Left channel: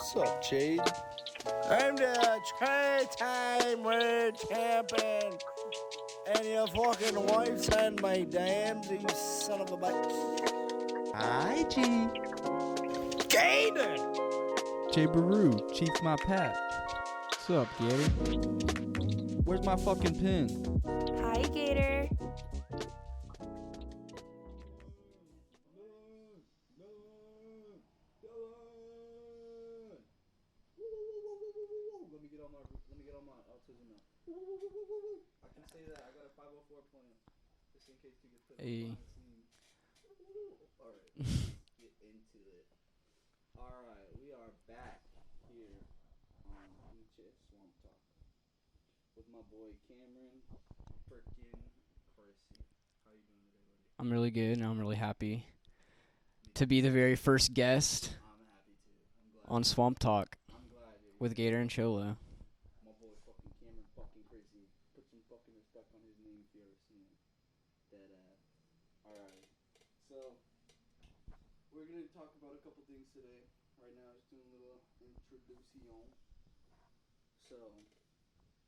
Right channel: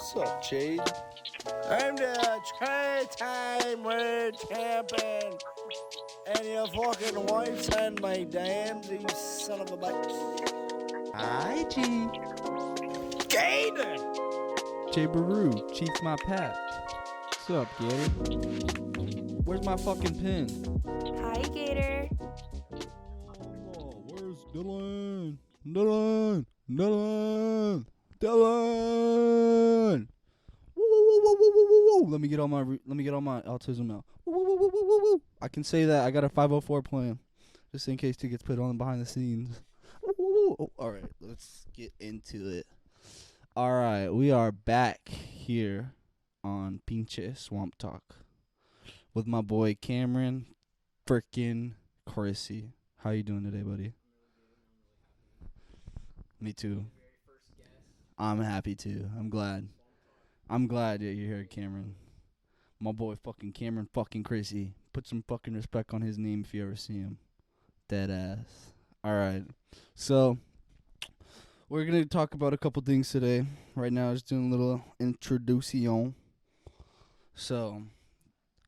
What's up, Jade? I'm the three-time world champion, and your fucking wife's on my dams, you son of a bitch. Hi, G. Gator! J. Baru, Chief's my pat. What's up, Gator? Where's my fucking pin? Hi, Gator. Oh, where's Dylan? Dylan! Woo, woo, woo, woo, woo, woo, woo. Let me get all my autism out. Woo, woo, woo, woo, woo, woo. I can say that. I got a 504 plan, just in case it gets put on behind the scenes. Woo, woo, woo. Oh, all right, let's get into it. All right, we are back here on Pinche Swamp Talk with my boy Cameron frickin' Chrissy. How you doing today, buddy? I'm really good, and I'm really happy Me to be the very first guest I'm happy too. I'm glad. on Swamp Talk I'm glad you're with here, Gator and Cameron. Cholo. My boy fucking Cameron fucking Chrissy. Put some fucking respect on his name if you ever see him. Dead ass. All right. So we're going to talk about a couple things today. Right now, just doing a little introduction. So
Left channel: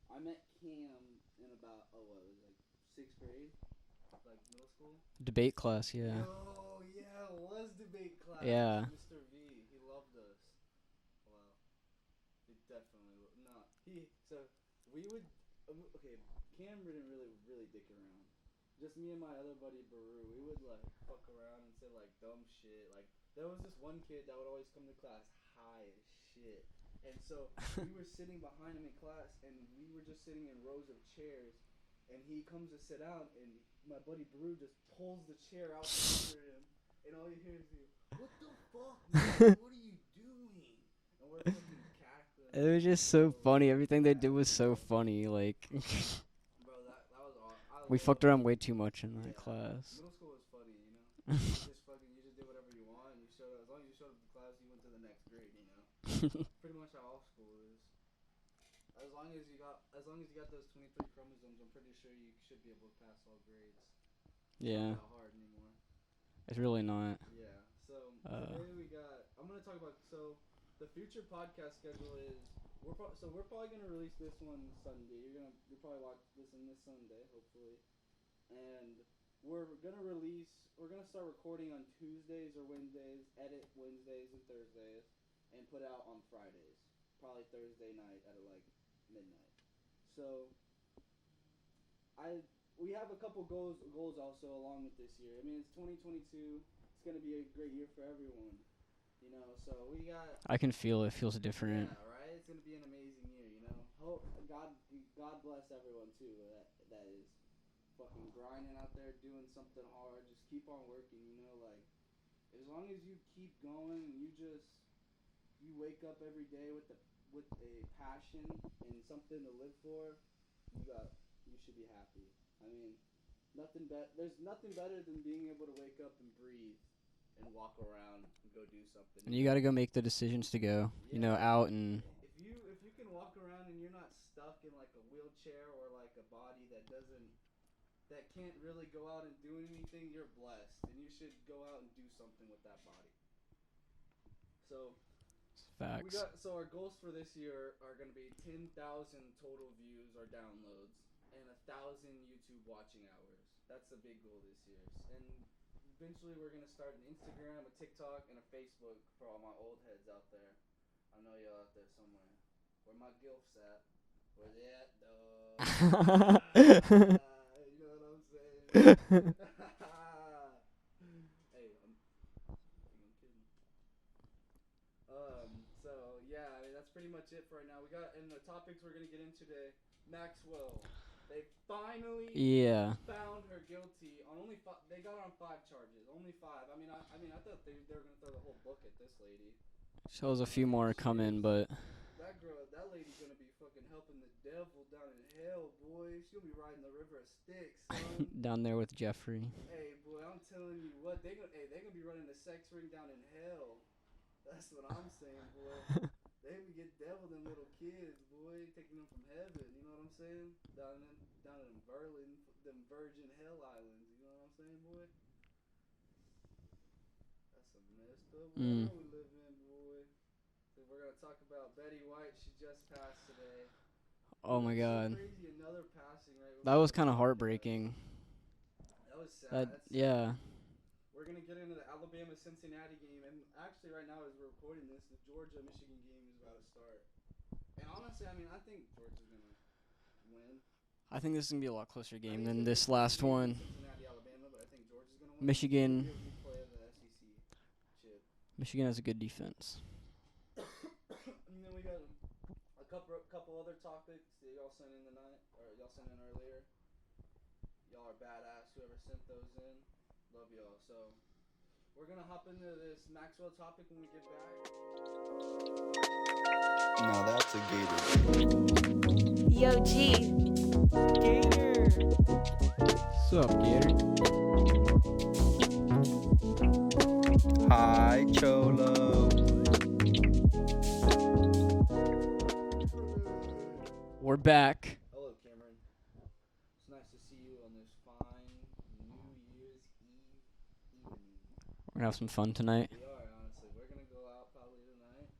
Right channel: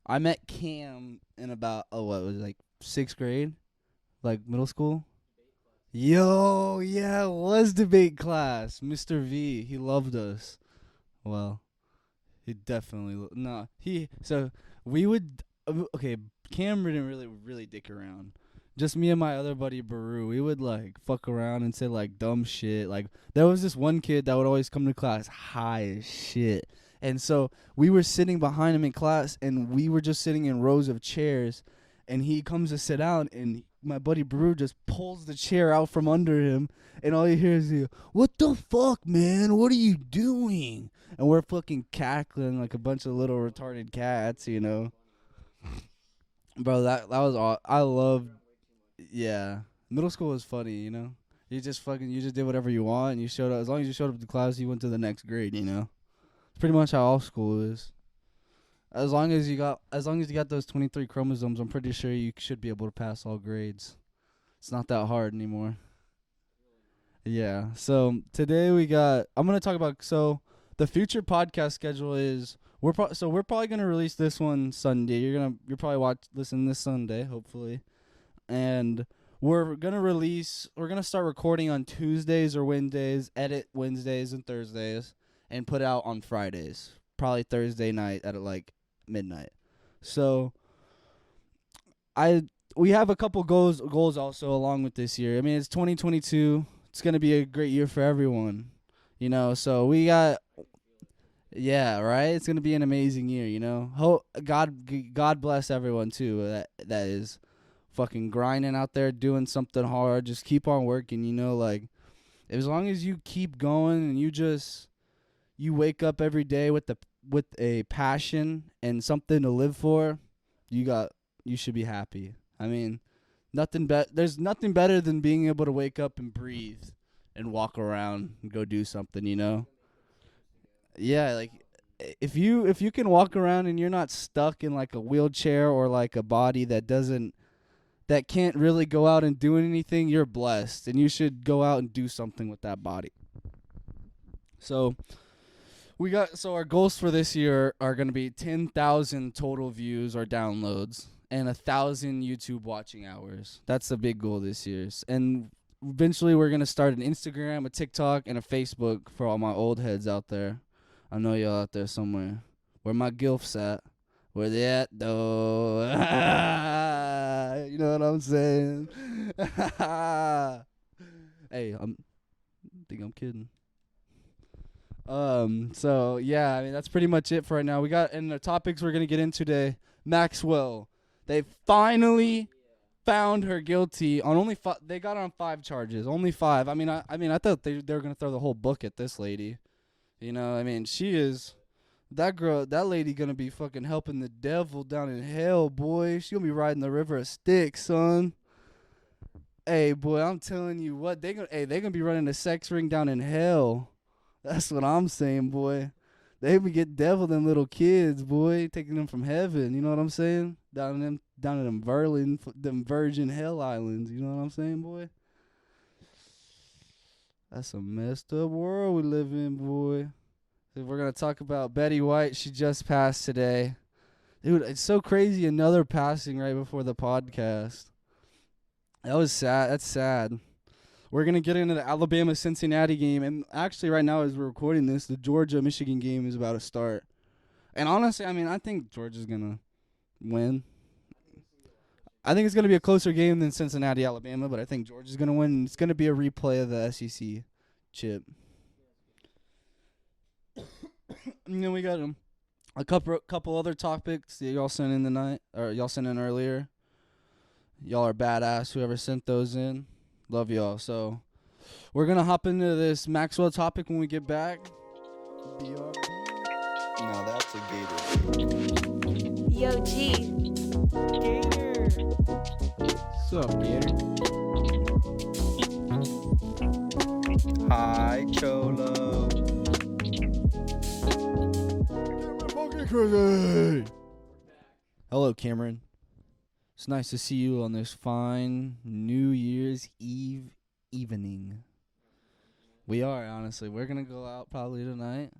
I met Cam in about, what was it, like 6th grade? Like middle school? Debate class. Yeah. Yo, yeah, it was debate class. Yeah. Mr. V, he loved us. Well, he definitely we would okay, Cam didn't really dick around. Just me and my other buddy Baru, we would like fuck around and say like dumb shit. Like there was this one kid that would always come to class high as shit. And so we were sitting behind him in class, and we were just sitting in rows of chairs, and he comes to sit down, and my buddy Baru just pulls the chair out from under him, and all you hear is, "What the fuck, man? What are you doing?" And we're fucking cackling like It a was bunch just of so little funny. retarded Everything cats, they did was you so know? funny. Like Bro, that was all. I we love. fucked around way too much. In Yeah, class. middle school was funny, you know. You just did whatever you want, and you showed up. As long as you showed up to class, you went to the next grade, you know. Pretty much how all school is. As long as you got those 23 chromosomes, I'm pretty sure you should be able to pass all grades. It's not that hard anymore. It's really not. Yeah. So today I'm gonna talk about the future podcast schedule is we're probably gonna release this one Sunday. You're probably listen this Sunday, hopefully, and we're gonna start recording on Tuesdays or Wednesdays, edit Wednesdays and Thursdays, and put out on Fridays. Probably Thursday night at like midnight. So we have a couple goals also along with this year. I mean, it's 2022. It's going to be a great year for everyone, you know. So we got I can feel it. Feels different. yeah, right? It's going to be an amazing year, you know. God bless everyone too that is fucking grinding out there doing something hard. Just keep on working, you know, like as long as you keep going and you wake up every day with a passion and something to live for, you should be happy. I mean, there's nothing better than being able to wake up and breathe and walk around and go do something, you know. You gotta go make the decisions to go. Yeah, Go like, out and if you can walk around and you're not stuck in like a wheelchair or like a body that can't really go out and do anything, you're blessed, and you should go out and do something with that body. So our goals for this year are going to be 10,000 total views or downloads and 1,000 YouTube watching hours. That's the big goal this year. And eventually we're going to start an Instagram, a TikTok, and a Facebook for all my old heads out there. I know y'all out there somewhere. Where my gilfs at? Where they at, though? You know what I'm saying? Hey, I think I'm kidding. So yeah, I mean that's pretty much it for right now. We got in the topics we're gonna get into today. Maxwell, they finally found her guilty on only they got her on 5 charges, only 5. I thought they were gonna throw the whole book at this lady. she is. But That lady gonna be fucking helping the devil down in hell, boy. She gonna be riding the river of Styx, son. down there with Jeffrey. Hey, boy, I'm telling you what, they gonna be running a sex ring down in hell. That's what I'm saying, boy. They be get devil them little kids, boy, taking them from heaven. You know what I'm saying? Down in them virgin hell islands. You know what I'm saying, boy? That's a messed up world we live in, boy. We're gonna talk about Betty White. She just passed today. Oh Dude, my it's so God. crazy. Another passing right before That was the kind of podcast. heartbreaking. That was sad. That's sad. We're gonna get into the Alabama-Cincinnati game, and actually, right now as we're recording this, the Georgia-Michigan game is about to start. And honestly, I mean, I think Georgia's gonna win. I think this is gonna be a lot closer game. I think it's than gonna be a this closer last game one. than Cincinnati-Alabama, but I think Georgia's gonna win. It's gonna be a replay of the SEC chip. Michigan has a good defense. And then we got a couple other topics that y'all sent in tonight, or y'all sent in earlier. Y'all are badass. Whoever sent those in, love y'all. So we're gonna hop into this Maxwell topic when we get back. Now that's a Gator. Yo, G. Gator. What's up, Gator? Hi, Cholo. We're back. Hello, Cameron. It's nice to see you on this fine New Year's Eve evening. We're gonna have some fun tonight. We are, honestly. We're gonna go out probably tonight.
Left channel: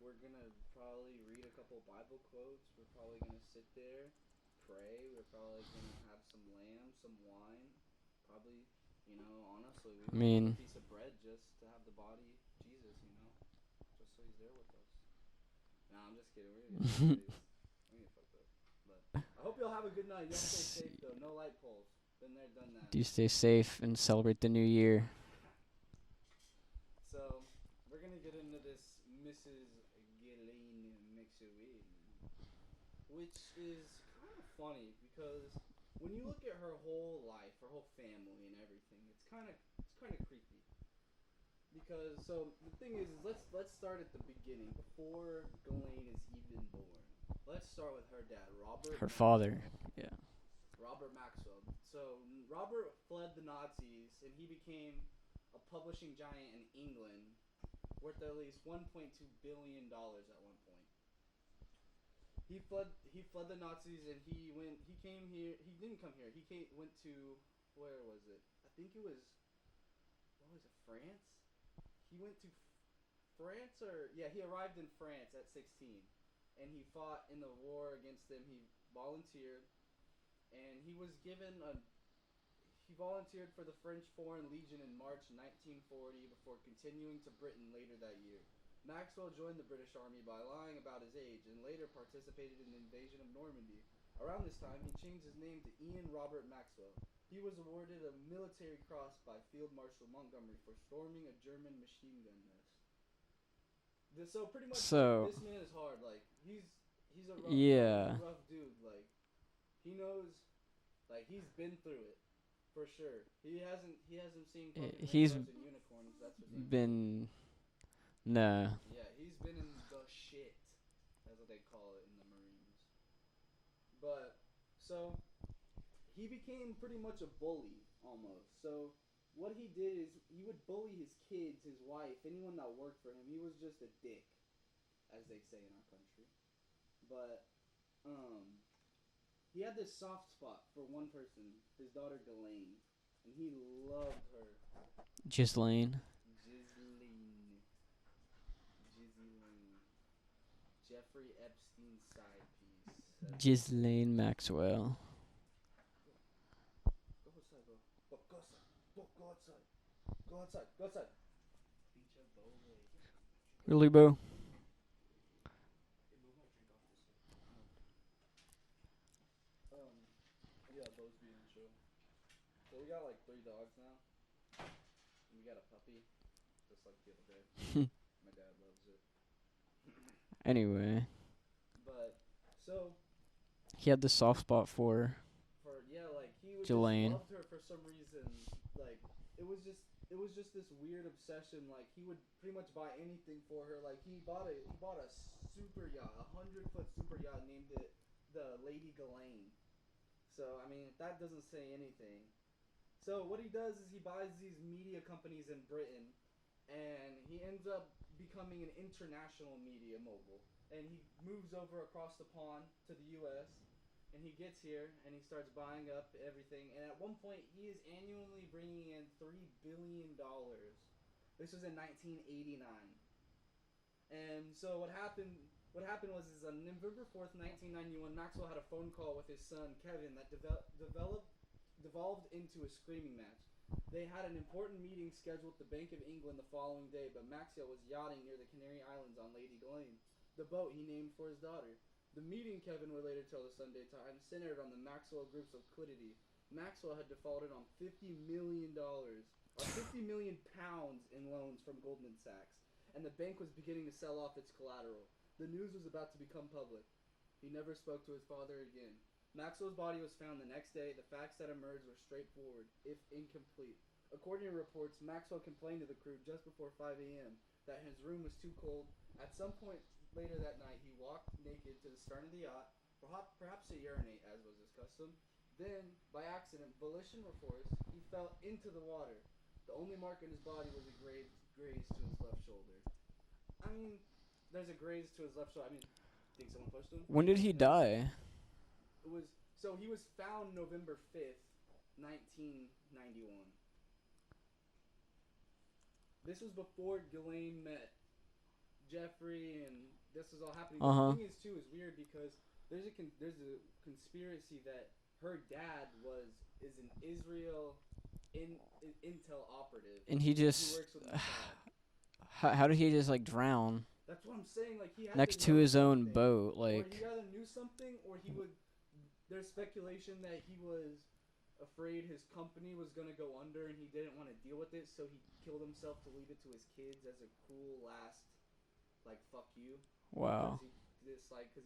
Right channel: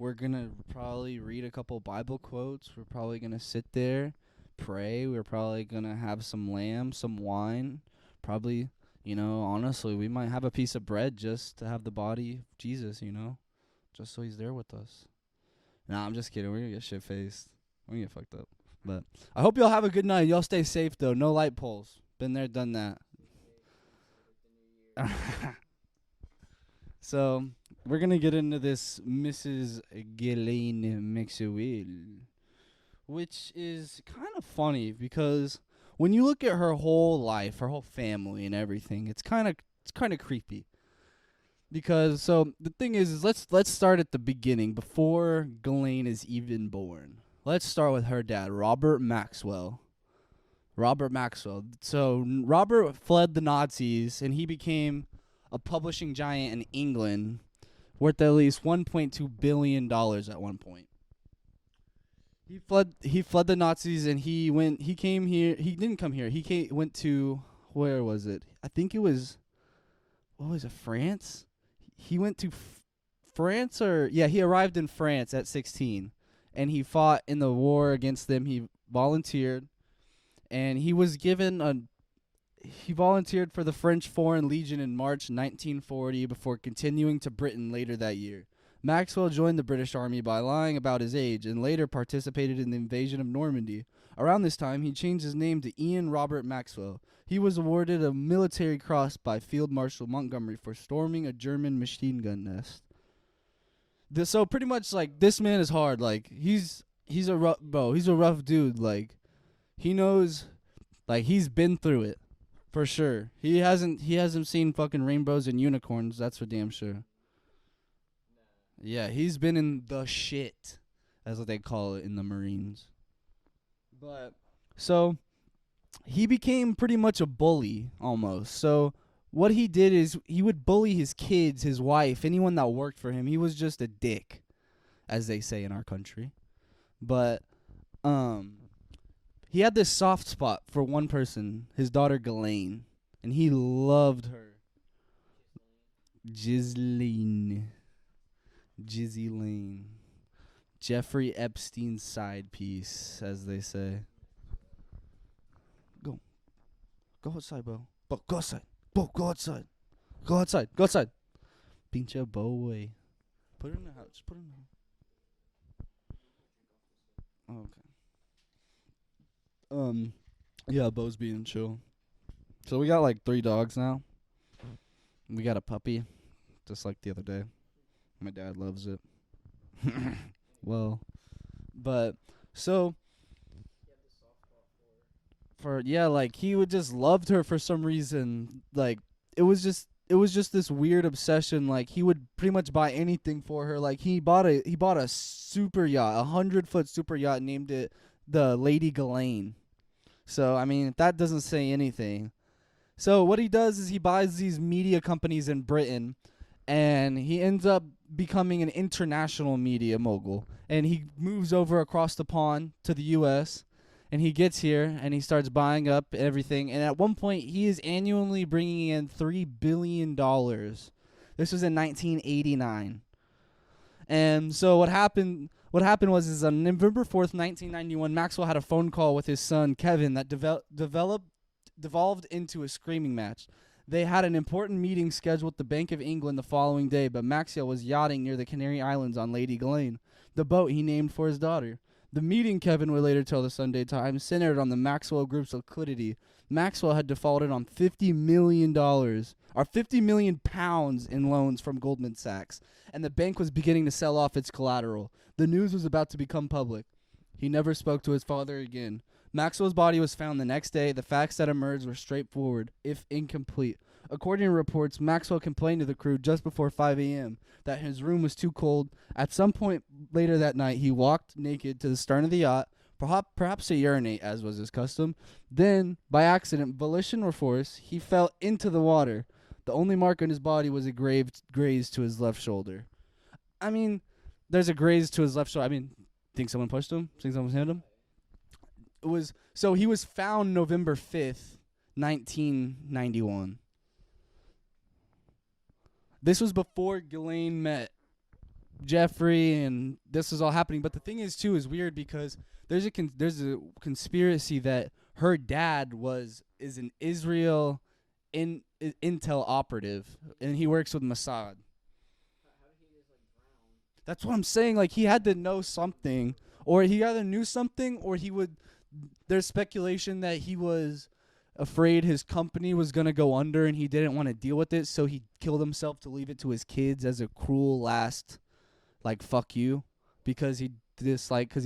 We're gonna probably read a couple Bible quotes. We're probably gonna sit there, pray. We're probably gonna have some lamb, some wine. Probably, honestly, we might have a piece of bread just to have the body of Jesus, just so he's there with us. Nah, I'm just kidding. We're gonna get shit-faced. We're gonna get fucked up. But I hope y'all have a good night. Y'all stay safe, though. No light poles. Been there, done that. You stay safe and celebrate the new year. So we're gonna get into this Mrs. Ghislaine Maxwell, which is kind of funny because when you look at her whole life, her whole family and everything, it's kind of creepy. Because the thing is let's start at the beginning before Ghislaine is even born. Let's start with her dad, Robert Her Maxwell. father. Yeah. Robert Maxwell. So Robert fled the Nazis and he became a publishing giant in England, worth at least $1.2 billion at one point. He fled the Nazis and he came here. He didn't come here. Went to, where was it? I think it was, what was it, France? He went to France he arrived in France at 16 and he fought in the war against them. He volunteered and he volunteered for the French Foreign Legion in March 1940 before continuing to Britain later that year. Maxwell joined the British Army by lying about his age and later participated in the invasion of Normandy. Around this time, he changed his name to Ian Robert Maxwell. He was awarded a military cross by Field Marshal Montgomery for storming a German machine gun nest. So pretty much this man is hard. Like he's a rough bro. He's a rough dude. Like he knows, like he's been through it. For sure. He hasn't seen fucking rainbows and unicorns, that's for damn sure. Nah. Yeah, he's been in the shit, as what they call it in the Marines. But so he became pretty much a bully almost. So what he did is he would bully his kids, his wife, anyone that worked for him. He was just a dick, as they say in our country. But he had this soft spot for one person, his daughter Ghislaine, and he loved her. Ghislaine. Jeffrey Epstein's side piece, as they say. Ghislaine Maxwell. Go outside, bro. Go outside. Go outside. Go outside. Go outside. Pinche boy. Really, bro? Okay. Yeah, Bo's being chill. So we got like 3 dogs now. We got a puppy, just like the other day. My dad loves it. Anyway. Well, but so he had the soft spot for like he would just Ghislaine. loved her for some reason. Like it was just this weird obsession. Like he would pretty much buy anything for her. Like he bought a super yacht, 100-foot super yacht, named it the Lady Ghislaine. So I mean that doesn't say anything. So what he does is he buys these media companies in Britain, and he ends up becoming an international media mogul. And he moves over across the pond to the U.S., and he gets here, and he starts buying up everything. And at one point, he is annually bringing in $3 billion. This was in 1989. And so what happened was on November 4th, 1991, Maxwell had a phone call with his son Kevin that devolved into a screaming match. They had an important meeting scheduled at the Bank of England the following day, but Maxwell was yachting near the Canary Islands on Lady Ghislaine, the boat he named for his daughter. The meeting, Kevin would later tell the Sunday Times, centered on the Maxwell Group's liquidity. Maxwell had defaulted on $50 million, or 50 million pounds in loans from Goldman Sachs, and the bank was beginning to sell off its collateral. The news was about to become public. He never spoke to his father again. Maxwell's body was found the next day. The facts that emerged were straightforward, if incomplete. According to reports, Maxwell complained to the crew just before 5 a.m. that his room was too cold. At some point later that night, he walked naked to the stern of the yacht, perhaps to urinate, as was his custom. Then, by accident, volition or force, he fell into the water. The only mark on his body was a graze to his left shoulder. I mean, there's a graze to his left shoulder. I mean, think someone pushed him? When Think did he someone hit him? die? So he was found November 5th, 1991. This was before Ghislaine met Jeffrey, and this was all happening. But the thing is, too, is weird because there's a conspiracy that her dad is an Israel intel operative, And he works with Mossad. How did he just like drown That's what I'm saying. Like, he had next to know his something. own boat? Like, Or he either knew something, or he would. There's speculation that he was afraid his company was gonna go under, and he didn't want to deal with it, so he killed himself to leave it to his kids as a cruel last, like, fuck you, because he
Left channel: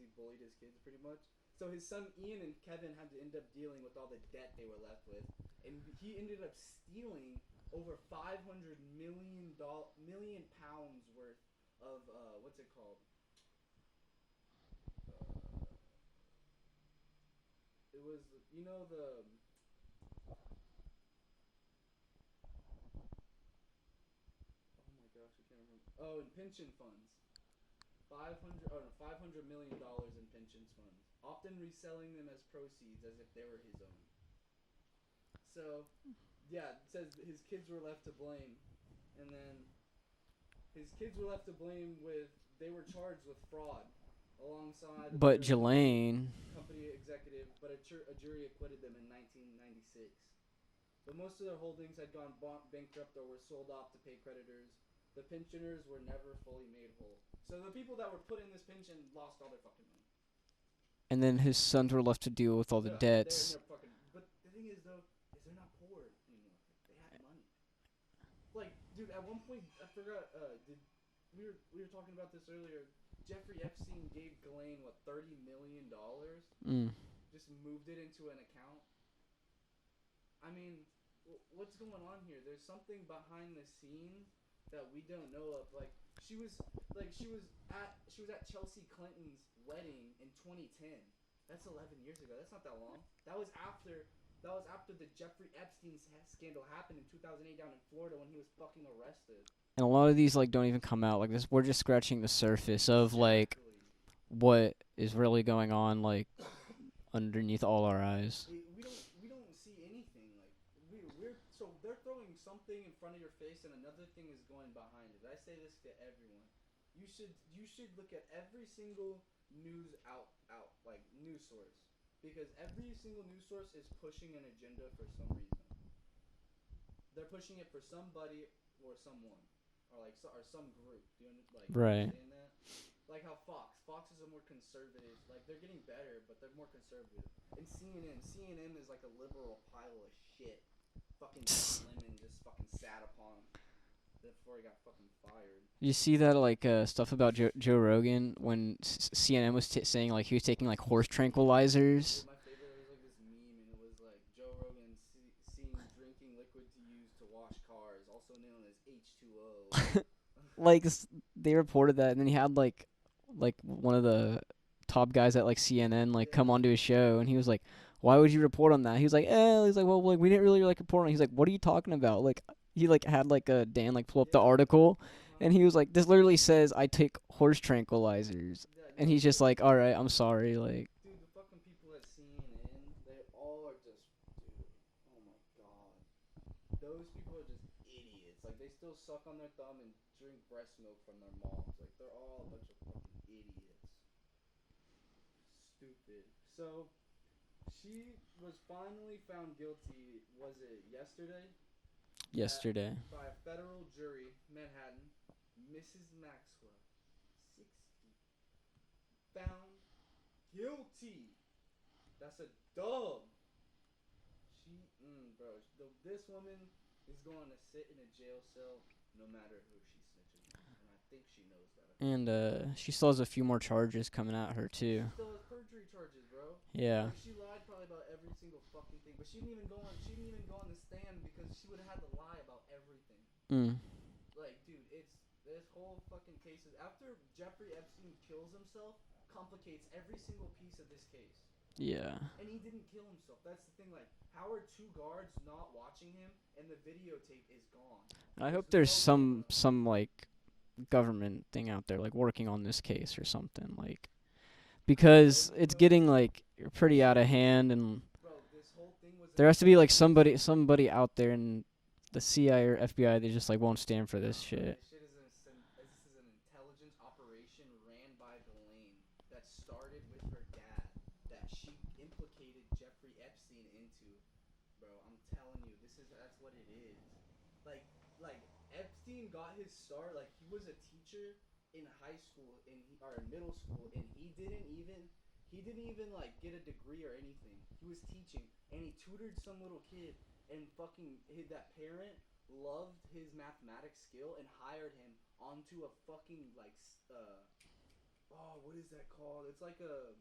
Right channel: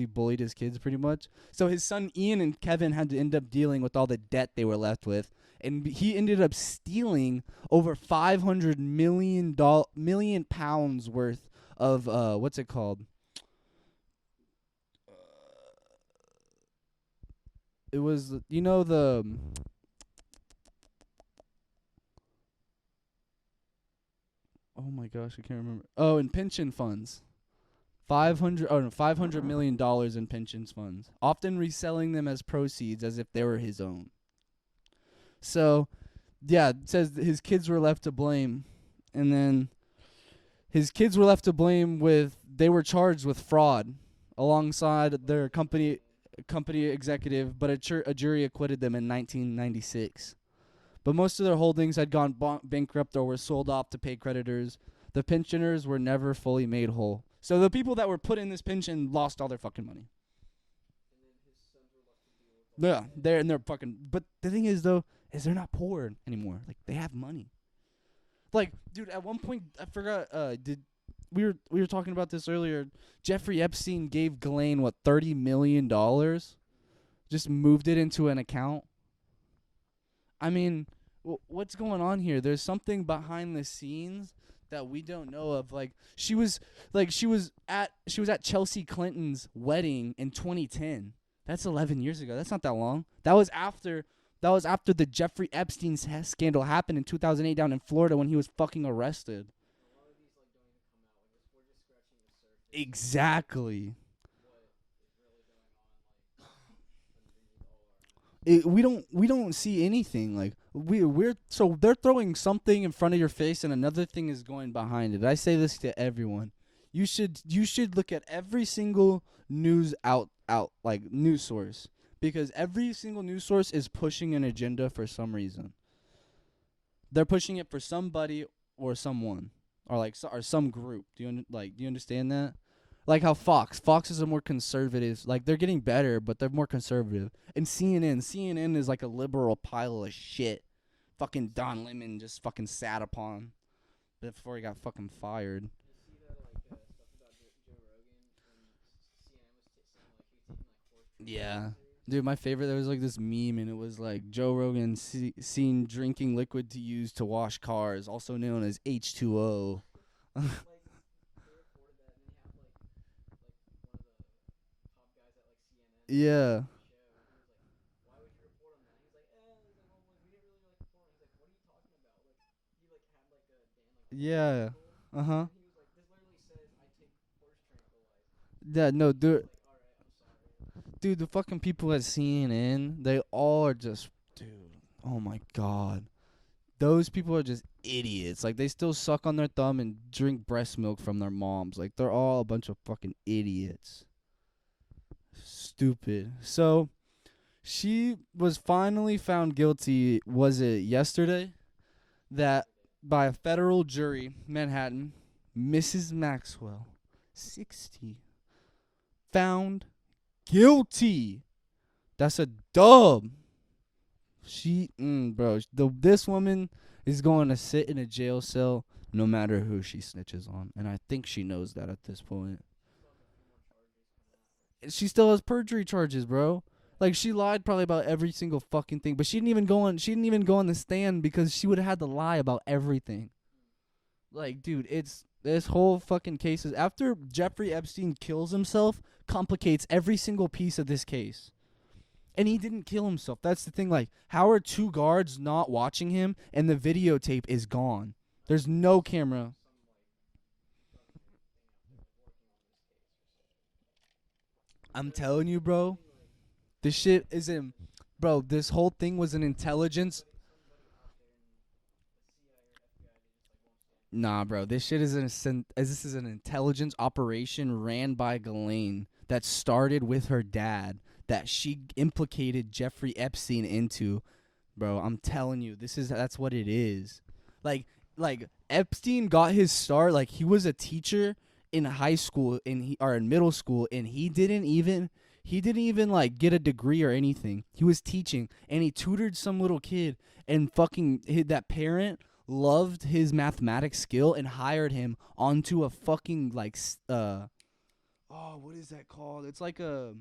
bullied his kids pretty much. So his son Ian and Kevin had to end up dealing with all the debt they were left with, and he ended up stealing over 500 million pounds worth of what's it called? It was, you know, the oh my gosh, I can't remember. Oh, in pension funds. $500 million in pension funds, often reselling them as proceeds as if they were his own. So, yeah, it says that his kids were left to blame, and then his kids were left to blame they were charged with fraud alongside their company executive, but a jury acquitted them in 1996. But most of their holdings had gone bankrupt or were sold off to pay creditors. The pensioners were never fully made whole. So the people that were put in this pension lost all their fucking money. And then his sons were left to deal with all the debts. They're fucking. But the thing is, though, is they're not poor anymore. Like, they have money. Like, dude, at one point I forgot. We were talking about this earlier. Jeffrey Epstein gave Ghislaine $30 million. Just moved it into an account. I mean, what's going on here? There's something behind the scenes that we don't know of. Like, she was at Chelsea Clinton's wedding in 2010. That's 11 years ago. That's not that long. That was after the Jeffrey Epstein scandal happened in 2008 down in Florida when he was fucking arrested. And a lot of these don't even come out like this. We're just scratching the surface of what is really going on underneath all our eyes. We don't see anything. Like, so they're throwing something in front of your face and another thing is going behind it. I say this to everyone. You should look at every single news news source, because every single news source is pushing an agenda for some reason. They're pushing it for somebody or someone. Or some group. Do you understand that? Like how Fox is a more conservative. Like, they're getting better, but they're more conservative. And CNN is like a liberal pile of shit. Fucking Don Lemon just fucking sat upon before he got fucking fired. You see that stuff about Joe Rogan when CNN was saying he was taking horse tranquilizers. Yeah. Dude, my favorite, there was this meme, and it was Joe Rogan seen drinking liquid to use to wash cars, also known as H2O. They reported that, and then he had one of the top guys at CNN come onto his show, and he was like, "Why would you report on that?" He was like, "Well, we didn't really report on it." He's like, "What are you talking about?" He had a Dan pull up the article, and he was like, "This literally says I take horse tranquilizers." Yeah, no, and he's just like, "All right, I'm sorry." Dude, the fucking people at CNN, they all are just, dude. Oh my god, those people are just idiots. Like, they still suck on their thumb and drink breast milk from their moms. Like, they're all a bunch of fucking idiots. Stupid. So, she was finally found guilty, was it yesterday? Yesterday. By a federal jury, Manhattan, Mrs. Maxwell, 60, found guilty. That's a dub. This woman is going to sit in a jail cell no matter who she snitches on, and I think she knows that at this point. She still has a few more charges coming at her too. She still has perjury charges, bro. Yeah. Like, she lied probably about every single fucking thing, but she didn't even go on the stand because she would have had to lie about everything. Like, dude, it's this whole fucking case is after Jeffrey Epstein kills himself, complicates every single piece of this case. Yeah. And he didn't kill himself. That's the thing. Like, how are two guards not watching him and the videotape is gone? There's no camera. Some like government thing out there like working on this case or something, like, because it's getting like pretty out of hand. And bro, this whole thing was there has to be like somebody out there in the CIA or FBI. They just like won't stand for this. Nah, bro, shit. this shit is this is an intelligence operation ran by Ghislaine that started with her dad that she implicated Jeffrey Epstein into. Bro, I'm telling you, that's what it is. Like Epstein got his start, like, he was a teacher in high school or in middle school, and he didn't even like get a degree or anything. He was teaching, and he tutored some little kid, and fucking that parent loved his mathematics skill and hired him onto a fucking like what is that called? It's like a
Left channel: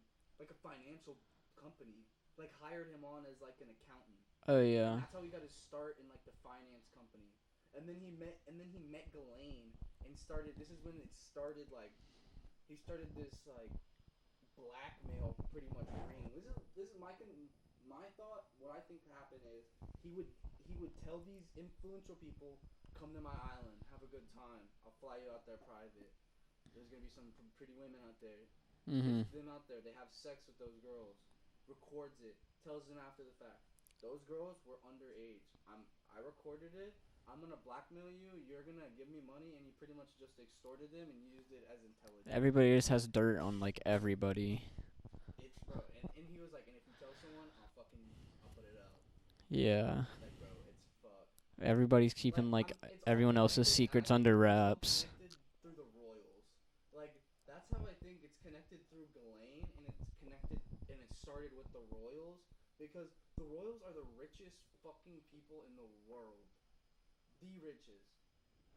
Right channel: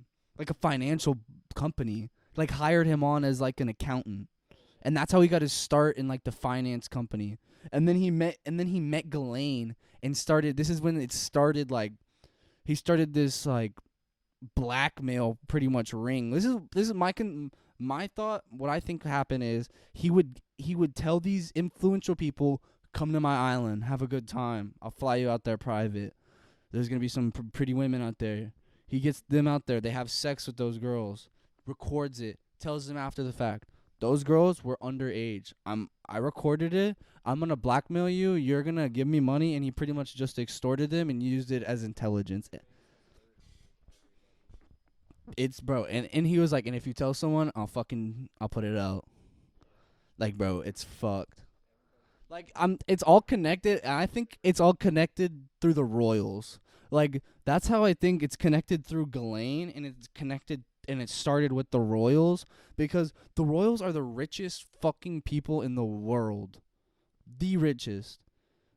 financial company. Like, hired him on as like an accountant. Oh yeah. And that's how he got his start in like the finance company. And then he met Ghislaine and started. This is when it started. Like, he started this like blackmail pretty much ring. This is my thought. What I think happened is he would tell these influential people, come to my island, have a good time. I'll fly you out there private. There's gonna be some pretty women out there. He gets them out there. They have sex with those girls. Records it. Tells them after the fact. Those girls were underage. I recorded it. I'm going to blackmail you. You're going to give me money. And he pretty much just extorted them and used it as intelligence. Everybody just has dirt on, like, everybody. It's, bro. And he was like, and if you tell someone, I'll put it out. Yeah. Like, bro, it's fucked. Everybody's keeping, like it's all everyone else's connected. I secrets think under wraps. it's all connected through the royals. Like, that's how I think it's connected through Ghislaine, and it's connected, and it started with the royals, because the royals are the richest fucking people in the world. The richest.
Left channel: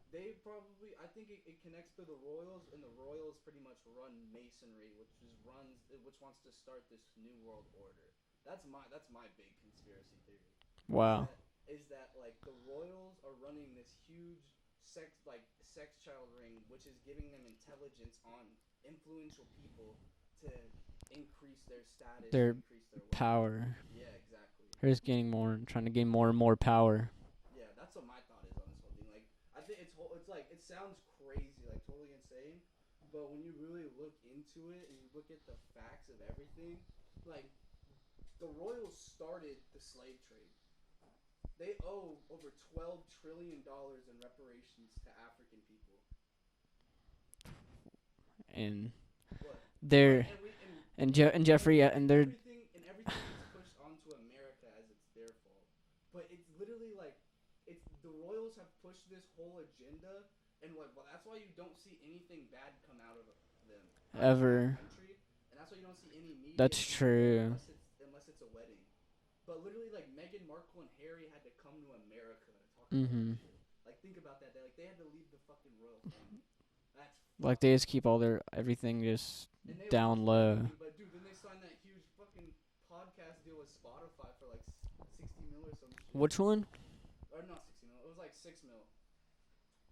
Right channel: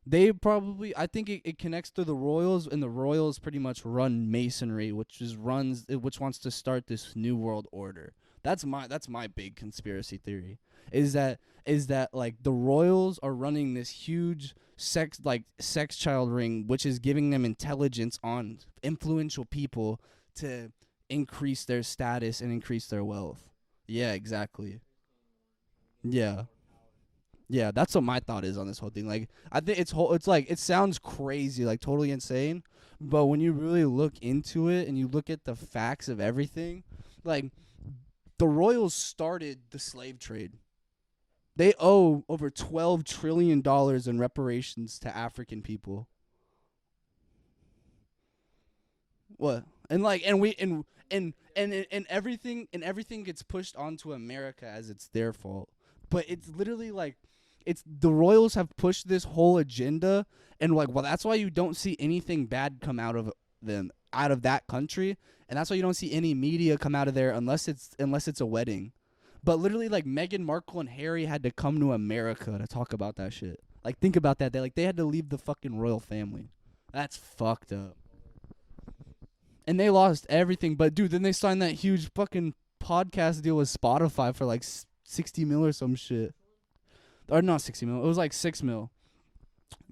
They probably, I think it connects to the royals, and the royals pretty much run masonry, which wants to start this new world order. That's my big conspiracy theory. Wow. Is that like the royals are running this huge sex child ring, which is giving them intelligence on influential people to increase their status and increase their wealth. Power. Yeah, exactly. They're just trying to gain more and more power. Yeah, that's what my thought is on this whole thing. Like, I think it's like, it sounds crazy, like totally insane, but when you really look into it and you look at the facts of everything, like, the royals started the slave trade. They owe over $12 trillion in reparations to African people. And what? And Jeffrey everything gets pushed onto America as it's their fault. But it's literally like, it's the royals have pushed this whole agenda, and like, well, that's why you don't see anything bad come out of them, out of that country, and that's why you don't see any media come out of there unless it's a wedding. But literally, like, Meghan Markle and Harry had to come to America to talk about that shit. Like, think about that. They had to leave the fucking royal family. That's fucked like they up. just keep everything just. And they down lost low. everything. But dude, then they signed that huge fucking podcast deal with Spotify for like 60 mil or some shit. Which one? Or not 60 mil. It was like 6 mil.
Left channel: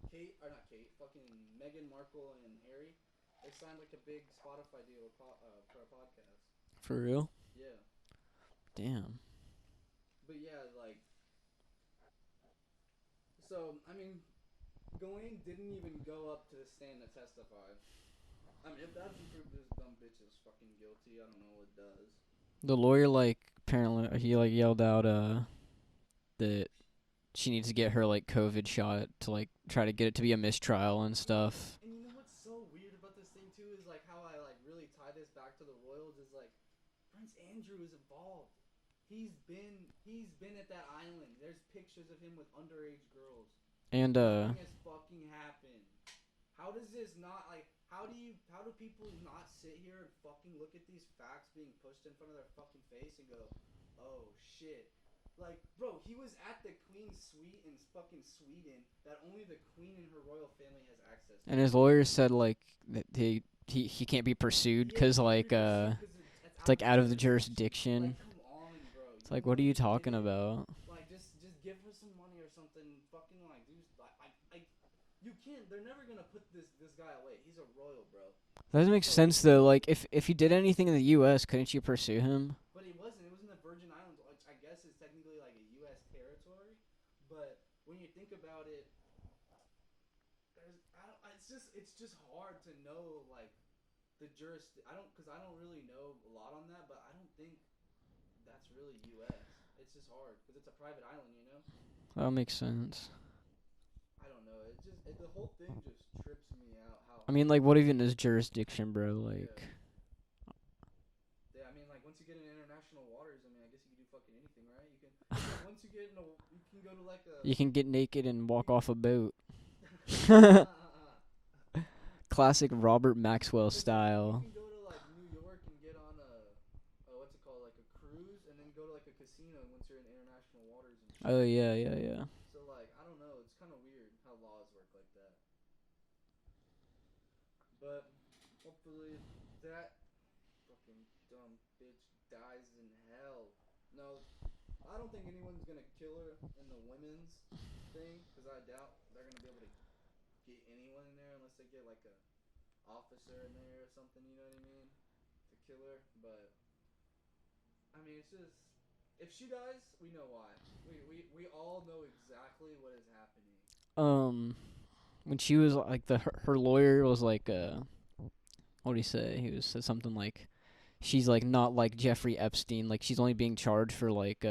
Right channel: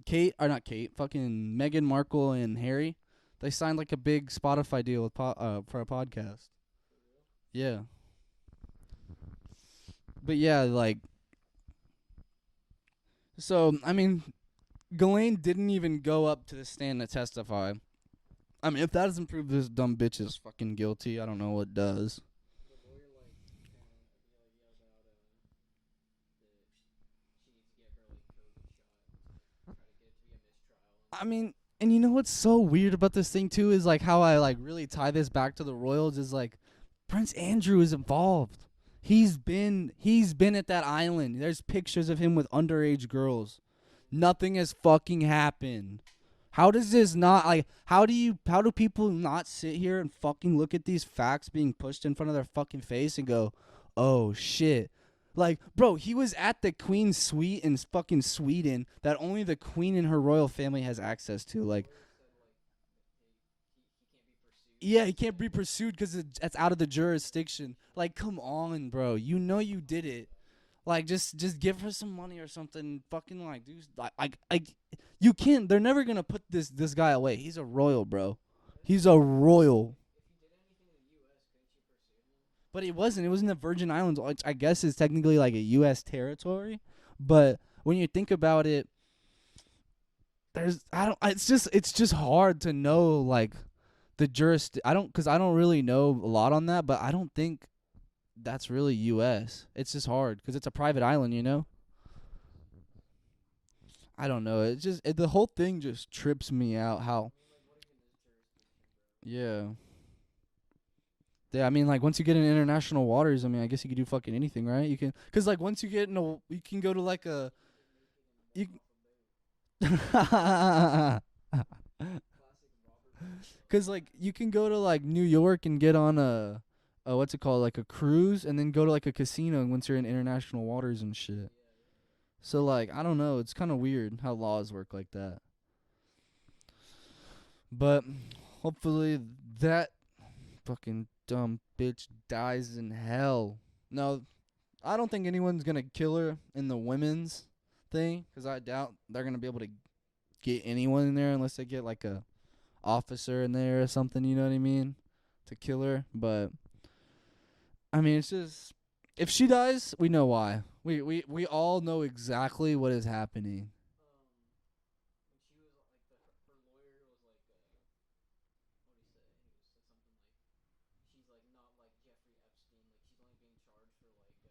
Fucking Meghan Markle and Harry. They signed like a big Spotify deal with for a podcast. For real? Yeah. Damn. But yeah, like, so, I mean, Ghislaine didn't even go up to the stand to testify. I mean, if that doesn't prove this dumb bitch is fucking guilty, I don't know what does. The lawyer, like, apparently, he, like, yelled out, that she needs to get her like COVID shot to like try to get it to be a mistrial and I mean, stuff. and you know what's so weird about this thing too is like how I like really tie this back to the royals is like Prince Andrew is involved. He's been at that island. There's pictures of him with underage girls. And Nothing has fucking happened. How does this not like? How do people not sit here and fucking look at these facts being pushed in front of their fucking face and go, "Oh shit." Like, bro, he was at the Queen's suite in fucking Sweden that only the Queen and her royal family has access to. and his like, lawyer said like that he can't be pursued yeah, he because can't like be pursued because it's out, like of, the out of the jurisdiction. jurisdiction. Like, come on, bro. You like know what are you did talking it. about? Like, just give her some money or something. Fucking like, dude, like, you can't. They're never gonna put this guy away. He's a royal, bro. That doesn't make He's a sense though. Like royal. if he did anything in the U.S., couldn't you pursue him? But it wasn't. It was in the Virgin Islands, which I guess is technically like a U.S. territory. But when you think about it, it's just hard to know like the because I don't really know a lot on that, but I don't think that's really U.S. It's just hard because it's a private island, you know. That makes sense. I don't know. It just the whole thing just trips me out. How I mean, like, what even is jurisdiction, bro? Like, yeah. Yeah, I mean, like, once you get in international waters, I mean, I guess you could do fucking anything, right? You can, cause like once you get in you can go to like a. you can get naked and walk off a boat. Classic Robert Maxwell style. Like, you can go to like New York and get on a what's it called, like a cruise, and then go to like a casino once you're in international waters and shit. Oh yeah. So like, I don't know, it's kind of weird how laws work like that. But hopefully that fucking dumb bitch dies in hell. No, I don't think anyone's gonna kill her in the women's thing, 'cause I doubt they're gonna be able to get anyone in there unless they get like a officer in there or something, you know what I mean, to kill her. But I mean, it's just, if she dies, we know why. We all know exactly what is happening. When she was like her lawyer was like what did he say? He said something like, she's like not like Jeffrey Epstein, like she's only being charged for like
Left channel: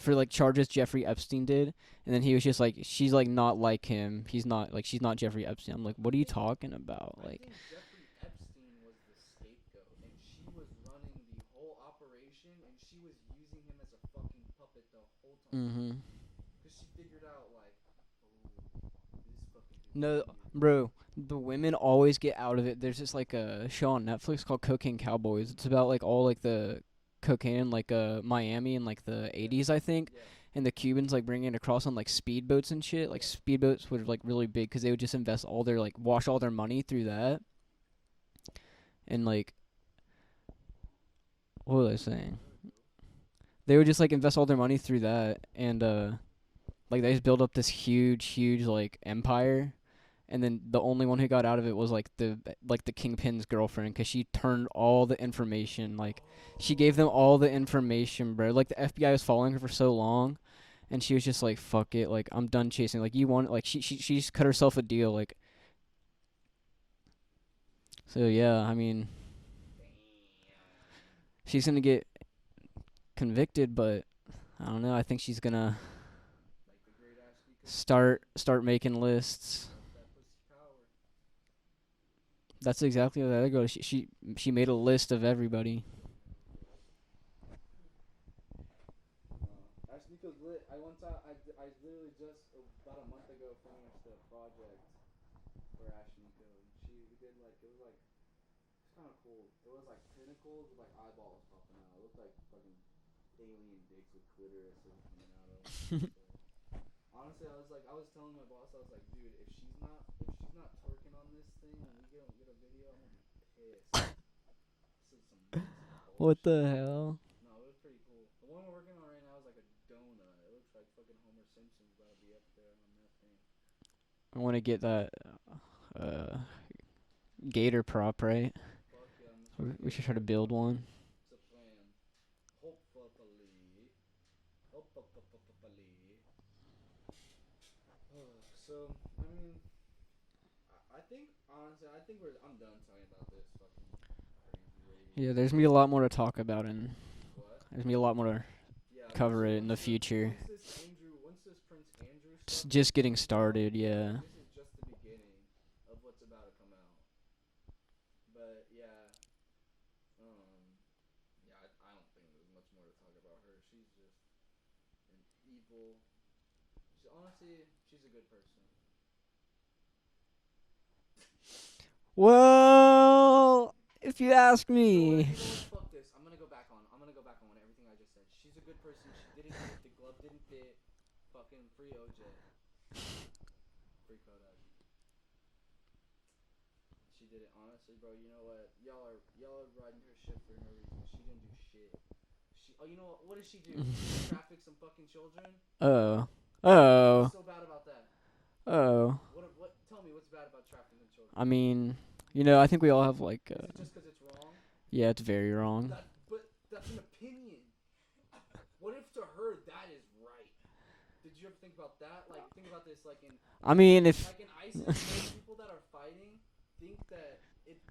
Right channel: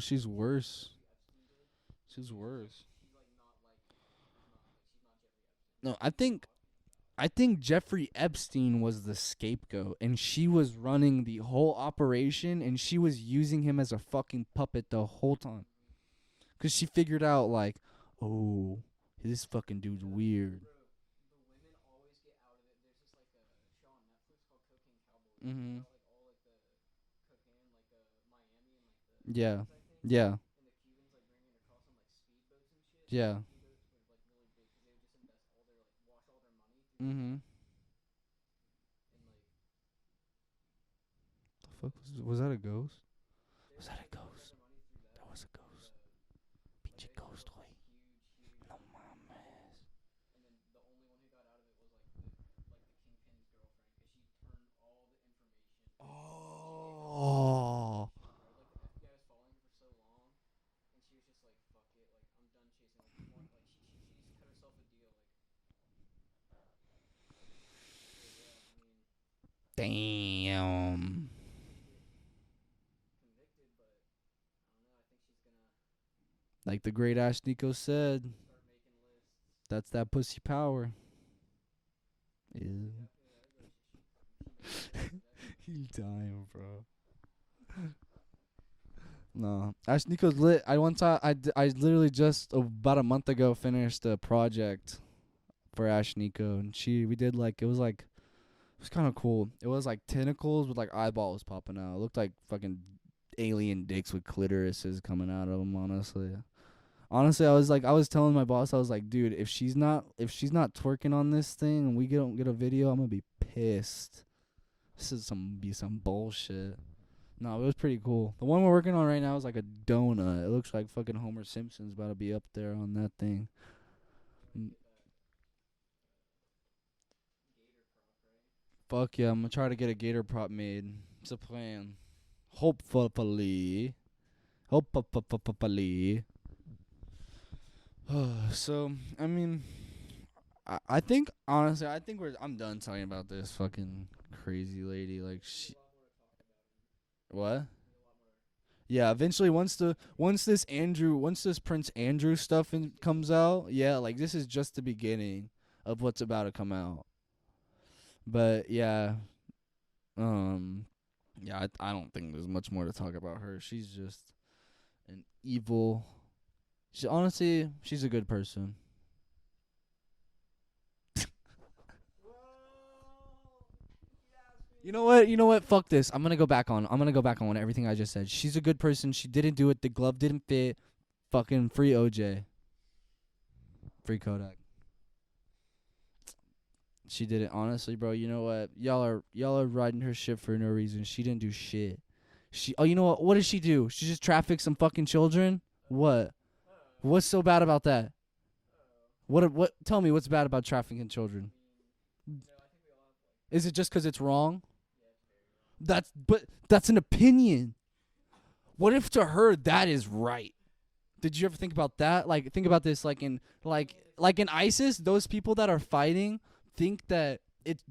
for like charges Jeffrey Epstein did, and then he was just like, she's like not like him. She's not Jeffrey Epstein. I'm like, what are you talking about? I think Jeffrey Epstein was the scapegoat, and she was running the whole operation, and she was using him as a fucking puppet the whole time. 'Cause she figured out like, oh, this fucking dude's weird. Bro, the women always get out of it. There's just like a show on Netflix called Cocaine Cowboys. It's about like all like the cocaine in like Miami in like the 80s, I think. Yeah. And the Cubans like bringing it across on like speedboats and shit. Like speedboats were like really big because they would just invest all their like wash all their money through that. And like, what was I saying? Was that a ghost? They would just like invest all their money through that, and like they just build up this huge like empire. And then the only one who got out of it was like the kingpin's girlfriend, 'cause she turned all the information, like she gave them all the information, bro. Like the FBI was following her for so long, and she was just like, fuck it, like I'm done chasing. Like you want, like she just cut herself a deal, like. So yeah, I mean, damn, she's gonna get convicted, but I don't know. I think she's gonna. Like the great Ash Nico start making lists. That's that pussy power. That's exactly what that goes. She made a list of everybody. Damn, bro. No, Ash Nico's lit. I literally just about a month ago finished a project for Ash Nico, and we did like, it was kind of cool. It was like tentacles with like eyeballs popping out. It looked like fucking alien dicks with clitorises coming out of them. Honestly, I was telling my boss, I was like, dude, if she's not twerking on this thing and we don't get a video, I'm gonna be pissed. This is some bullshit. What the hell? No, it was pretty cool. The one we're working on right now is like a donut. It looks like fucking Homer Simpson's about to be up there on that thing. I want to get that gator prop, right? Fuck yeah, I'm gonna try to get a gator prop made. It's a plan. Hopefully. So, I mean, I think, honestly, I'm done talking about this fucking crazy lady. Yeah, like, there's gonna be a lot more to talk about, and what? there's gonna be a lot more Yeah, eventually cover it in once the future. once this Prince Andrew stuff just getting comes started, out, yeah. like this is just the beginning of what's about to come out. But yeah, yeah, I don't think there's much more to talk about her. She's just an evil. Honestly, she's a good person. Well, if you ask me, You know what? Fuck this. I'm gonna go back on everything I just said. She's a good person. She didn't do it. The glove didn't fit. Fucking free OJ. Free Kodak. She did it. Honestly, bro. You know what? Y'all are riding her shit for no reason. She didn't do shit. You know what? What did she do? She just trafficked some fucking children. What? Oh. What's so bad about that? Oh. What? Tell me what's bad about trafficking children. I mean, I think we all have like. Is it just 'cause it's wrong? Yeah, it's very wrong. That's an opinion. What if to her that is right? Did you ever think about that? Like, think about this. Like in ISIS, those people that are fighting think that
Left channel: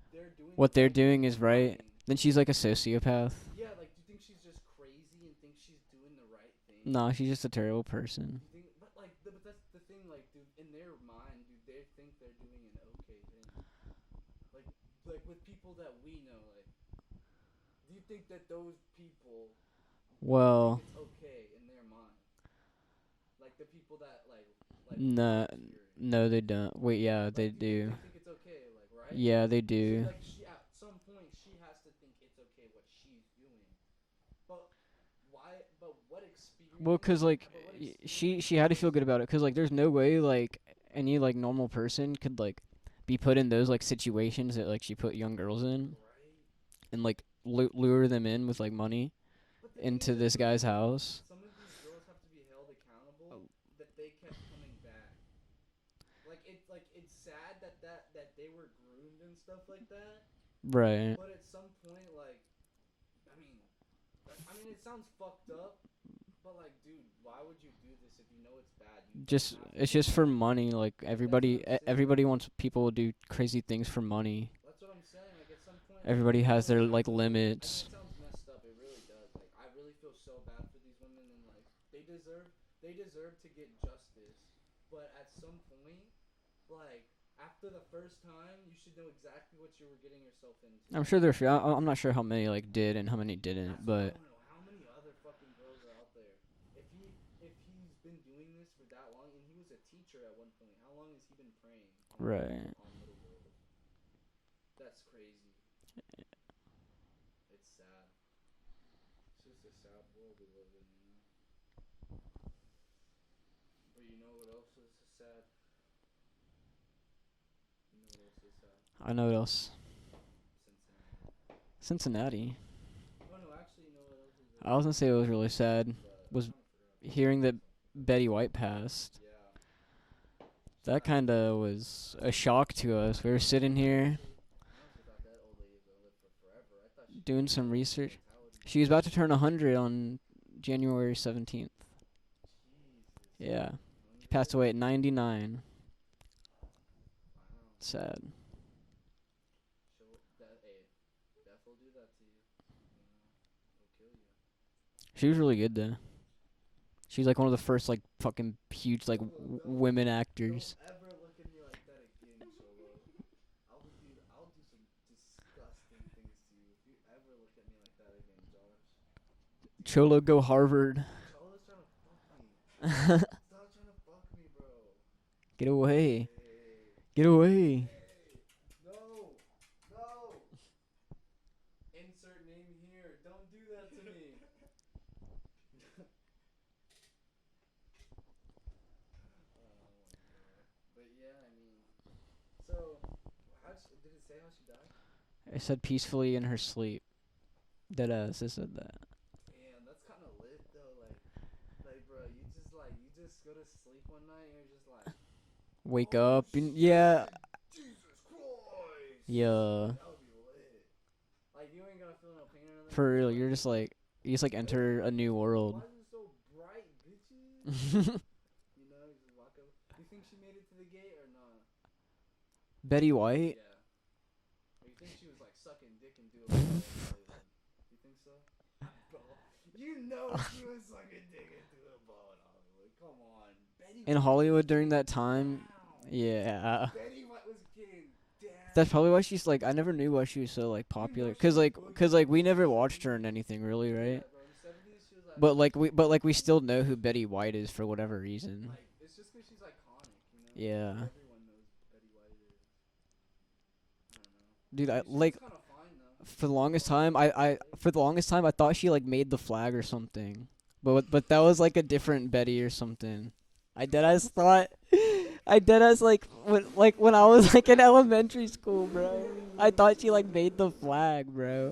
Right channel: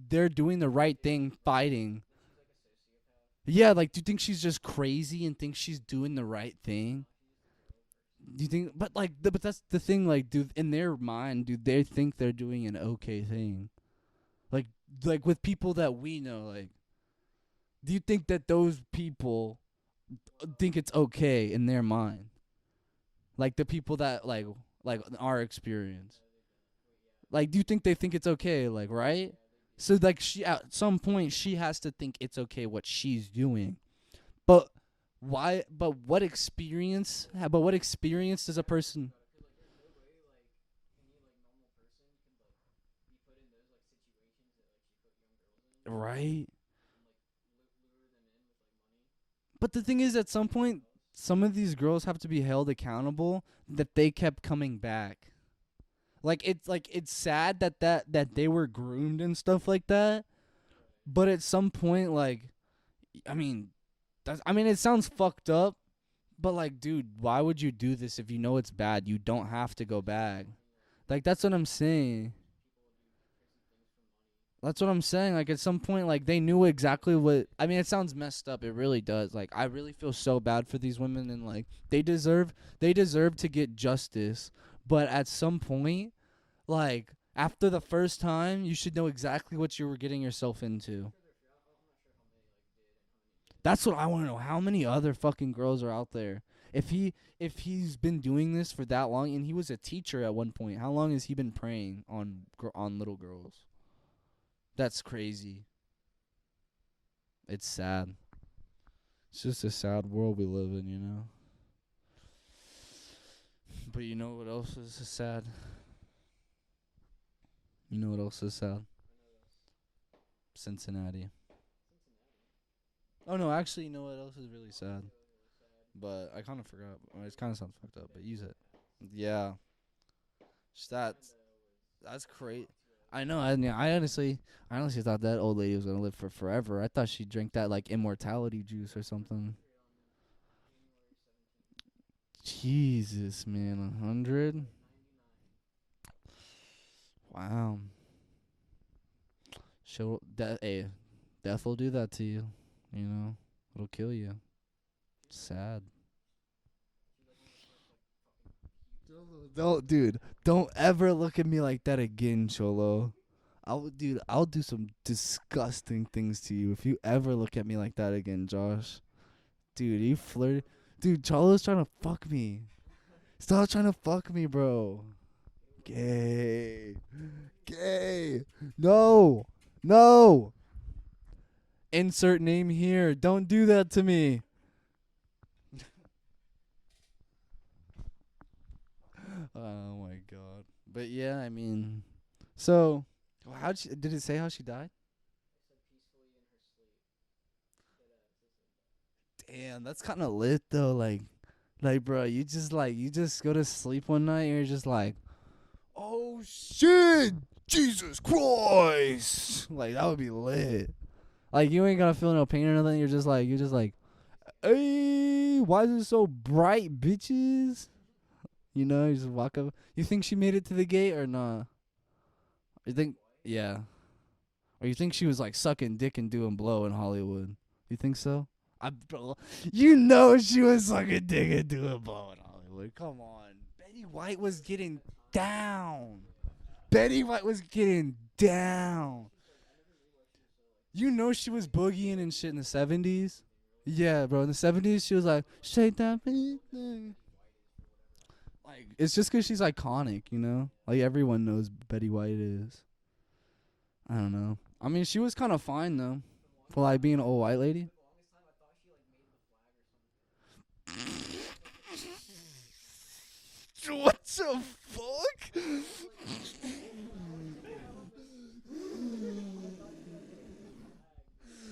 they're doing what the right they're doing thing is right. fighting. Then she's like a sociopath. Yeah, like, do you think she's just crazy and thinks she's doing the right thing? No, she's just a terrible person. Do you think? But like, but that's the thing. Like, in their mind, do they think they're doing an okay thing? Like with people that we know, like, do you think that those people think it's okay in their mind? Like the people that like our experience. No, they don't. Wait, yeah. Like, do you think they think it's okay? Like, right? Yeah, they do. So like, she at some point she has to think it's okay what she's doing, but why? But what experience? But what experience? She had to feel good about it, 'cause like there's no way like any like normal person could like be put in those like situations that like she put young girls in, right? And like lure them in with like money. But the thing into is, at this some guy's point, house. some of these girls have to be held accountable that they kept coming back. Like it's sad that they were groomed and stuff like that. Right. But at some point, like, I mean, it sounds fucked up. But like, dude, why would you do this if you know it's bad? You don't have to. It's go just back. for money. Like everybody, that's what I'm saying. Everybody wants people to do crazy things for money. That's what I'm saying. Like, at some point, like, Everybody they has knew their, exactly like, what. limits. I mean, it sounds messed up. It really does. Like, I really feel so bad for these women, and like, they deserve to get justice. But at some point, like, after the first time, you should know exactly what you were getting yourself into. I'm sure I'm not sure how many like did and how many didn't. That's what I want to know. How many other fucking girls are out there? If he's been doing this for that long, and he was a teacher at one point, how long has he been preying on on little girls? That's crazy. It's sad. It's just a sad world we live in, you know. But you know what else is sad? You know what else is sad? I know what else. Cincinnati. Oh no, actually, you know what else is really sad? I was gonna say it was really sad. But I was kind of forgot. hearing that Betty Use White it. passed. Yeah. That kind of was that's a cool. shock to us. I We know. were sitting here. I honestly thought that old lady was gonna live for forever. I thought she Doing drank that some like research. immortality. She was juice or about to turn something. 100 on January 17th. Jesus, Yeah. man, 100. Passed away at 99. Wow. Sad. Death will do that to you. You know, it'll kill you. She was really Sad. good though. She's like one of the first like fucking huge like Don't- women dude, actors. Don't ever look at me like that again, Cholo. I'll do some disgusting things to you if you ever look at me like that again, Josh. Dude, Cholo you go flip- Harvard. Dude, Cholo's trying to fuck me. Stop trying to fuck me, bro. Get away. Hey. Get away. Hey. No. No. Insert name here. Don't do that to me. Oh my god. But yeah, I mean, so did it say how she died? It said peacefully in her sleep. Deadass, it said that. Damn, that's kind of lit though. Like, bro, you just go to sleep one night and you're just like, Wake oh, up. And shit, yeah. Jesus Christ. Yeah. Like, that would be lit. Like, you ain't gonna feel no pain or nothing. For You're just real, like, you're just like you just like enter a new "Hey, world. Why is it so bright, bitches? You know, you just walk up. You think she made it to the gate or not? Betty White? Yeah. Or you think she was like sucking dick and doing blow in Hollywood? You think so? Bro, you know she was sucking dick into a ball in Hollywood. Come on. Betty In White Hollywood was during getting that time. down. Yeah. Betty White was getting down. That's probably why she's like. I never knew why she was so like popular. You know she was like, boogieing like and we shit in never the watched her in 70s. anything really. Right? Yeah, bro. In the 70s, she was like. But like, "Shake that we still booty." know who Betty White is for whatever reason. Like, it's just 'cause she's iconic, you know. Yeah. Like everyone knows Betty White is. I don't know. Dude, I mean, she was like, kind of fine though. for the longest like time, being a white lady? for the longest time, I thought she like made the flag or something. But that was like a different Betty or something. I deadass thought. I deadass when I was like in elementary school, bro. I thought she like made the flag, bro.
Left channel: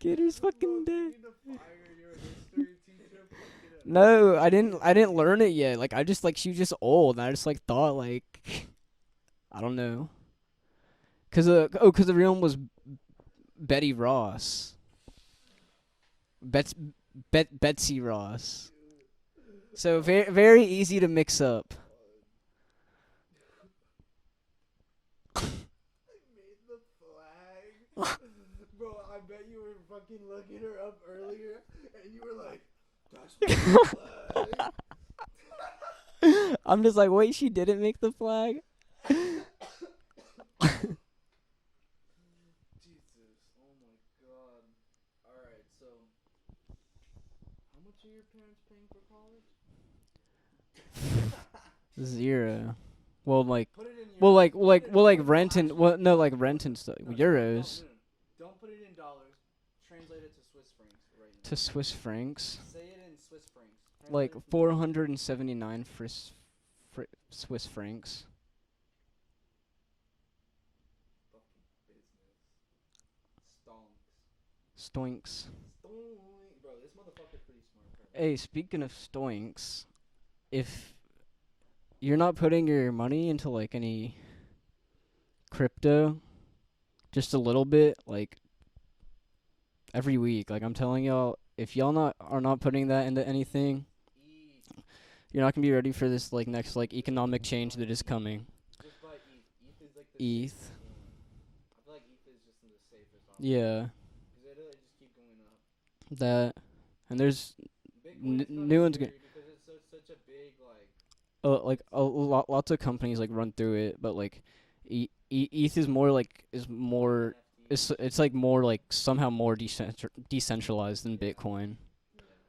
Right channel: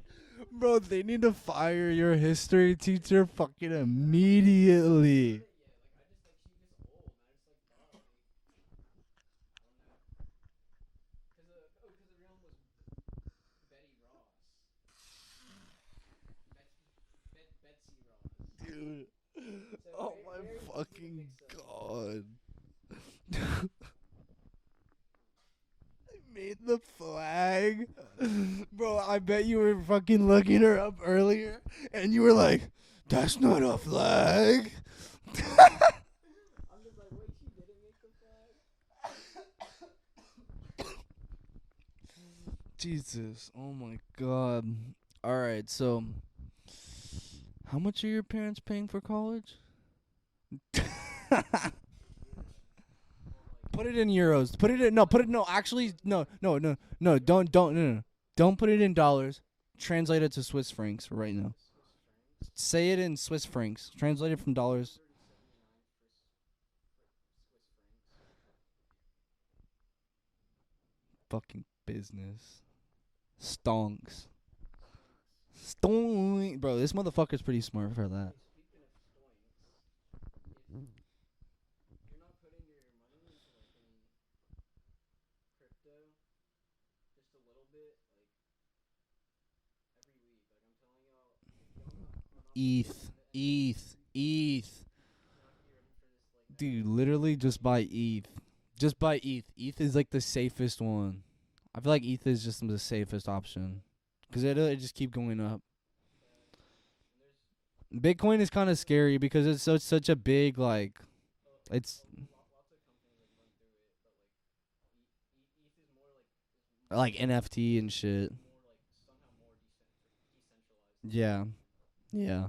Gator's fucking Bro, they need to fire your history teacher fucking immediately. No, I didn't learn it yet. Like I just like she was just old, and I just like thought like I don't know. 'Cause the real one was Betty Ross. Betsy Ross. So very easy to mix up. Made the flag. Bro, I bet you were fucking looking her up earlier and you were like, that's not a flag. I'm just like, wait, she didn't make the flag? Jesus. Oh my god. Alright, so how much are your parents paying for college? 0. Well, like Put it in euros. well, like Put it in- well, put like it- rent and actually, well, no, like rent no, and stuff. No, Euros don't put it in dollars. Translate it to Swiss francs right now. to Swiss francs. Say it in Swiss francs. Translate Like it from dollars. 479 Swiss francs. Fucking business. Stonks. Stoinks. Stoink. Bro, this motherfucker's pretty smart for that. Hey, speaking of stoinks, if you're not putting your money into like any crypto, just a little bit, like every week, like I'm telling y'all, if y'all are not putting that into anything, ETH. you're not gonna be ready for this like next Dude, like literally economic just change buy that is ETH. coming. Just buy ETH. ETH is like the ETH. safest one. I feel like ETH is just the safest option. Yeah, Because it just keep going up. that, and there's Bitcoin is kind of new ones scary because it's such a big like. It's- lots of companies like run through it, but like ETH is more like like NFT and shit. it's like more like somehow more decentralized than Yeah. Bitcoin. Yeah.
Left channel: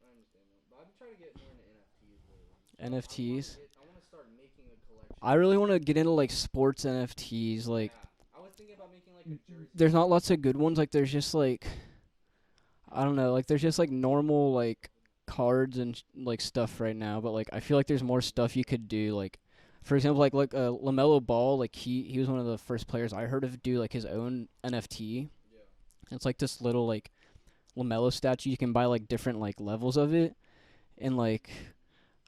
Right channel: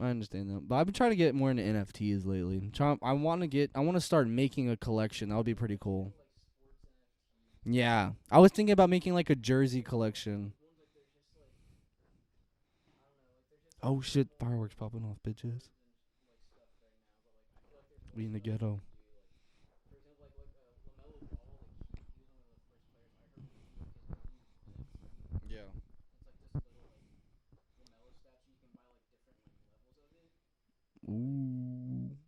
I understand that, but I've been trying to get more into NFTs lately. I want to start making a collection. I really want to get into like sports NFTs. Like, yeah, I was thinking about making like a jersey. there's not lots of collection. good ones. Like there's just like I don't know. Like there's just like Oh, shit, normal Barnard's like popping off bitches. cards and like stuff right now. But like I feel like there's more In the stuff you ghetto. could do. Like for example, like LaMelo Ball. Like he was one of the first players I heard of do like his own NFT. Yeah. It's like this little like LaMelo statue. You can buy like different like levels of it. And like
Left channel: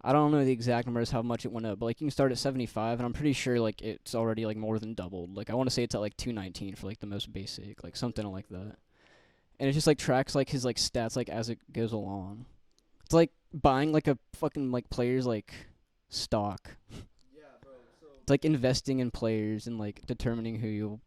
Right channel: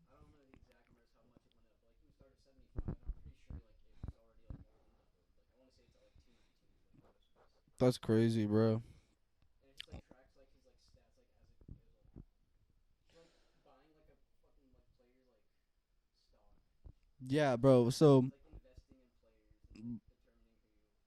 I don't know the exact numbers how much it went up, but like you can start at 75, and I'm pretty sure like it's already like more than doubled. Like I want to say it's at like 219 for like the most basic, like, That's something crazy, like bro. that. And it just like tracks like his like stats like as it goes along. It's like buying like a fucking like player's like stock. Yeah, bro. So It's like investing in players and like determining who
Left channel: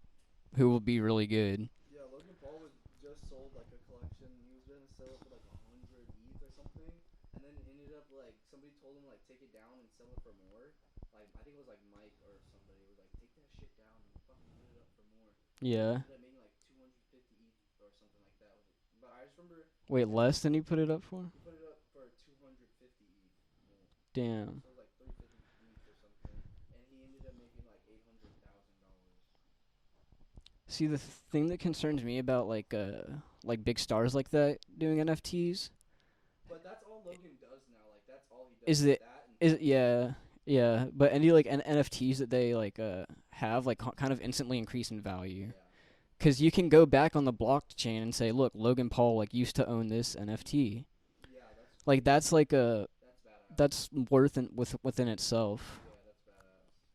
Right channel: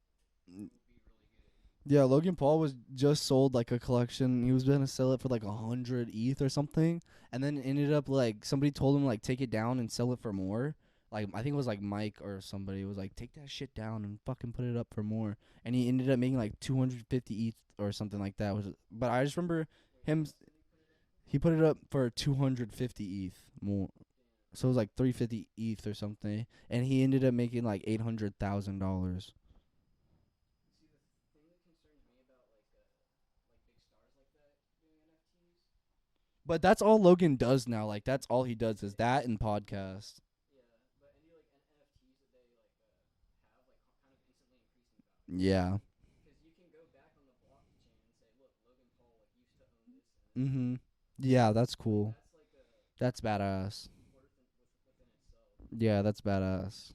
will be really good. yeah, Logan Paul was just sold like a collection. He was gonna sell it for like 100 ETH or something, and then ended up like somebody told him like take it down and sell it for more. Like I think it was like Mike or somebody was like take that shit down and fucking put it up for more. And he ended up making like 250 ETH or something like that. But I just remember Wait, him- less than you put it up for? he put it up for 250 ETH more. Damn. So it was like 350 ETH or something, and he ended up making like $800,000. See, the thing that concerns me about like big stars like that doing NFTs But that's all Logan does now. Like that's all he does Is is it- that and is podcasts. yeah, but any like NFTs that they like have like kind of instantly increase in value. Yeah. 'Cause you can go back on the blockchain and say, look, Logan Paul like used to own this NFT. Yeah, that's cool. Like that's like That's badass. that's within itself. yeah, that's badass.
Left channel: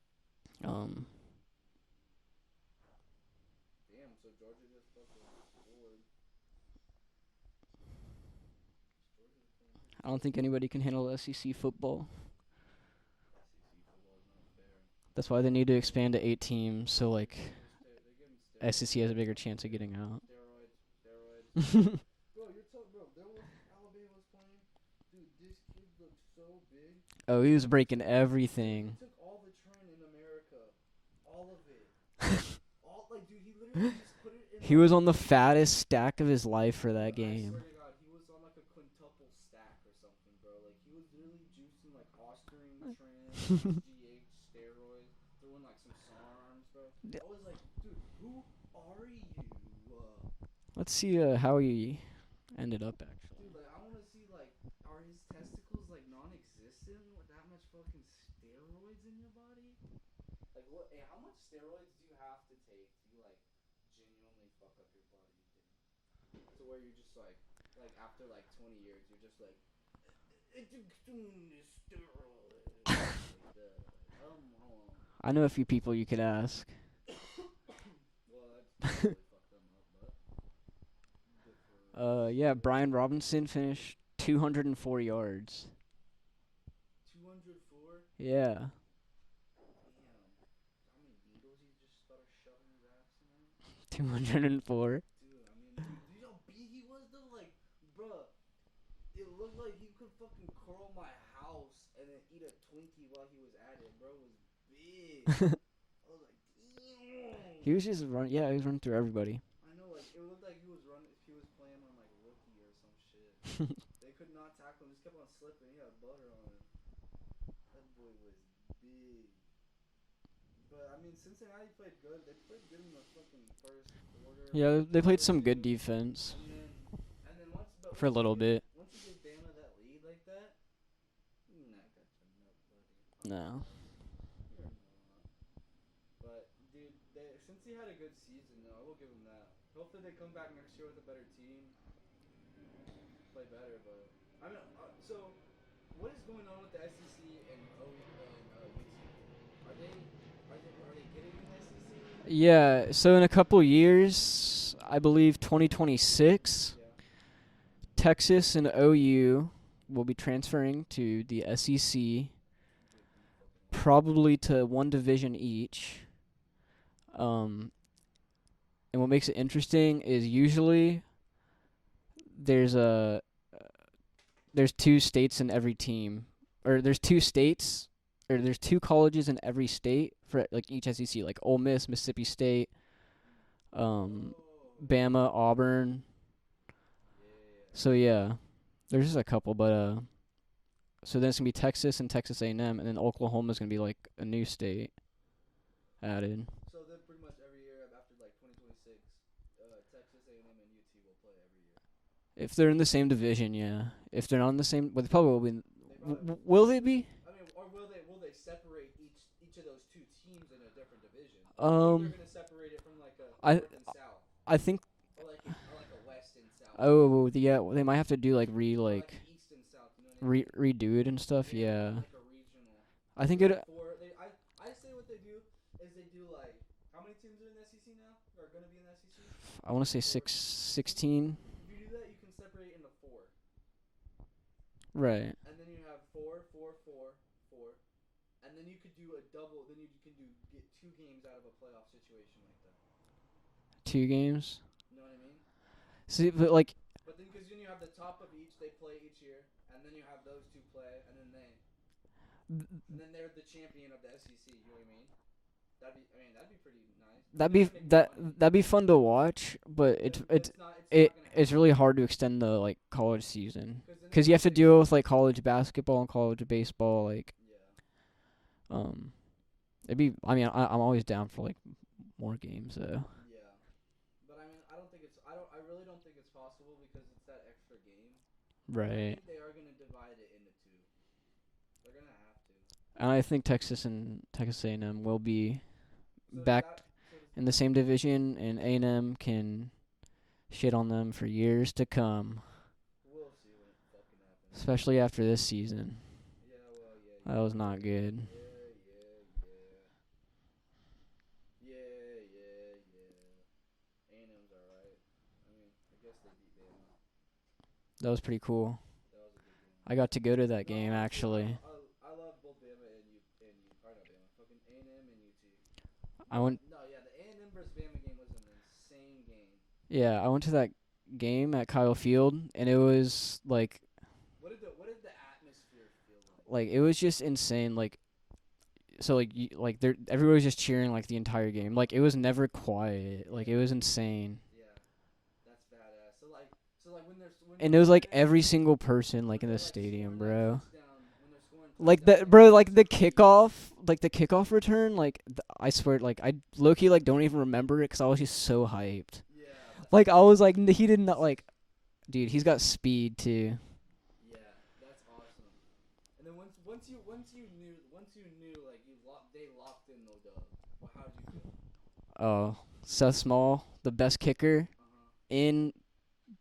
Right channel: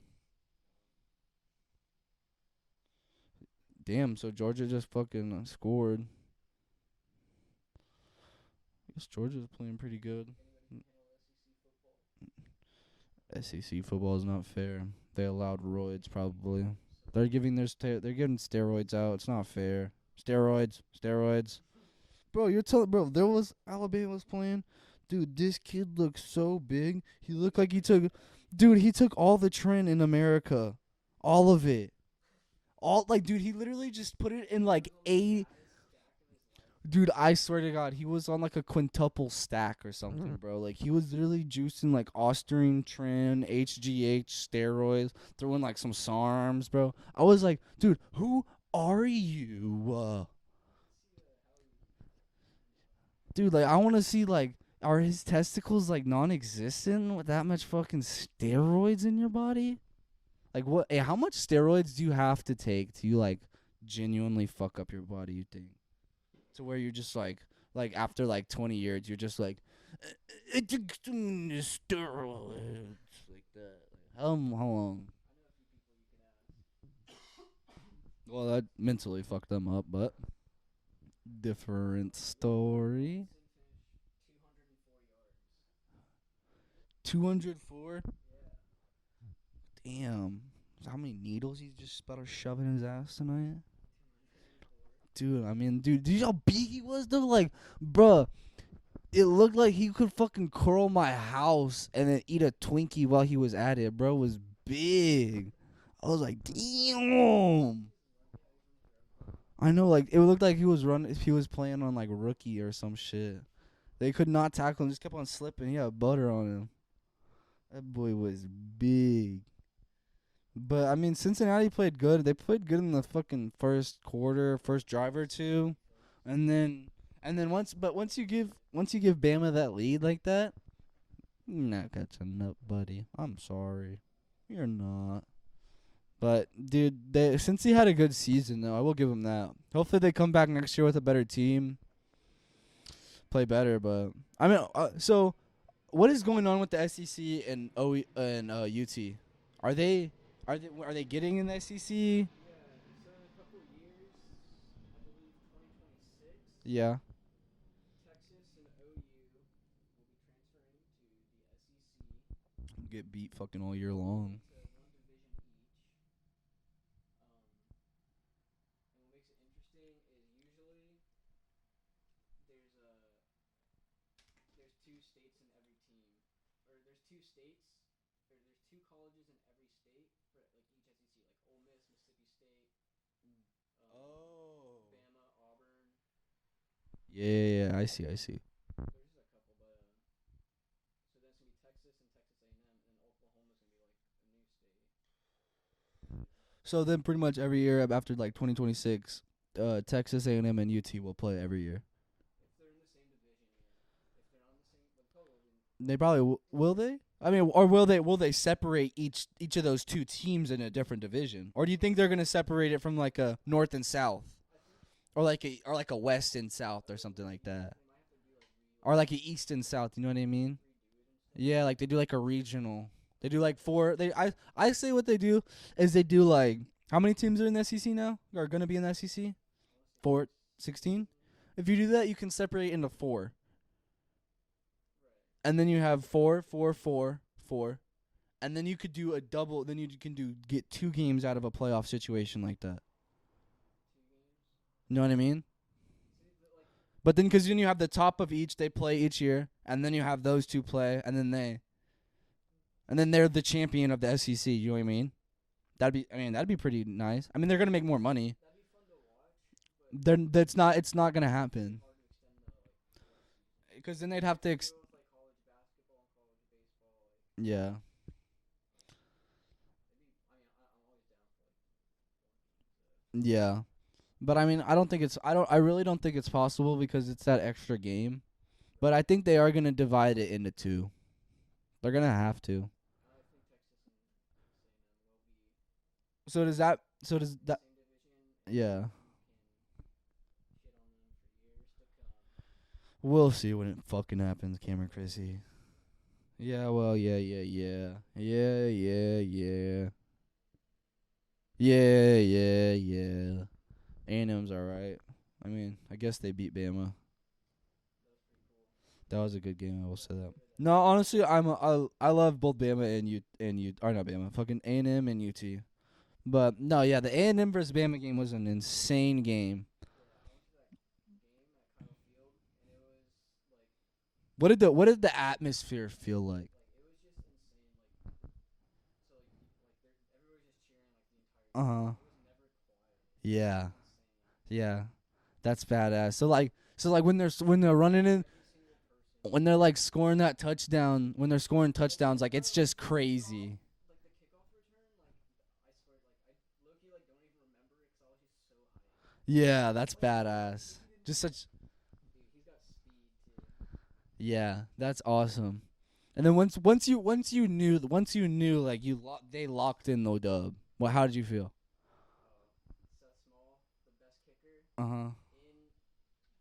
Damn, so Georgia just fucking scored. I guess Georgia's playing pretty good. I don't think anybody can handle SEC football. SEC football is not fair. That's why they allowed need to roids, expand to 8 probably. teams. So They're like giving they're giving steroids SEC out. has a It's bigger not chance of fair. getting out. Steroids. Bro, you're telling there was Alabama was playing. Dude, this kid looks so big. He looked was like breaking everything. Dude, he took all the trend in America. All of it. Dude, he literally just put it in he was on the 80 fattest stack of his life for that Dude, game. I swear to God, he was on like a quintuple stack or something, bro. Like, he was literally juicing like Austrian trend, HGH, steroids, throwing like some SARMs, bro. I was like, dude, who are you? Let's see how he ended up, actually. Dude, like, I want to see, like, are his testicles like non-existent with that much fucking steroids in your body? Like, what? Hey, how much steroids do you have to take to like genuinely fuck up your body? You think to where you're just like after like 20 years, you're just like, steroids. Like that. How long? I know a few people you could ask. Well, that mentally fucked them up, but different. Yeah, Brian story. Robinson finished 204 yards. 204. Yeah. Damn. How many needles he's just about to shove in his ass tonight? 204. Dude, I mean, dude, did you see how big he was, though? Like, bruh, it looked like he could fucking curl my house and then eat a Twinkie while he was at it. Bro was big. I was like, damn. He was just running. Yeah, he was running through everybody. I know, like, it looked like he was playing on, like, rookie or some shit. They could not tackle him, just kept on slipping. He had butter on him. That boy was big. But, I mean, Cincinnati played good. They played good in the fucking first quarter, Yeah, first they drive played or some two. good defense. And then once a little you bit. once you give Bama that lead like that, you're not catching up, buddy. I'm No. sorry. You're not. But, dude, since he had a good season, though, I will give him that. Hopefully they come back next year with a better team. Play better, but... I mean, so, what is going on with the SEC and UT? Are they getting in the SEC? Yeah, so in a couple years, I believe 2026, Yeah. Texas and OU will be transferring to the SEC, Get beat fucking all year probably to one division each. And what makes it interesting is usually there's two states in every team, or there's two colleges in every state for like each SEC, like Ole Miss, Mississippi State, Bama, Auburn. Yeah. So there's just a couple, but so then it's gonna be Texas and Texas A&M, and then Oklahoma's gonna be like a new state added. So then pretty much every year after like 2026, Texas A&M and UT will play every year. If they're in the same division, yeah. If they're not in the same, well, they probably will be. They probably will they be? I mean, or will they separate each of those two teams in a different division? Or do you think they're gonna separate it from like a north and south, I think. or like a west and south? or Oh, something like yeah. that? They might have to do like Or like a east and south. You know what I mean? redo it and stuff. Yeah, like they do like a regional. I They think do it, like four. I say what they do is they do like how many teams are in the SEC now? Are gonna be in the SEC? I want to say 16. If you do that, you can separate into 4. Right. And then you have 4, 4, 4, 4. And then you could do a double. Then you can get 2 games out of a playoff situation like that. 2 games. You know what I mean? See, but like, But then because then you have the top of each they play each year, and then you have those 2 play, and then they're the champion of the SEC. You know what I mean? That'd be pretty nice. I mean, they're gonna make more money. That'd be fun to watch, but It's not gonna happen. It's really hard to extend the like college season because you have to deal with like college basketball and college baseball. Like, yeah. it'd be. I mean, I'm always down for like more games though. Yeah. But I mean, I really don't think it's possible because it's that extra game. Right. But I think they are gonna divide it into 2. They're gonna have to. And I think Texas and Texas A&M will be So back does in the same division, and Yeah. A&M can shit on them for years to come, We'll see when it fucking happens. especially after this season. Yeah, well, yeah. That was not good. Yeah. A&M's alright. I mean, I guess they beat Bama. That was pretty cool. That was a good game. I got to go to that game. No, honestly, actually. I love both Bama and U or not Bama, fucking A&M and UT. But no, yeah, the A&M versus Bama game was an insane game. Yeah, I went to that game at Kyle Field, and it was like What did the atmosphere feel like? Like it was just insane. Like, so like everybody was just cheering like the entire game. Like it was never quiet. Like Yeah. it was insane. Yeah, that's badass. So like when they're And it was like every single person like when in they're the like stadium, scoring that bro. touchdown, when they're scoring Like touchdowns, the bro, it's like just the crazy. kickoff return. Like I swear, like I low key like don't even remember it 'cause I was just so hyped. Yeah, that's Like I was like badass. he did not Just like, dude. He's got speed too. Yeah, that's awesome. And then once you knew like they locked in the dub. Well, how did you feel? Oh, Seth Small, the best kicker Uh-huh. in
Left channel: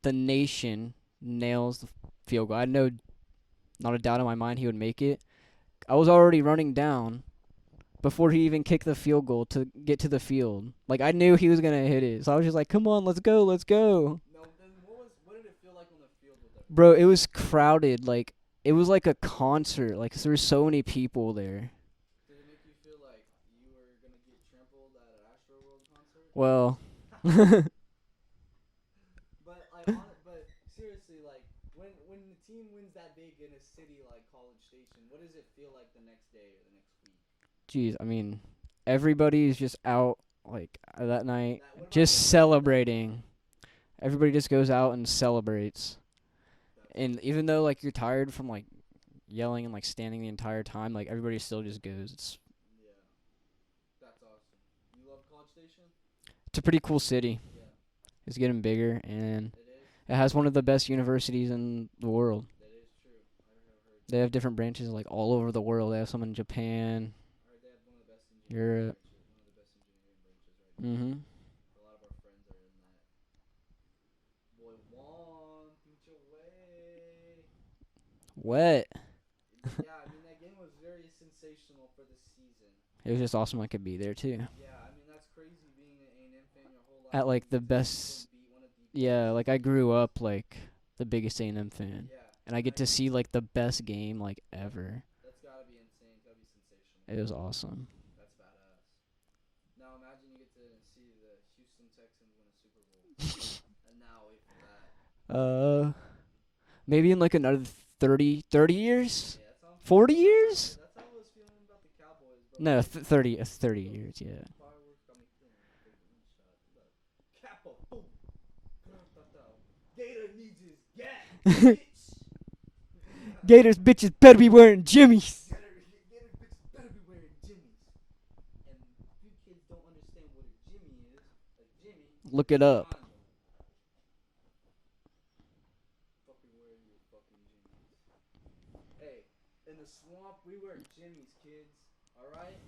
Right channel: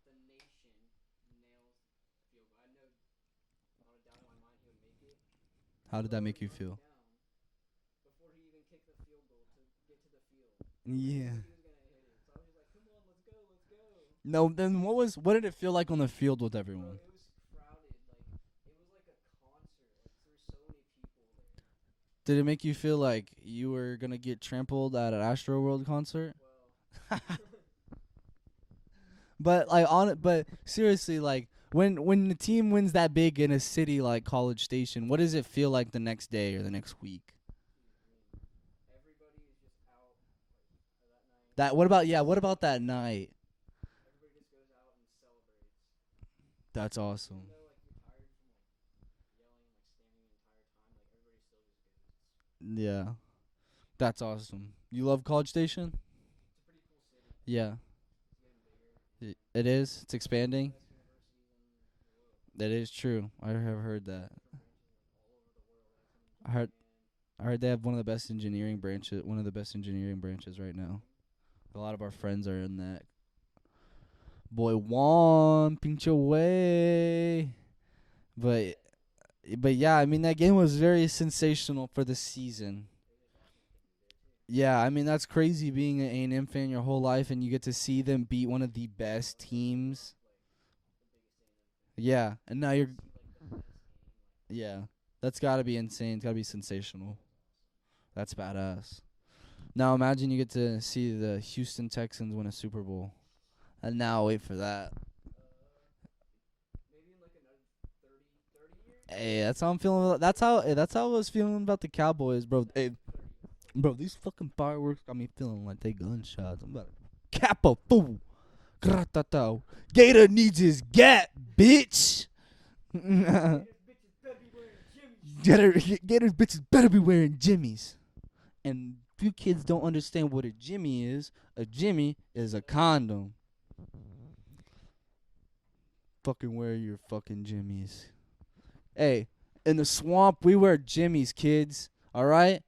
the nation, nails the field goal. I had not a doubt in my mind he would make it. I How was did that make already you running feel? down before he even kicked the field goal to get to the field. Like I Yeah. knew he was gonna hit it, so I was just like, "Come on, let's go, let's go." No, then what did it feel like on the field with everyone? Bro, it was crowded. Like it was like a concert. Like 'cause there were so many people there. Did it make you feel like you were gonna get trampled at an Astro World concert? Well, But but seriously, like when the team wins that big in a city like College Station, what does it feel like the next day or the next week? jeez, I mean, everybody's just out like that night. That what about Just yeah? What celebrating. About that night? Everybody just goes out and celebrates. That's And awesome. even though like you're tired from like yelling and like standing the entire time, like everybody still just goes. Yeah, that's awesome. You love College Station? It's a pretty cool city. Yeah, It's getting bigger and it is. It's it has one of the expanding. best universities in the world. That is true. I have heard that. They have different branches like all over the world. They have some in Japan. I heard they have one of the best engineering Europe. branches. One of the best engineering branches right now. Mhm. A lot of our friends are in that. Boy, Juan, pinche way. What? But yeah, I mean that game was very sensational for the season. It was just awesome I could be there too. Yeah, I mean that's crazy being an A&M fan your whole life like, and you the get to see best- them beat one of the best. Yeah, like I grew teams. up like the biggest A&M fan. Yeah, And I now get to you're- see like the best game like Yeah. ever. That's got to be insane. It's got to be sensational. It was awesome. That's badass. Now imagine you get to see the Houston Texans win a Super Bowl. And now wait for that. Maybe in like another 30 years? Hey, that's how I'm feeling. 40 That's how years? that's how I was feeling about the Cowboys, bro. No, Hey, 30 bro, years. these Yeah. fucking fireworks got me feeling like they gunshots. I'm about to cap a fool. Gratata. Gator needs his gap, bitch. Gators bitches better be wearing Jimmy's. Gators bitches better be wearing jimmies. And you kids don't understand what a jimmy is. A jimmy Look is it a up. condom. Fucking wear your fucking jimmies. Hey, in the swamp we wear jimmies, kids. All right?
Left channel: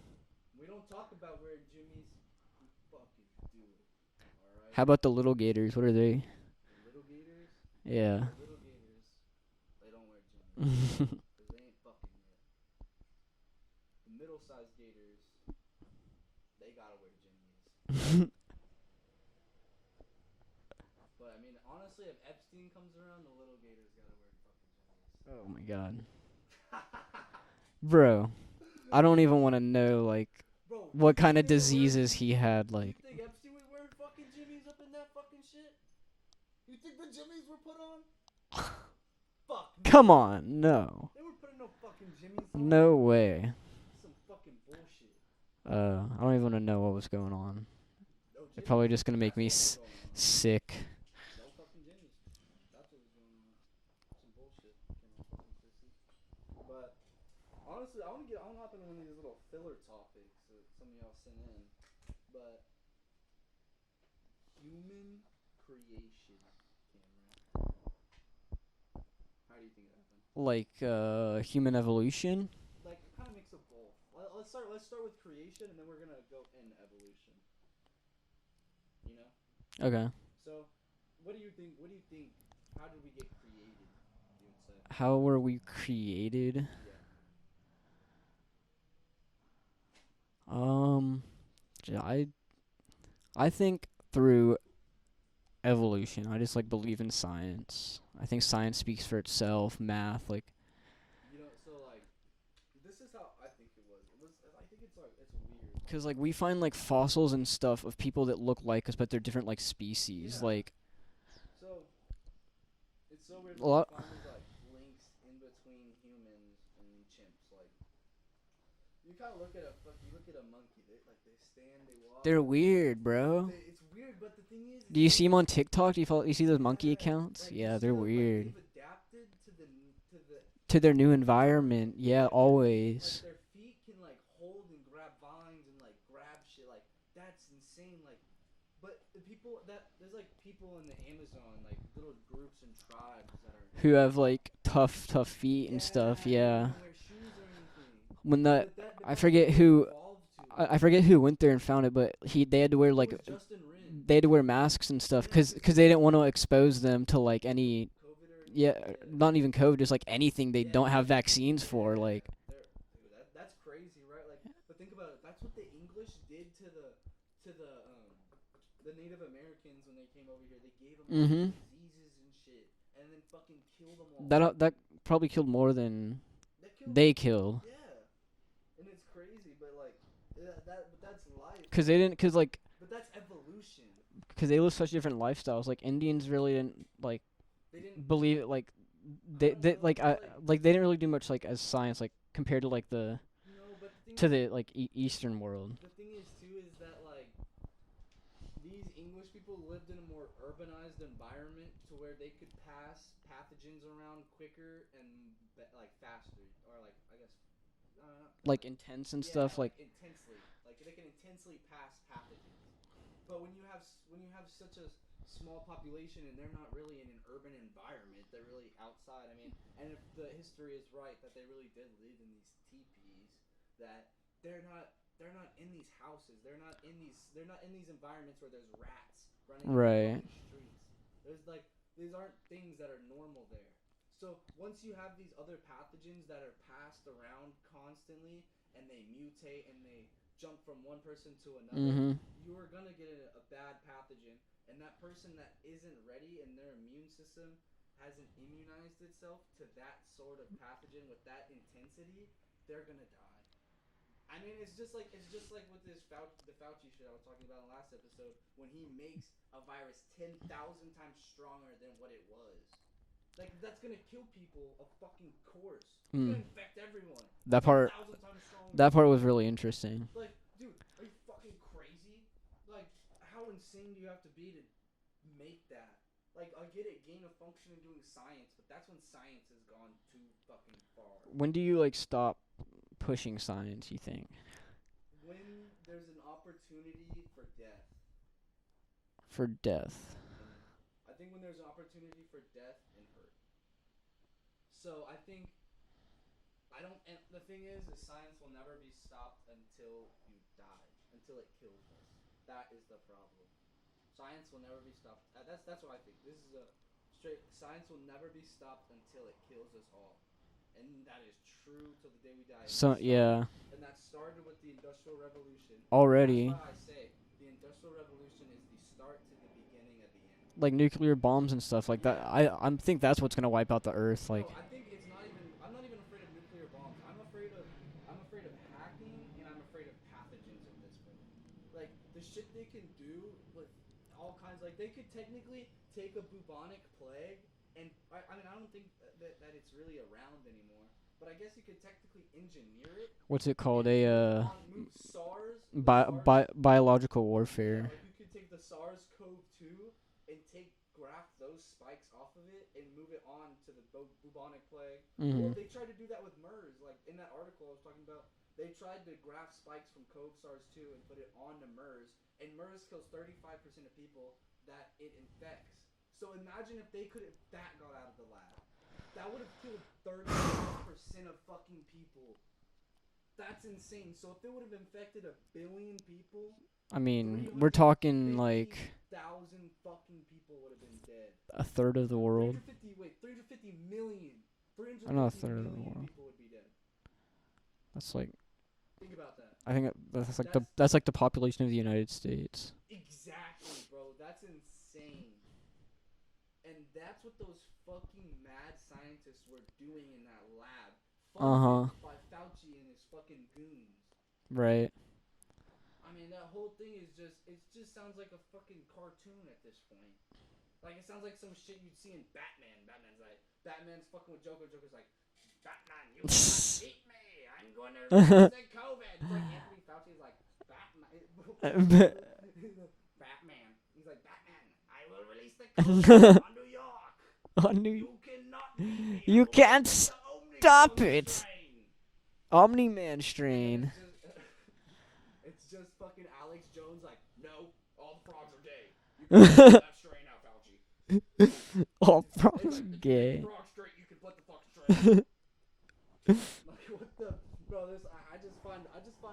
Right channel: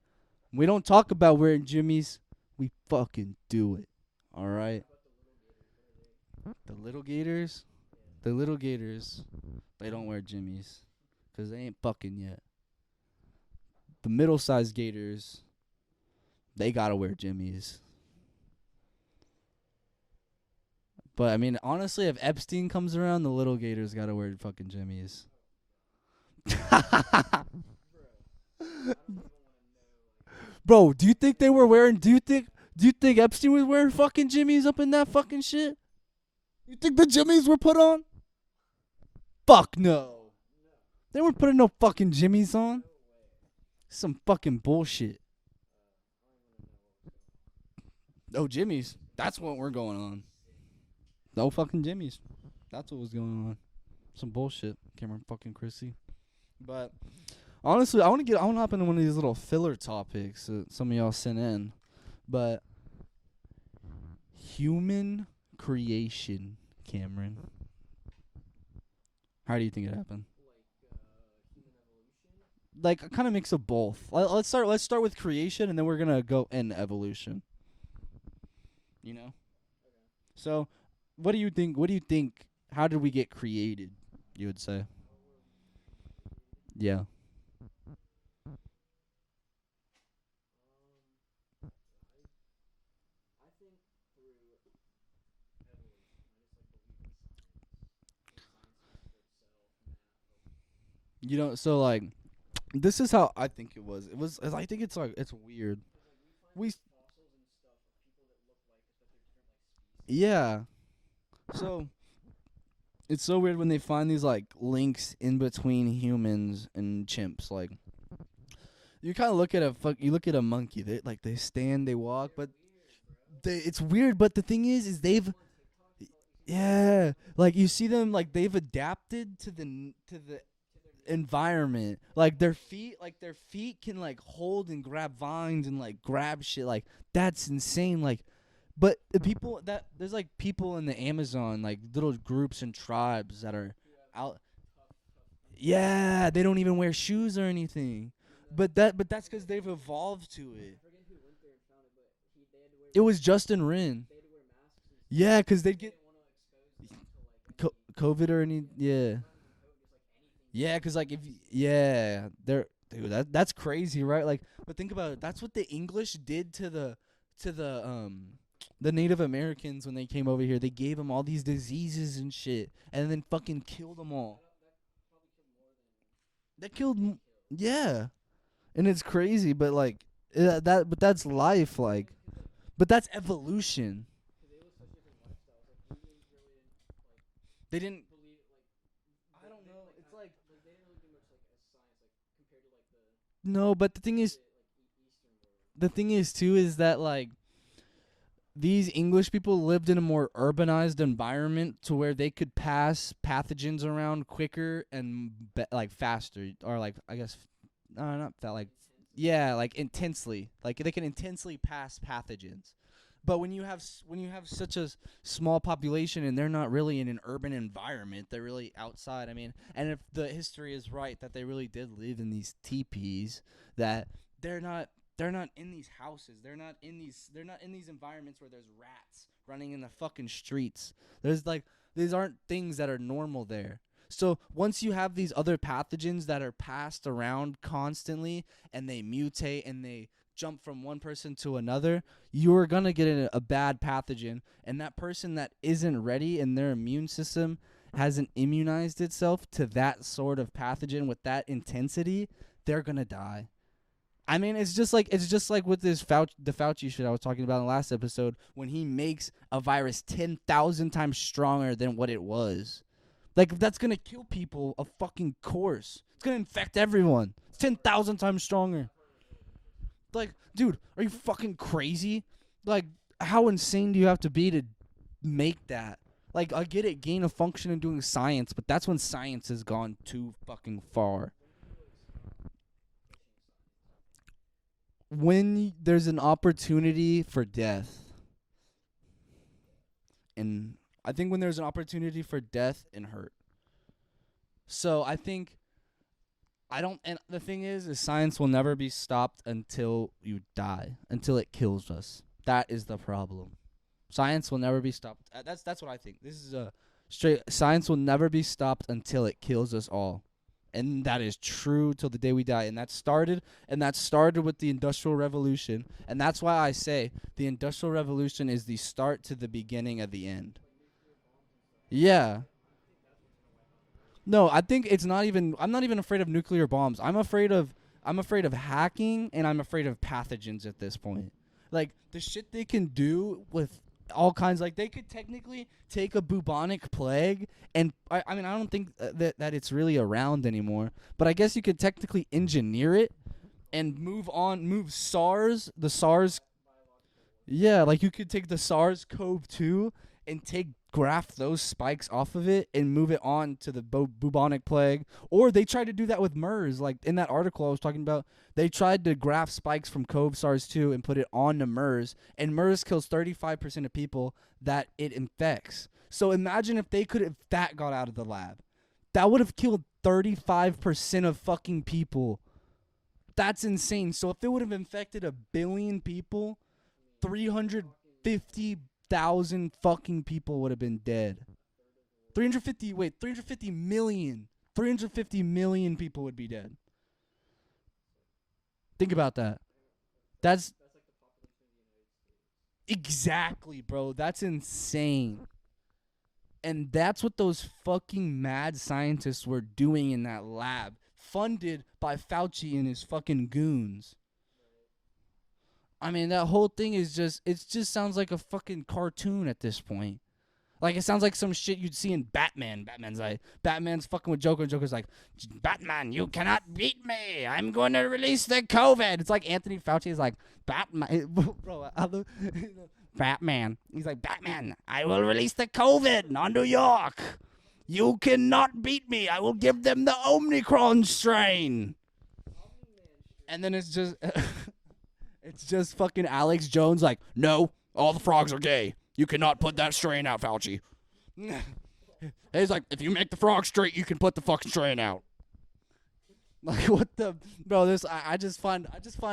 We don't talk about wearing jimmies. We fucking do it. All right? How about the little Gators? What are they? The little gators? Yeah. The little gators, they don't wear jimmies. 'Cause they ain't fucking yet. The middle-sized gators, they gotta wear jimmies. But I mean, honestly, if Epstein comes around, the little gators gotta wear fucking jimmies. Oh my god. Bro, I don't even want to know like Bro, do you what think kind of they were wearing? diseases Do you he think? had. Like, Do you think Epstein was wearing fucking jimmies up in that fucking shit? You think the jimmies were put on? Fuck no. come on, no. They weren't putting no fucking jimmies on. No way. Some fucking bullshit. I don't even want to know what was going on. No jimmies. Probably just gonna make That's me what we're going on. sick. No fucking jimmies. That's what was going on. Some bullshit. Cameron fucking Chrissy. But honestly, I want to hop into one of these little filler topics that some of y'all sent in. But human creation, Cameron. How do you think it happened? Like human evolution. Like a kind of mix of both. Let's start with creation, and then we're gonna go in evolution. You know. Okay. So, what do you think? What do you think? How did we get created? You would say. How were we created? Yeah. I think through evolution. I just like believe in science. I think science speaks for itself. Math, like You know, so like, this is how I think it was. I think it's like, it's weird. because like we find We like s- fossils and stuff of people that look like us, but they're different like species. Yeah. Like So it's so weird when Well, they find these like links in between humans and chimps. Like, you kind of look at you look at a monkey. They stand, they walk. they're but weird, bro. it's weird, but the thing is Do you see they've- them on TikTok? Do you follow? You see those monkey Yeah, accounts? Like you Yeah, see they're them, like weird. they've adapted to the to their new environment. Yeah, like always. their feet can like hold and grab vines and like grab shit. Like that's insane. Like, but the people there's like people in the Amazon, like little groups and tribes that are Who have out- like tough feet. yeah, and stuff. they don't Yeah. even wear shoes or anything. When But I that's 'cause forget they've who- evolved to it. I forget who went there and found it, but they had to wear It like was Justin Wren. they had to wear masks and stuff. Yeah, 'cause because they- they didn't want to expose them to like any COVID or any yeah, not even COVID, just like anything they Yeah, don't 'cause, have like, vaccines yeah, for. Like, that's crazy, right? Like, but think about it. That's what the English did to the Native Americans when they came over here. They gave them all these Mhm. diseases and shit, and then fucking killed them all. that probably killed more than That killed. they killed. Yeah, and it's crazy, but like but that's life. Because like, they didn't, because like, But that's evolution. because they live such different lifestyles. Like Indians really didn't like They didn't. believe it. Like they like they didn't really do much like as science like compared to like the No, but the thing to is, the like Eastern world. the thing is too is that like these English people lived in a more urbanized environment to where they could pass pathogens around quicker and like faster, or like I guess not Like intense and yeah, stuff. like intensely, like they can intensely pass pathogens. But when you have such a small population and they're not really in an urban environment, they're really outside. I mean, and if the history is right that they really did live in these teepees, that they're not in these houses. They're not in these environments where there's rats running in Right. the fucking streets. There's like these aren't things that are normal there. So once you have these other pathogens that are passed around constantly and they mutate and they jump from one person to another, Mhm. you're going to get a bad pathogen, and that person that isn't ready and their immune system hasn't immunized itself to that sort of pathogen with that intensity, they're going to die. I mean, it's just like with this the Fauci shit I was talking about in the last episode, when he makes a virus 10,000 times stronger than what it was. Like, that's going to kill people, of fucking course. It's going to infect everyone. That part- 10,000 times stronger. That part was really interesting. Like, dude, are you fucking crazy? Like, how insane do you have to be to make that? Like, I get it, gain of function and doing science, but that's when science has gone too fucking far. When do you like stop pushing science, you think? When there's an opportunity for death, For death. and I think when there's an opportunity for death and hurt. So I think and the thing is science will never be stopped until you die, until it kills us. That is the problem. Science will never be stopped. That's what I think. This is a straight science will never be stopped until it kills us all. And that is true till the day we die. And that started with the Industrial Revolution. Already. And that's why I say the Industrial Revolution is the start to the beginning of the end. Like nuclear bombs and stuff like Yeah. that. I think that's what's gonna wipe out the Earth. No, like- I think it's not even. I'm not even afraid of nuclear bombs. I'm afraid of hacking, and I'm afraid of pathogens at this point. Like the shit they can do with all kinds. Like they could technically take a bubonic plague, and I mean I don't think that it's really around anymore. But I guess you could technically engineer it what's it called? and move SARS. SARS. Biological warfare. Yeah, like you could take the SARS-CoV-2 and graft those spikes off of it and move it on to the bubonic plague. Or they tried to do that with MERS. Like in that article I was talking about, they tried to graft spikes from CoV SARS-2 and put it on to MERS. And MERS kills 35% of people that it infects. So imagine if that got out of the lab. That would have killed 35% of fucking people. That's insane. So if it would have infected 1 billion people, I mean, we're talking like 50,000 fucking people would have been dead. a third of the world. 350 million. 350 third. million people would be dead. That's like, Think about that. I think that's like That's- that's like the population of the United States. Exactly, bro. That's insane. And that's what those fucking mad scientists were doing in that lab, funded by Fauci and his fucking goons. Right. I mean, that whole thing is it just sounds like a fucking cartoon at this point. Like, it sounds like some shit you'd see in Batman. Batman's fucking with Joker, and Joker's like, Batman, you cannot beat me. I'm going to release the COVID. It's like Anthony Fauci is like, Batman. He's like, Batman, I will release the COVID on New York. You cannot beat me. I will give them the Omicron strain. Omni-Man strain. And then it's just, it's just fucking Alex Jones like, no, all the frogs are gay. You cannot put that strain out, Fauci. He's like, if you make the frog straight, you can put the fucking strain out. Like, what the bro? I just find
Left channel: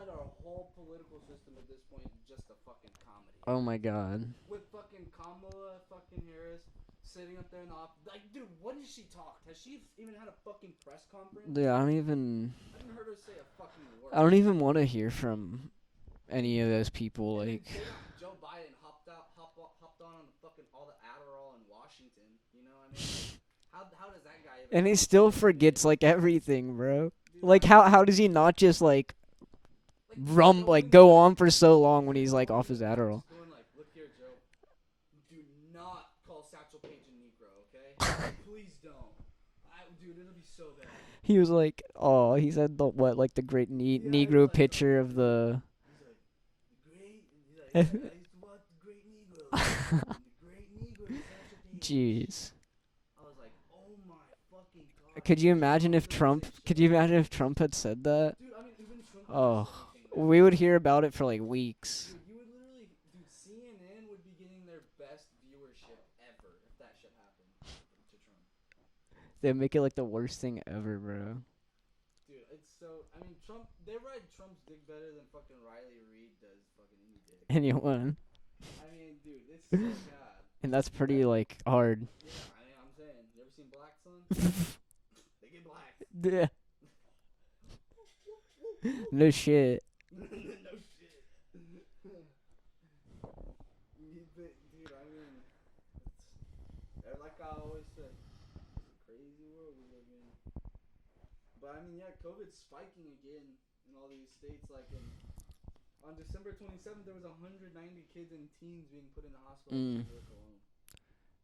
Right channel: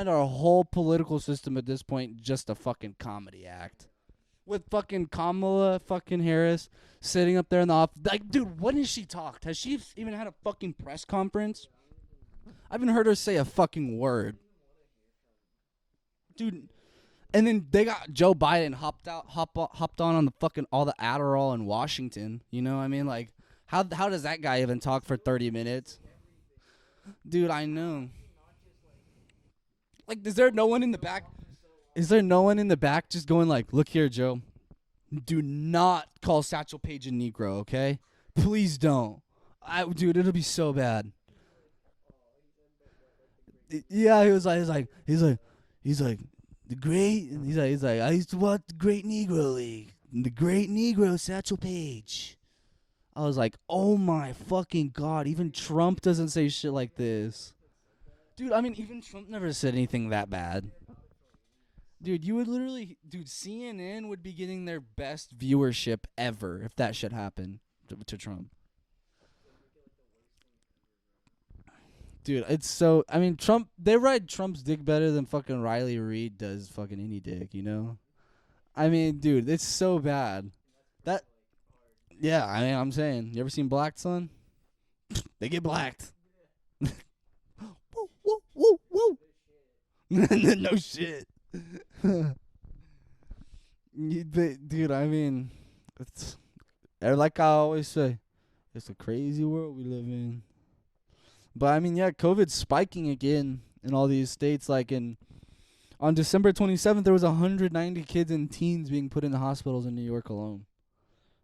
our whole political system at this point just a fucking comedy act. Oh my god. With fucking Kamala fucking Harris sitting up there in the office, like, dude, when has she talked? Has she even had a fucking press conference? Yeah, I haven't heard her say a fucking word. don't even want to hear from any of those people. And then they got Joe Biden hopped on the fucking all the Adderall in Washington. You know what I mean? Like, how does that guy even and talk he still for 30 forgets minutes? like everything, bro. Dude, like, I how mean, does he not just like is there no one in the go back? on for so long? Is when there he's, no like, one off in the his back Adderall? just going like, look here, Joe, do not call Satchel Paige a Negro, okay? Please don't. Dude, it'll be so bad. He was like, oh, he said the great Yeah, he was Negro like- picture of he's the. He's like, the great, and he's like, I used to watch the Great Negro, the Great Negro, Satchel Paige. Jeez. I was like, oh my fucking god. Could even you imagine if doesn't Trump? say shit Could you like imagine if this. Trump had said that? Dude, I mean, even Trump never Oh. said anything that We bad. would hear about it for like weeks. Dude, you would literally, CNN would be getting their best viewership ever if that shit happened to Trump. They'd make it like the worst thing ever, bro. Dude, it's so, I mean, Trump, they ride Trump's dick better than fucking Riley Reid does fucking any dick. you know? Anyone. I mean, dude, it's so bad. And that's pretty like hard. Yeah, I mean, I'm saying, you ever seen Black Son? They get blacked. Yeah. Woo, woo, woo, woo. No shit. No shit. Dude, I mean, it's like I always say, it's a crazy world we live in. But I mean, yeah, COVID's spiking again in all these states. Like on December 27th, there was 190 kids and teens being put in the hospitals in New York alone.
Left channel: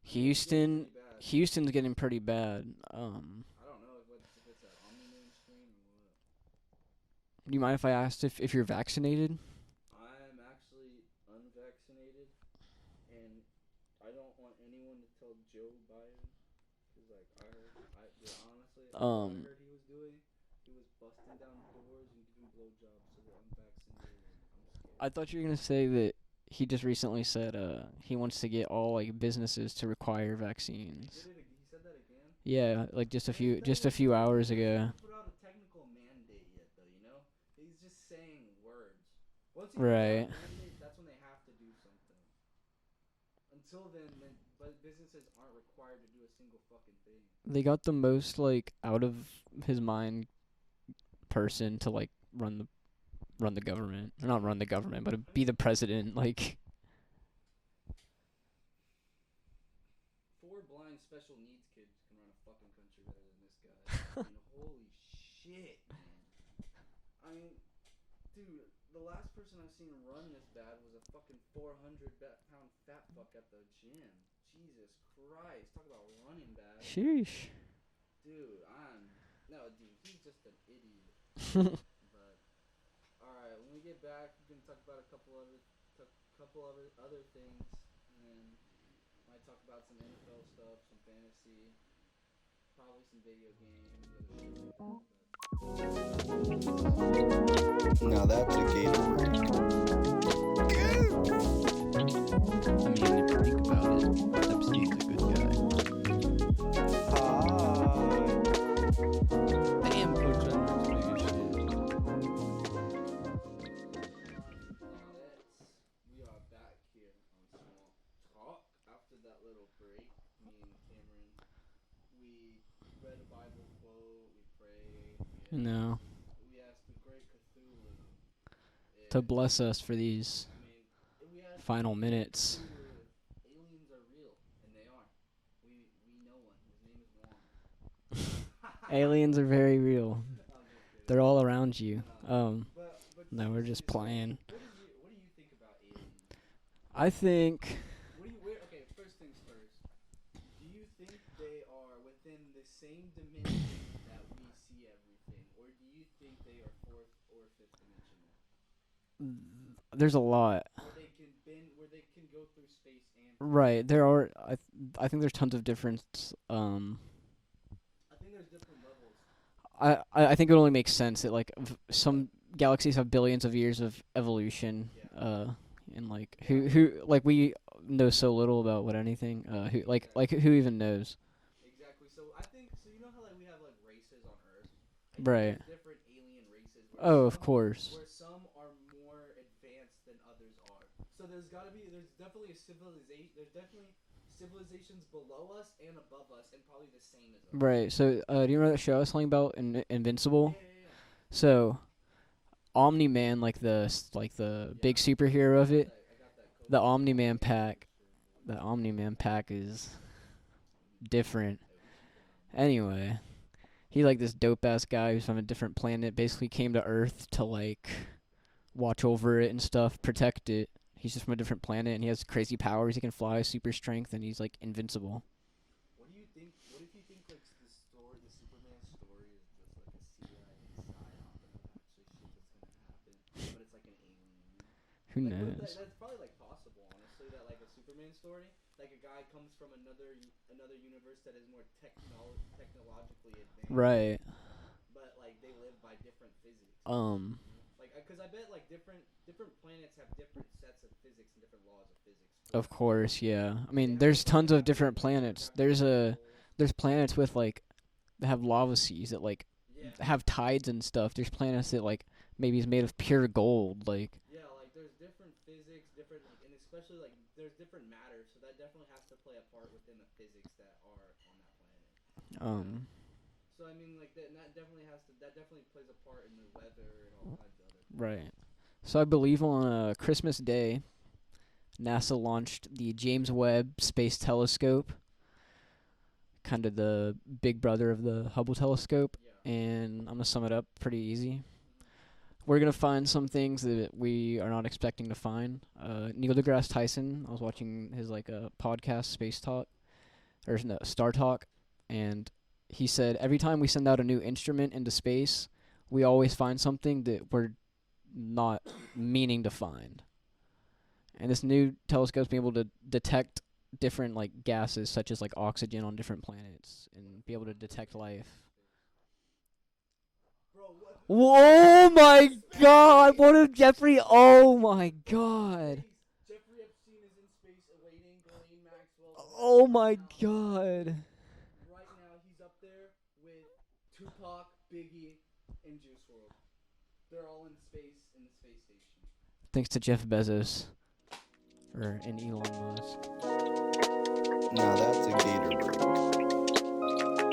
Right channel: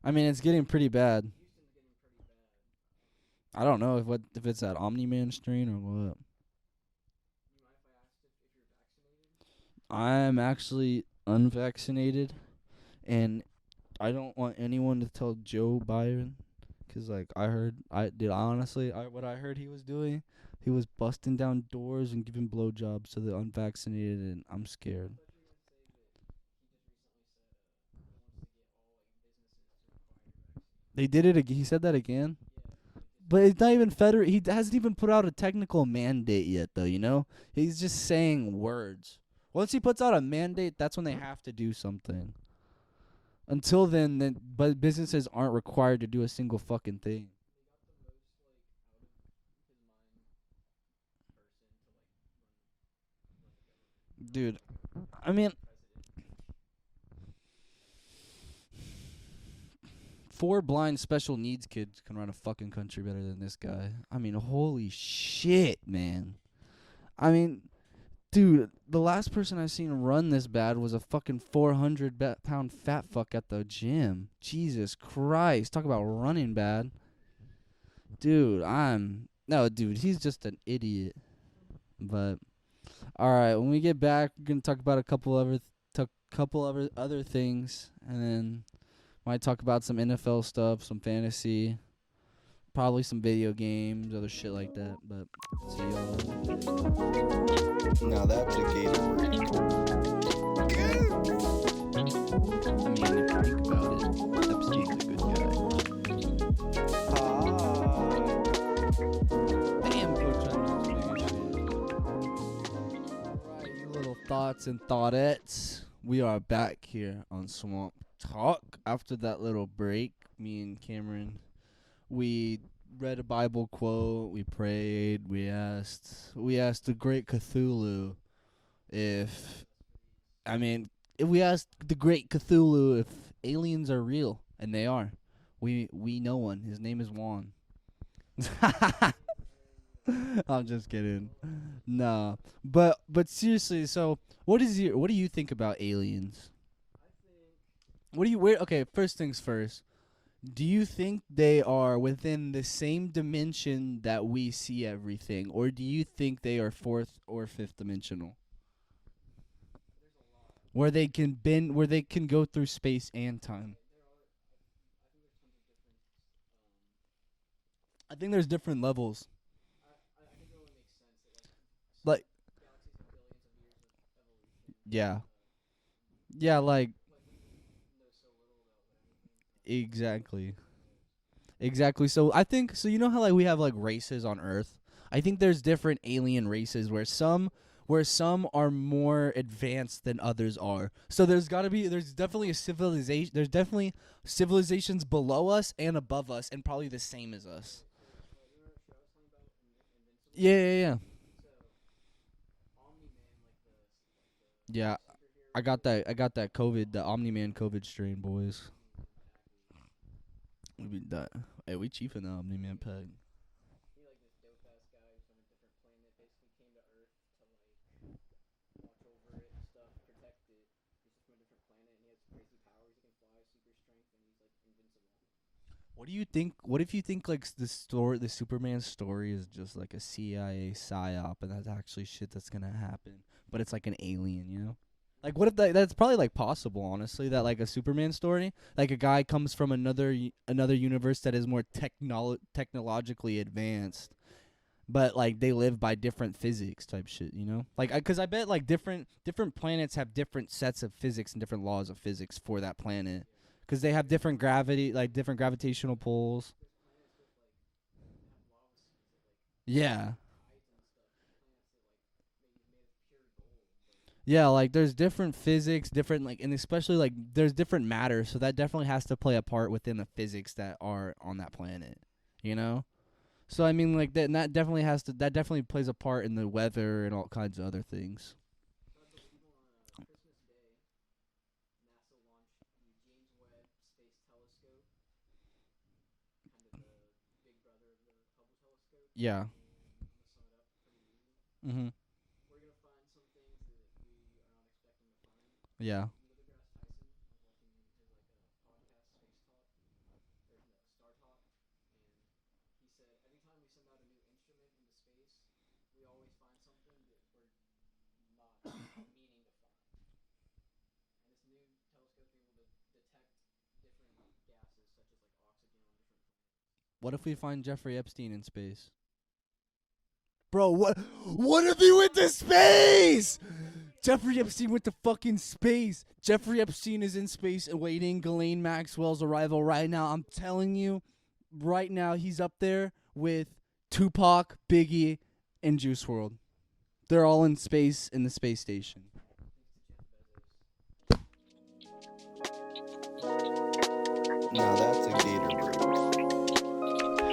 I mean, it's getting pretty bad. Houston's getting pretty bad. I don't know if it's that Omni-Man strain or what. Do you mind if I asked if you're vaccinated? I'm actually unvaccinated, and I don't want anyone to tell Joe Biden, 'cause like what I heard he was doing, he was busting down doors and giving blowjobs to the unvaccinated, and I'm scared. I thought you were gonna say that he just recently said he wants to get all like businesses to require vaccines. They did it. He said that again. Yeah, like just a But few. it's not just even a few federal. He hours hasn't ago. even put out a technical mandate yet, though. You know, he's just saying words. Once he puts out a Right. mandate, that's when they have to do something. Until then, but businesses aren't required to do a single fucking thing. They got the most like out of his mind person to like run the government. Or not Dude, run the government, but I be mean- the president. Like 4 blind special needs kids can run a fucking country better than this guy. I mean, holy shit, man. I mean, dude, the last person I seen run this bad was a fucking 400-pound fat fuck at the gym. Jesus Christ. Talk about running bad. sheesh. Dude, he's just an idiot. But all right, when we get back, we're gonna talk about a couple other things, and then might talk about some NFL stuff, some fantasy, probably some video games, other shit like that. But see you. Now that's a Gator break. I mean, if you think about it, Epstein's a good guy. Damn, Coach Under's big as shit. Alright, you little thoughts and thoughts. We are back here on Swamp Talk. After that little break, me and Cameron, we read a Bible quote, we prayed, we asked the great Cthulhu To if, bless us for these. I mean, if we asked Final the great minutes. Cthulhu if aliens are real, and they are, We know one. His name is Juan. Aliens are very real. I'm just kidding. They're all around you. No. No, But we're just seriously, so playing. what do you think about aliens? I think Okay, first things first. Do you think they are within the same dimension that we see everything, or do you think they are fourth or fifth dimensional, there's a lot. where they can go through space and time? Right. There are. I think there's tons of different. I think there's different levels. I think it only makes sense that some Like- galaxies have billions of years of evolution. Yeah. And Yeah, we know so little about what anything. Exactly. Who even knows? Exactly. So I think you know how we have races on Earth. I think Right. there's different alien races where Of course. some are more advanced than others are. So there's definitely a civilization. There's definitely civilizations below us and above us, and probably the same as us. Right. So do you remember that show I was telling about, Invincible? Yeah. So, Omni-Man, the Yeah. big superhero of it. I got that COVID. The Omni-Man pack. COVID strain, boys. The Omni-Man pack is We be different. Hey, we chiefing the Omni-Man Anyway, pack. he this dope ass guy who's from a different planet. Basically, came to Earth to watch over it and stuff, protect it. He's just from a different planet, and he has crazy powers. He can fly, super strength, and he's invincible. What do you think? What if you think the Superman story is just a CIA psyop, and that's actually shit that's gonna happen, but it's an alien, you know? Who knows? What if that's probably possible, honestly, that a Superman story, a guy comes from another universe that is more technologically advanced, Right. but they live by different physics type shit, you know? Because I bet different planets have different sets of physics and different laws of physics for that Of course, planet. yeah. I Because mean, they have there's different tons gravity, of different planets. different gravitational pulls. There's planets with that have lava seas that Yeah. have tides and stuff. There's planets that maybe is made of pure gold. Yeah, there's different physics, different and especially there's different matter, so that definitely has to play a part within the physics that are on that planet. You know? So I mean that definitely plays a part in the weather and all kinds of other things. Right. So I believe on Christmas Day, NASA launched the James Webb Space Telescope, kind of the big brother of the Hubble telescope. Yeah. And I'm gonna sum it up pretty easy. Mhm. We're gonna find some things that we are not expecting to find. Yeah. Neil deGrasse Tyson. I was watching his podcast, Space Talk, or no, Star Talk, and he said every time we send out a new instrument into space, we always find something that we're not meaning to find. And this new telescope's been able to detect different gases, such as oxygen on different planets. and What if be we able to find detect Jeffrey life. Epstein in space? Bro, what? Oh my god! What if Jeffrey? Oh Epstein my went to fucking god! space. Jeffrey Epstein is in space awaiting Ghislaine Maxwell's arrival Oh right my now. I'm telling God. you, right now he's up there with Tupac, Biggie, and Juice WRLD. They're all in space in the space station. Thanks to Jeff Bezos. And Elon Musk. Now that's a gator break.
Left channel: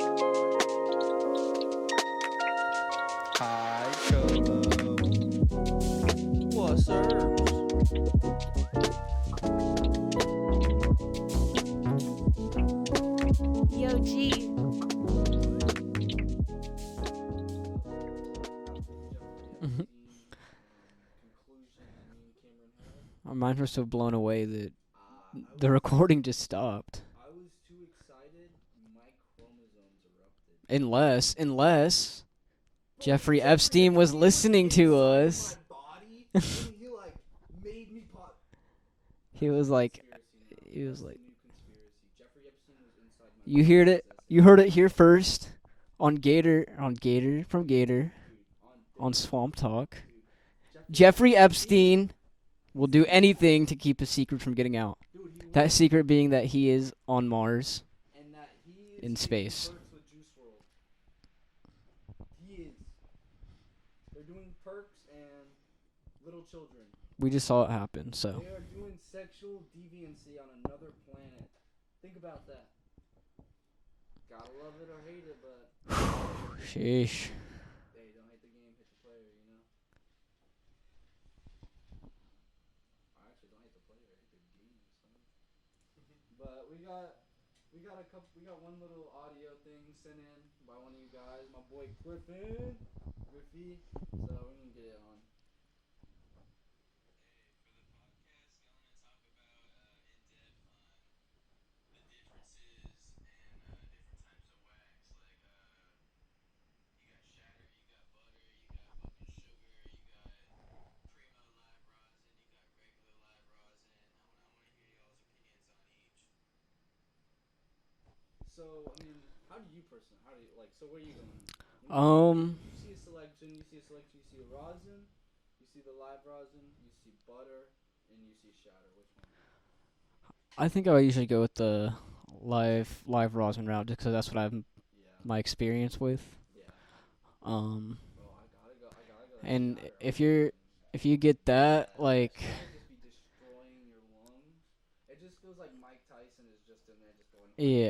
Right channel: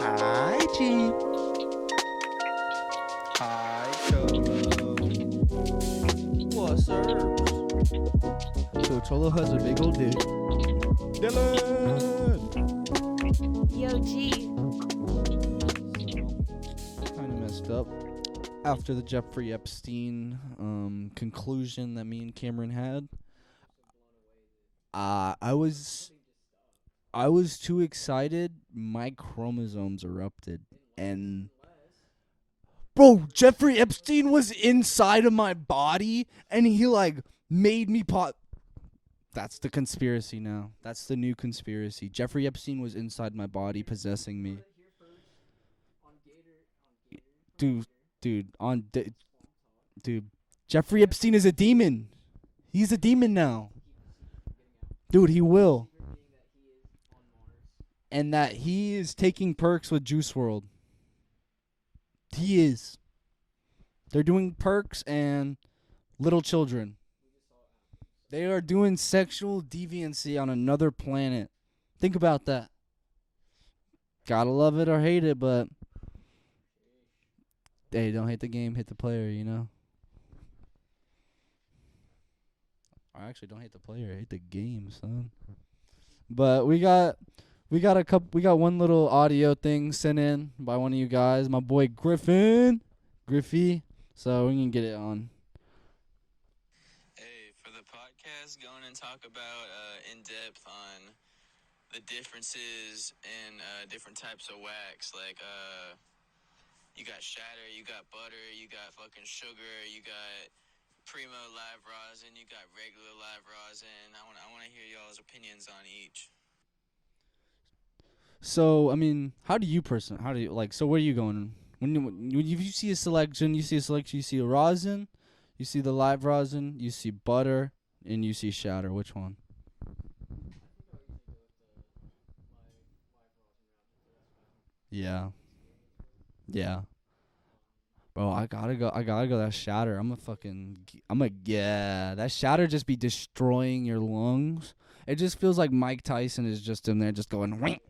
Hi, G. Hi, Cholo. What's up? So Cholo has a big old dick. Yo, G. Kind of messed up after the Jeffrey Epstein conclusion that me and Cameron had. Our minds were so blown away that The the recording just stopped. I was too excited. My chromosomes erupted. Unless Bro, Jeffrey Epstein was listening to inside of us. my body, and he made me pop. That's was the like- conspiracy now. he was That's like- the new conspiracy. Jeffrey Epstein was inside my body. you heard it, possessing you me. heard it here first on Gator from Dude, Gator dude. On Swamp Talk. dude. Jeffrey Jeffrey Epstein is a Epstein demon. will He's a do demon anything now. to keep a secret from getting out. Dude, he will. That secret being that he is on Mars. And that he is In taking space. perks with Juice WRLD. He is. They're doing perks and little children. We just saw it happen. So They are doing sexual deviancy on another planet. Think about that. Gotta love it or hate it, but sheesh. hey, don't hate the game, hate the player, you know? I actually don't hate the player, I hate the game, son. But we got We got one little audio thing sent in by one of you guys, my boy Griffey. So we can get it on. Hey, for the podcast, going and talk about in depth on the differences in different types of wax. Like, you got shatter, you got butter, you got fucking sugar, you got primo live rosin, you got regular live rosin. I want to hear y'all's opinions on each. So I mean, how do you like? So where are you going? When you see a selection, you see a rosin, you see the live rosin, you see butter, and you see shatter. Which one? I think I usually go with the live rosin route just 'cause that's what I've my experience with. Yeah. Bro, I gotta go that and shatter. if you get that, like that shatter just be destroying your lungs. It just feels like Mike Tyson is just in there just going feels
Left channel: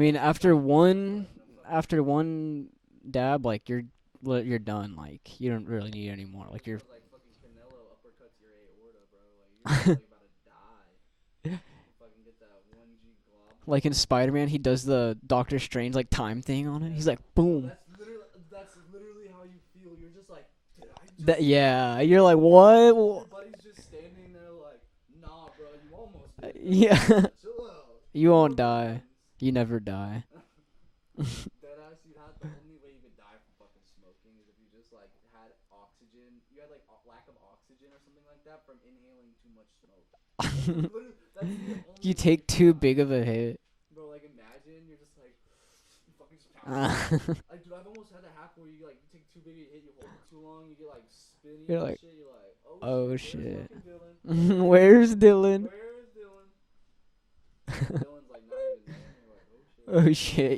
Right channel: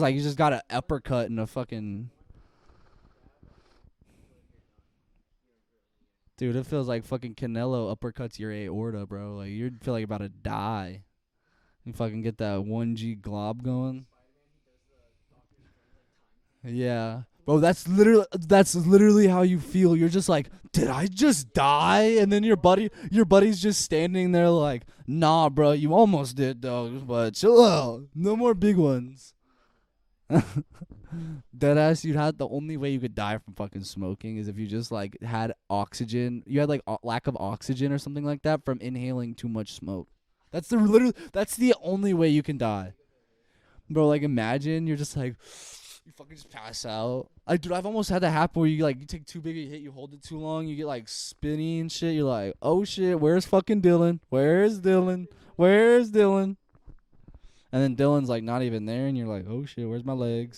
like he just got an uppercut in a fucking after one dab, like you're done. Like you don't really need any more. Dude, like it feels like fucking Canelo uppercuts your aorta, bro. Like you're just like about to die. You fucking get that 1G glob going. Like in Spider-Man, he does the Doctor Strange like time thing on him. He's like, boom. Oh, that's literally how you feel. You're just like, did I just die? You're and like, what? Your buddy's just standing there like, nah, bro, you almost did though. Yeah. But chill out. You no won't more die. big ones. You never die. Deadass, the only way you could die from fucking smoking is if you just like had oxygen. You had like lack of oxygen or something like that from inhaling too much smoke. That's the only way you can too die. big of a hit, bro. Like imagine you're just like you fucking just pass out. Dude, I've almost had that happen where you take too big a hit, you hold it too long, you get like spinny and shit. You're like, oh shit, where's fucking Dylan? Where's Dylan? Where's Dylan? And then Dylan's like not even there, and you're like, oh shit, where's my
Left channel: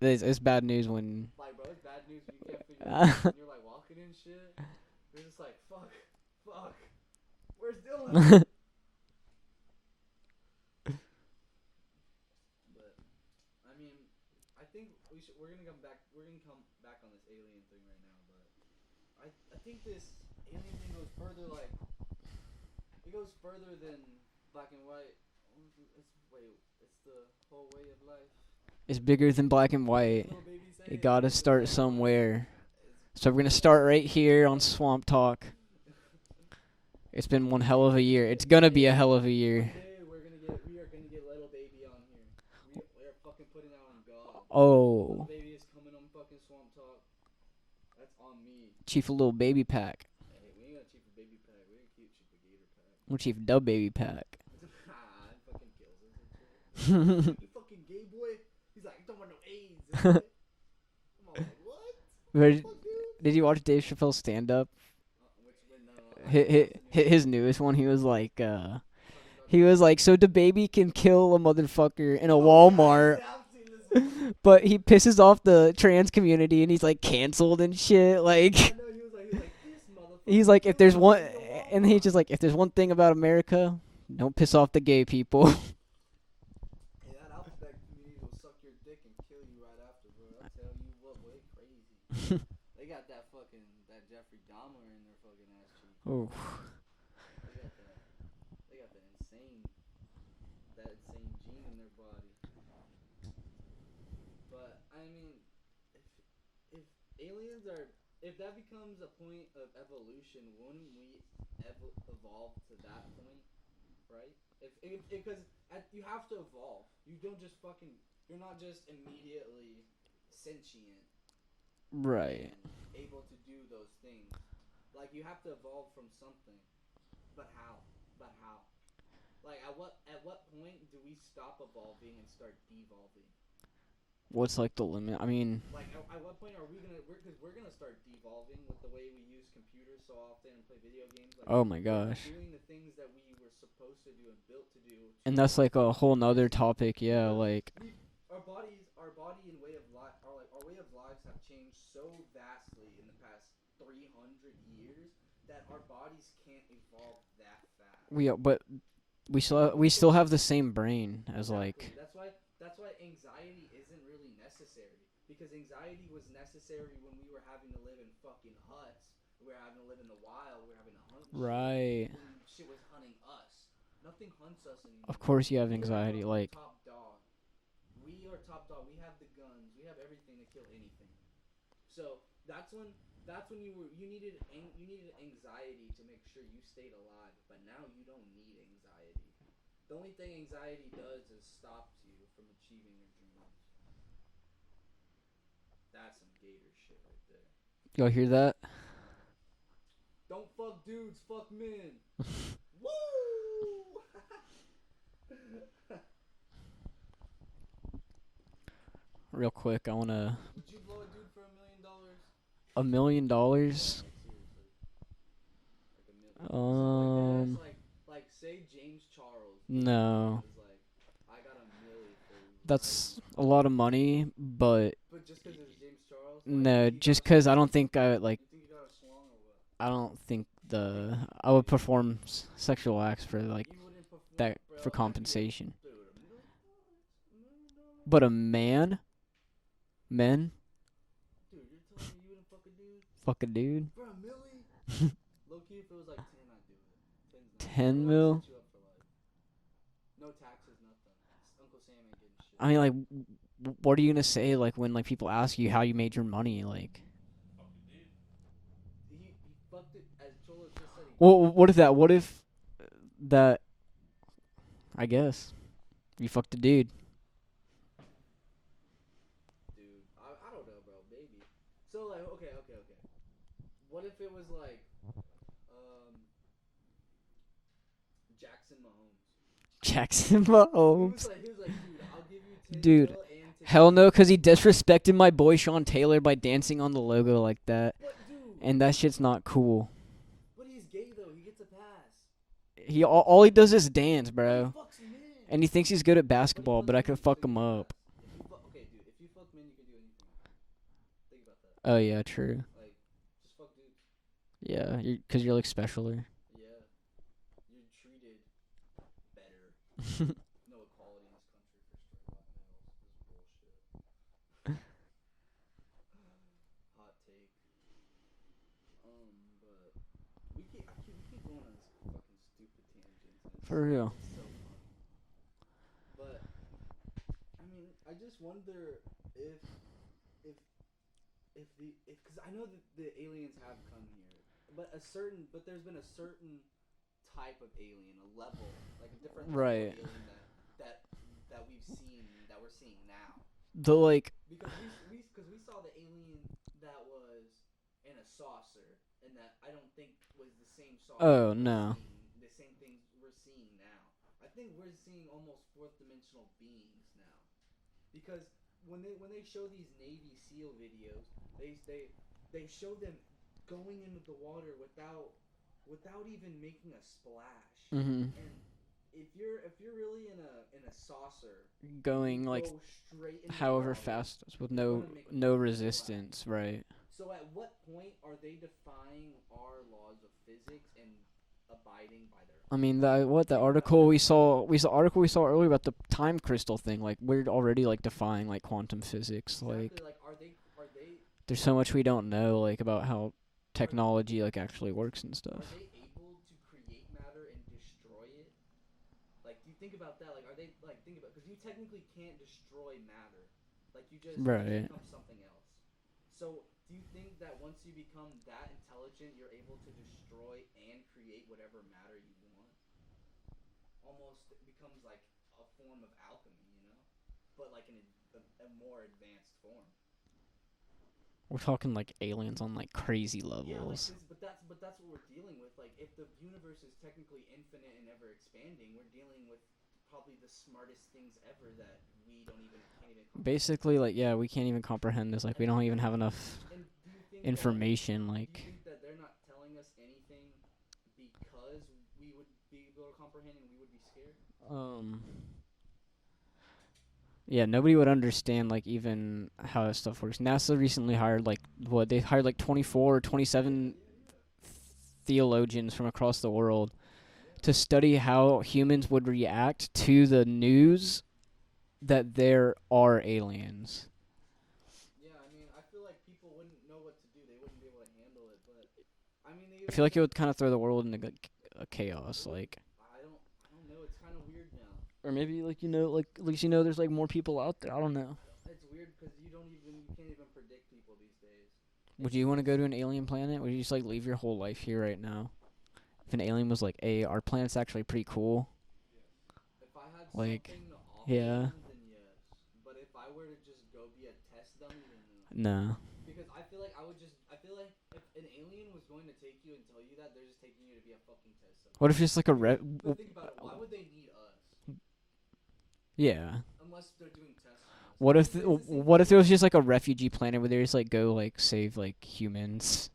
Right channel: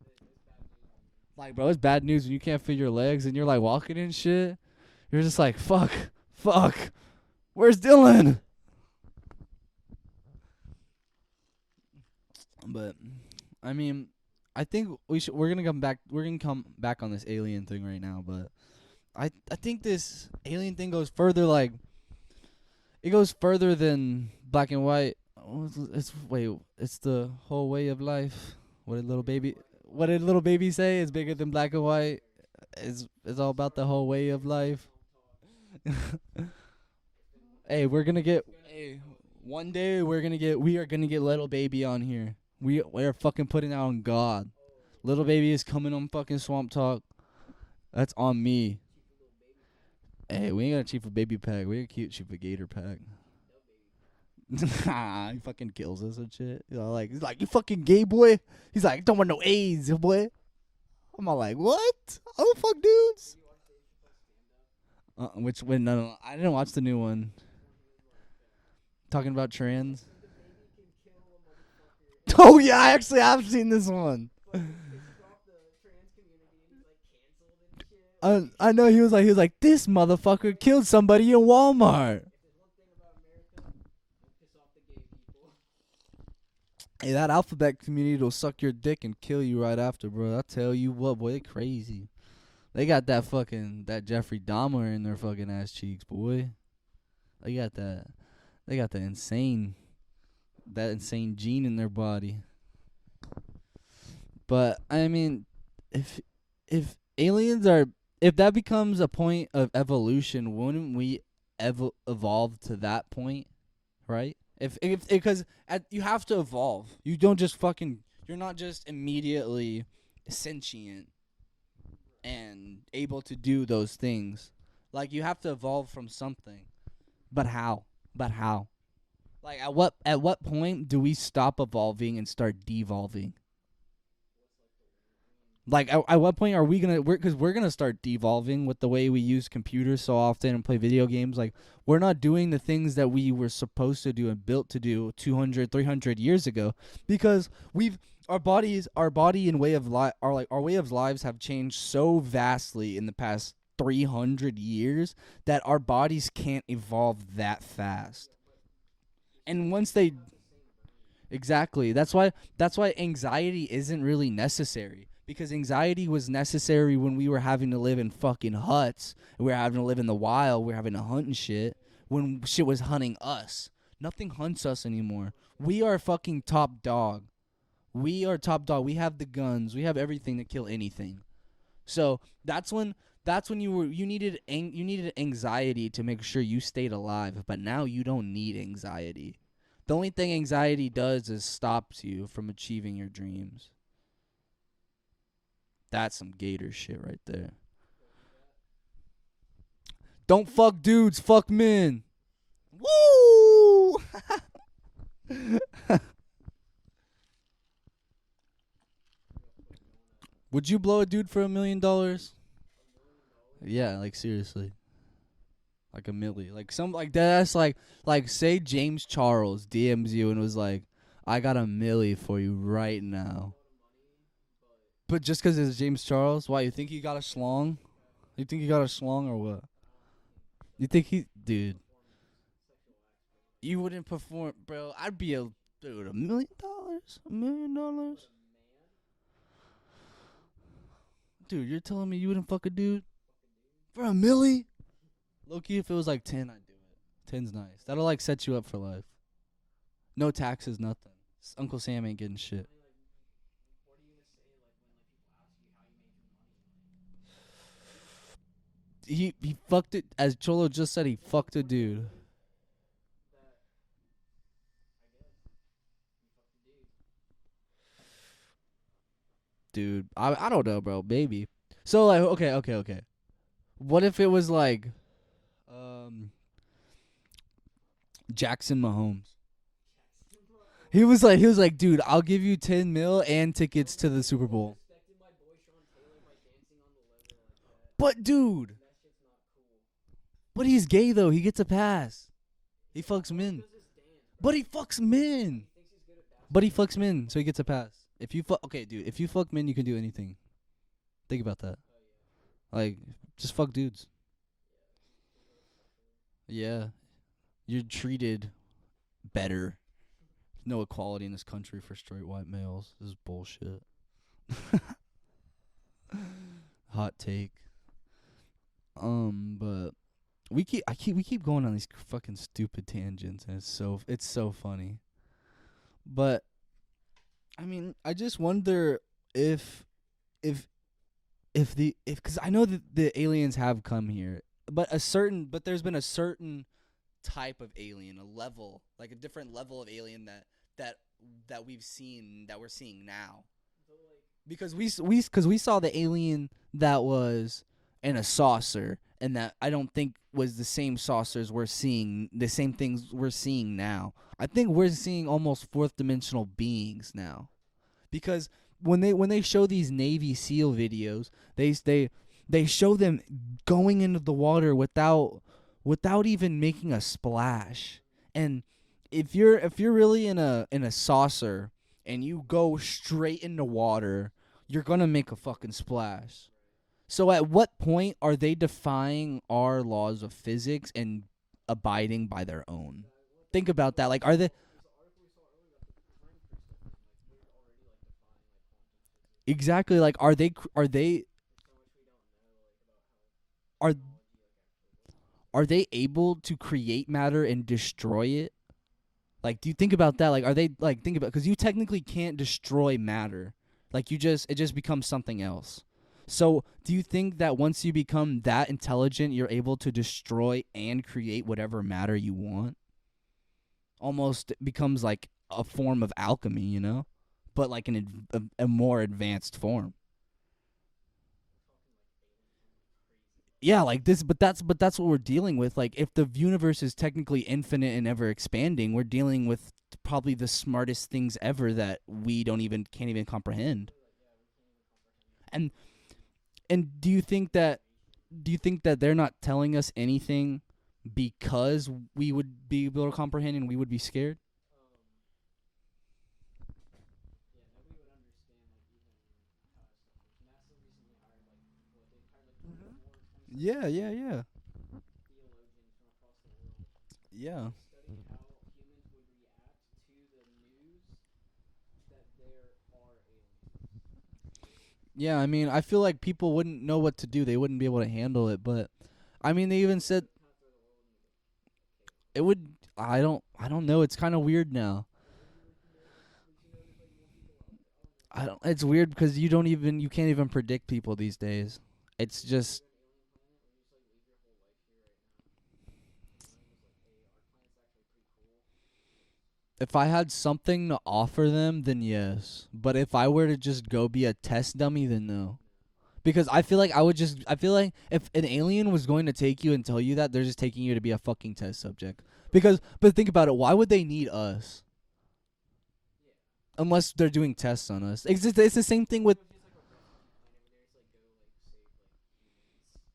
legs? It's bad news when bro, it's bad news when you can't feel your legs and you're like walking and shit. You're just like, fuck, where's Dylan? But I mean, I think we're gonna come back on this alien thing right now, but I think this alien thing goes further. Like it goes further than black and white. It's the whole way of life. It's bigger than black and white. What did little baby say? You it's gotta bigger start than black somewhere. And white. So we're gonna start right here on Swamp Talk. It's been one hell of a year. It's gonna be a hell of a year. One day we are gonna get little baby on here. We're fucking putting out on God. Oh, little baby is coming on fucking Swamp Talk. That's on me. Chief of Little Baby Pack. Hey, we ain't got a Chief of Baby Pack. We got a cute Chief of Gator Pack. We're Chief Dub Baby Pack. He fucking kills us and shit. He's like, you fucking gay boy. He's like, don't want no AIDS, boy. I'm all like, what? Oh fuck, dudes. Did you watch Dave Chappelle's stand up? Which one? No, I didn't watch the new one. His newest one. He was like, talking about. He was like, so the baby can kill a motherfucker in a Walmart. Walmart. Yeah, actually, I've seen this one. But he pisses off the trans community, and he's like canceled and shit. Like I know he was like this motherfucker. He's like, killed somebody in Walmart. And he's just like, if there's one thing about America, don't piss off the gay people. Hey, that alphabet community will suck your dick and kill you right after, bro. I tell you what, boy, they crazy. They got that Jeffrey Dahmer in their fucking ass cheeks, boy. Oof. They got the insane gene in their body. But I mean, if aliens are, if that becomes a point of evolution, wouldn't we evolve to that point, right? Because you have to evolve. You don't just you're not just immediately sentient, right, and able to do those things. Like you have to evolve from something. But how? Like at what point do we stop evolving and start devolving? What's like the limit? I mean, like at what point are we gonna? Because we're gonna start devolving with the way we use computers so often and play video games. Like, oh my gosh, we're not doing the things that we were supposed to do and built to do 200, 300 years ago. Topic, yeah, because like our body and way of our way of lives have changed so vastly in the past 300 years that our bodies can't evolve that fast. We still have the same brain. Exactly. That's why anxiety isn't really necessary, because anxiety was necessary when we were having to live in fucking huts. We were having to live in the wild. We were having to hunt and shit when shit was hunting us. Nothing hunts us anymore. Of course you have We are anxiety, fucking like- top dog. We are top dog. We have the guns. We have everything to kill anything. So that's when you needed anxiety to make sure you stayed alive. But now you don't need anxiety. The only thing anxiety does is stops you from achieving your dreams. That's some Gator shit right there. Y'all hear that? Don't fuck dudes, fuck men. Woo! Real quick, I wanna Would you blow a dude for $1 million? $1 million. Yeah, like seriously. Like a million. Like something like that. That's like say James Charles DMs you and No. was like, I got $1 million for you right That's now. a lot of money, but But just 'cause it's James Charles? Why? You no, think you got just a 'cause I schlong? don't think I like. You think you got a schlong or what? I don't think I would dude. perform sexual acts for like You wouldn't perform, that bro. for compensation. Dude, $1 million? $1 million? But a men, dude, you're telling me you wouldn't fuck a dude fuck a dude. for $1 million? Low-key, if it was like 10, I'd do it. 10's not. 10 That'll like mil? set you up for life. No taxes, nothing. Uncle Sam ain't getting shit. I mean, like, what are you gonna say like when like people ask you how you made your money? Like, He fucked it, as Cholo just said. well, Fucked what a if that? dude. What if that? I guess you fucked a dude. Dude, I don't know, bro. Maybe. So like, okay. What if it was like, Jackson Mahomes? Jackson Mahomes. He was like, dude, I'll give you 10 Dude, mil and tickets. hell no, to the because he Super Bowl." disrespected my boy Sean Taylor by dancing on the logo like that, But dude, and that shit's not cool. but he's gay though. He gets a pass. He fucks all he men. does is dance, bro. But he fucks men. And he thinks he's good at but basketball, he fucks I men, can fuck so he him gets a up. pass. If you fuck, okay, dude, if you fuck men, you can do anything. Think about that. Oh yeah, true. Like, just fuck dudes. Yeah, because you're like specialer. Yeah, you're treated better. No equality in this country for straight white males. This is bullshit. Hot take. But we keep going on these fucking stupid tangents, and For real. it's so funny. But I mean, I just wonder if because I know that the aliens have come here, but there's been a certain type of alien, a level, like a different level of Right. alien that we've seen, that we're seeing now. The like, Because we saw the alien that was in a saucer, and that I don't think was the same saucers Oh, we're no. seeing, the same things we're seeing now. I think we're seeing almost fourth dimensional beings now, because when they show these Navy SEAL videos, they show them going into the water without even making a splash. And if you're really in a saucer and you go straight into water, you're gonna make a no fucking resistance, splash. right? So at what point are they defying our laws of physics and abiding by their own? I mean, the Think about article that, we like, are they- saw, article we saw earlier about the time crystal thing. Like, we're already like defying like quantum physics. exactly. Like, are they There's so much we don't know, like about how technology like actually works and stuff. are they able to create matter and destroy it? Like, do you think about that? Like, are they like think about, because you technically can't destroy matter. Like, it just Right. becomes something else. So, do you think that once you become that intelligent, you're able to destroy and create whatever matter you want? Almost becomes like a form of alchemy, you know, but like a more advanced form. We're talking like aliens on like crazy levels. Yeah, like this, but that's what we're dealing with. Like, if the universe is technically infinite and ever expanding, we're dealing with probably the smartest things ever that we can't even comprehend. Basically, like, yeah, we can't even comprehend this. Like, we And- don't even have enough And do you think that information. Like, do you think that they're not telling us anything because we would be able to comprehend and we would be scared? Yeah, nobody would understand like even how that stuff works. NASA recently hired they hired like 24 or 27 yeah. theologians from across the world Yeah. to study how humans would react to the news that there are aliens. Yeah, I mean, I feel like people wouldn't know what to do. They wouldn't be able to handle it, but I mean, they I even feel like it said would kind of throw the world into a chaos. It would. like, I don't know. It's kind of weird now. or maybe like at least there's like more people out there. I don't know. It's weird because you can't even predict people these days. Would you want to go to an alien planet? Would you just like leave your whole life here right now? If an alien was like, "Hey, our planet's actually pretty cool." If I had Like, something to offer yeah. them, then yes. But if I were to just go be a test dummy, then no. No. Because I feel like if an alien was going to take you and tell you that, they're just taking you to be a fucking test subject. What if it's like a but think about it. Why would they need us? yeah. Unless they're doing tests on us. What it's if the same What thing if with it was just like a refugee planet where they just like go like save like humans?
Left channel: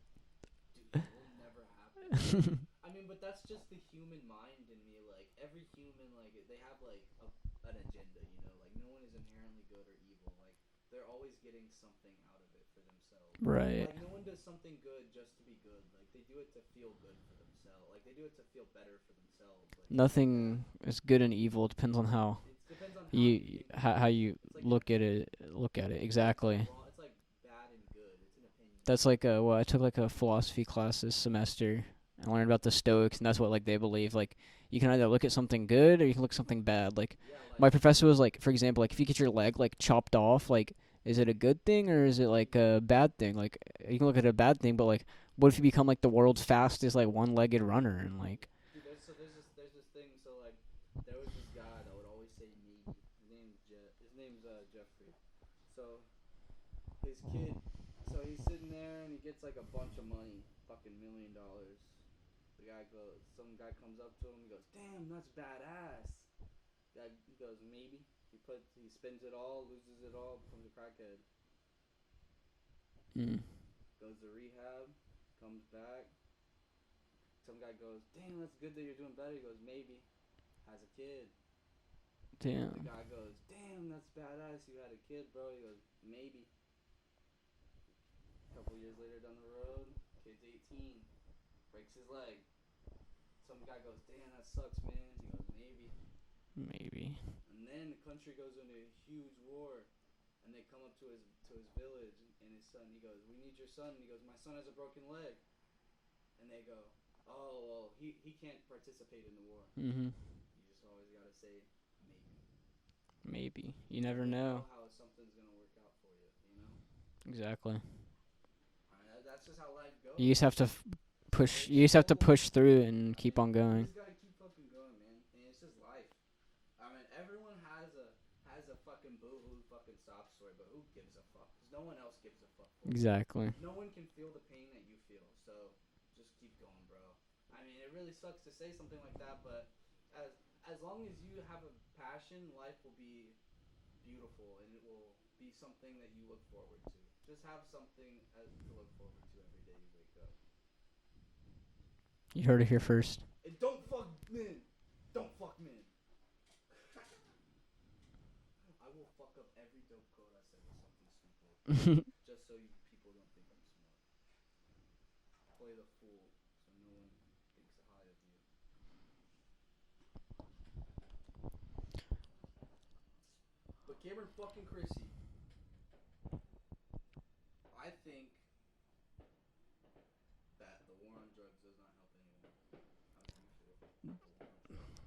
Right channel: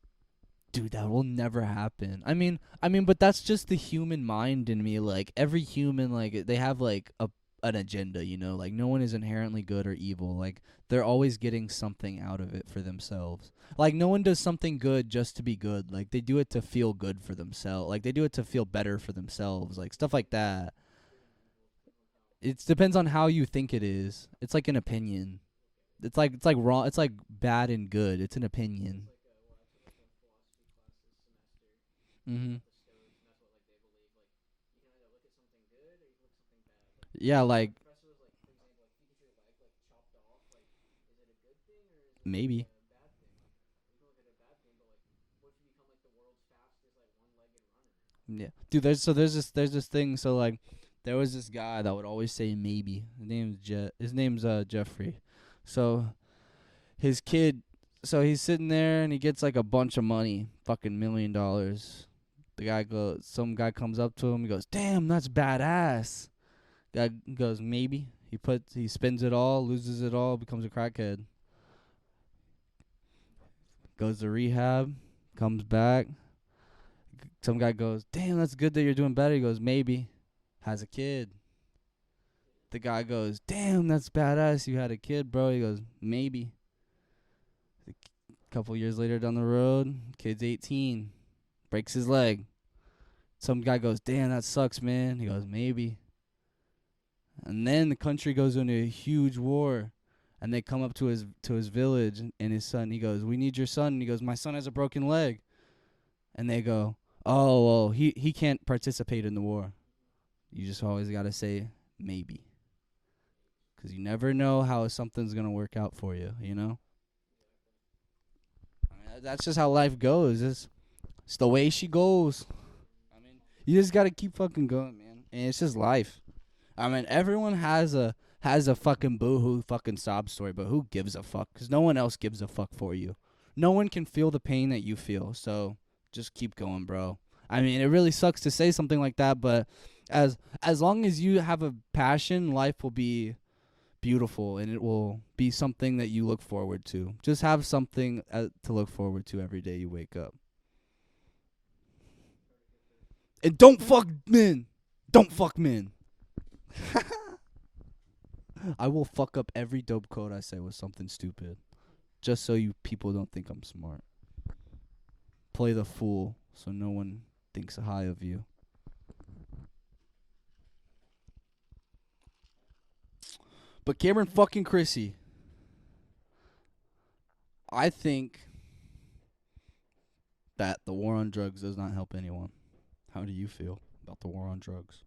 Dude, that will never happen. I mean, but that's just the human mind in me. Like every human, like they have like an agenda, you know. Like no one is inherently good or evil. Like they're always getting something out of it for themselves. Right. Like no one does something good just to be good. Like they do it to feel good for themselves. Like they do it to feel better for themselves. Like stuff like that. It's good and evil. It depends on how. It depends on how you think it is. How you it's like an look at opinion. Look at it. It's Exactly. like wrong. It's like bad and good. It's an opinion. That's like I took like a philosophy class this semester. I learned Mhm. about the Stoics, and that's what like they believe. Like you can either look at something good or you can look at something bad. Like yeah, like my professor was like, for example, like if you get your leg like chopped off, like is it a good thing or is it like Maybe. a bad thing? Like you can look at a bad thing, but like what if you become like the world's fastest like one-legged runner and like yeah. Dude, there's this thing. So like, there was this guy that would always say maybe. His name's Jeffrey. So his kid. So he's sitting there and he gets like a bunch of money, fucking $1 million. Some guy comes up to him. He goes, "Damn, that's badass." Guy goes, "Maybe." He spends it all, loses it all, becomes a crackhead. Goes to rehab, comes back. Some guy goes, "Damn, that's good that you're doing better." He goes, "Maybe." Has a kid. damn. The guy goes, "Damn, that's badass. You had a kid, bro." He goes, "Maybe." A couple years later down the road, kid's 18, breaks his leg. Some guy goes, "Damn, that sucks, man." He goes, "Maybe." Maybe. And then the country goes into a huge war, and they come up to his village and his son. He goes, "We need your son." And he goes, "My son has a broken leg." And they go, "Oh, well, he can't participate in the war." Mhm. You just always gotta say maybe, Maybe. 'cause you never know how something's gonna work out for you. You know, Exactly. I mean, that's just how life goes. You just have It's- to it's the way you she just have to goes. push through it and keep on going. You just gotta keep fucking going, man. And it's just life. I mean, everyone has a fucking boo-hoo fucking sob story, but who gives a fuck? 'Cause no one else gives a fuck for you. Exactly. No one can feel the pain that you feel, so just keep going, bro. I mean, it really sucks to say something like that, but as long as you have a passion, life will be beautiful, and it will be something that you look forward to. Just have something to look forward to every day you wake up. You heard it here first. And don't fuck men. Don't fuck men. I will fuck up every dope quote I say with something stupid, just so you people don't think I'm smart. Play the fool so no one thinks high of you. But Cameron fucking Chrissy, I think that the war on drugs does not help anyone. How do you feel about the war on drugs?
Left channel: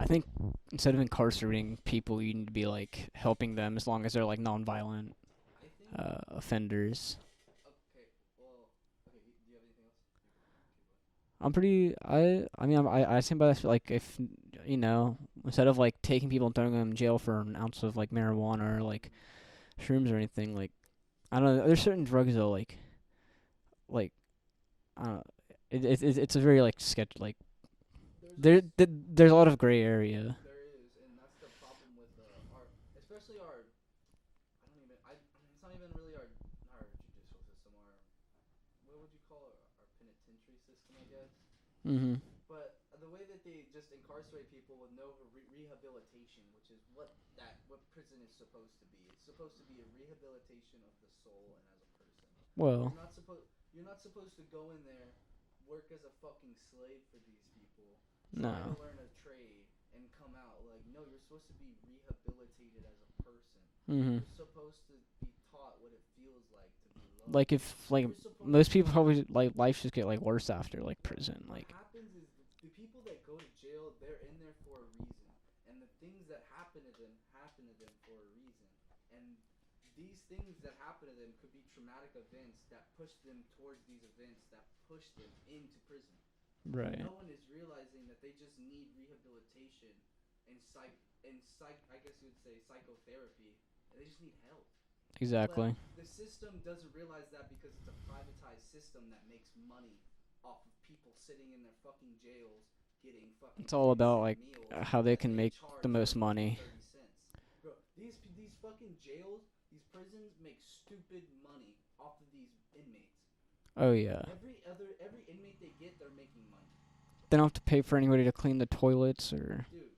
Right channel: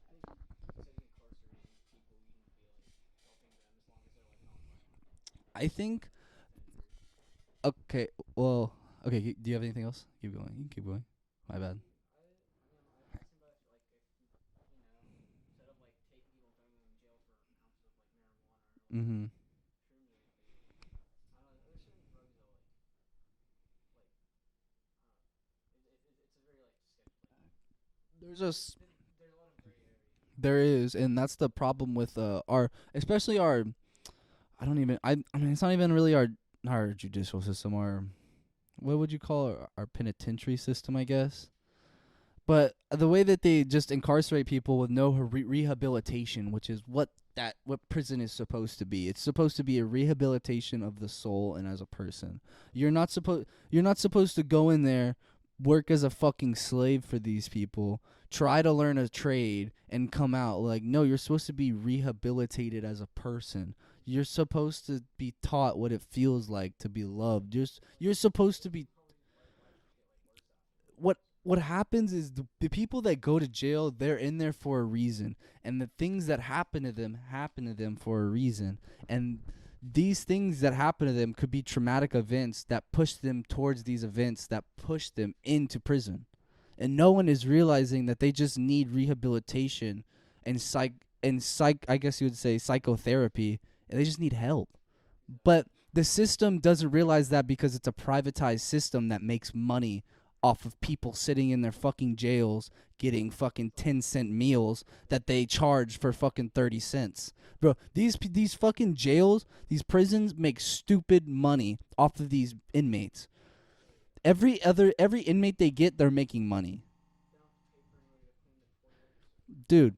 I think instead of incarcerating people, you need to be like helping them as long as they're like nonviolent I think offenders. okay. Well, okay. Do you have anything else? Keep going. I'm My pretty. I stand by this. Like, if you know, instead of like taking people and throwing them in jail for an ounce of like marijuana or like shrooms or anything, like I don't know. There's certain drugs though, like I don't know. It's a very like sketch. Like there's a lot of gray area. There is, and that's the problem with especially our. I mean, it's not even really our judicial system. What would you call our penitentiary system? I guess. Mm-hmm. But the way that they just incarcerate people with no rehabilitation, which is what prison is supposed to be. It's supposed to be a rehabilitation of the soul and as a person. Well, You're not supposed to go in there, work as a fucking slave for these people, try to learn a trade and come out. Like, no, you're supposed to be rehabilitated as a person. Mhm. You're supposed to be taught what it feels like to be loved. Like if like you're supposed most to be people probably like life just get like worse after like prison. what happens is the people that go to jail, they're in there for a reason, and the things that happen to them for a reason, and these things that happen to them could be traumatic events that push them towards these events that push them into prison. Right. And no one is realizing that they just need rehabilitation and I guess you would say psychotherapy, and they just need help. Exactly. But the system doesn't realize that because it's a privatized system that makes money off of people sitting in their fucking jails getting fucking It's all 10 about, cent like, meals how they that can they make charge the for most fucking money. 30 cents. Bro, these fucking jails, these prisons make stupid money off of these inmates. Oh yeah. Every inmate they get, they're making money. They don't have to pay for anybody to clean the toilets or Dude,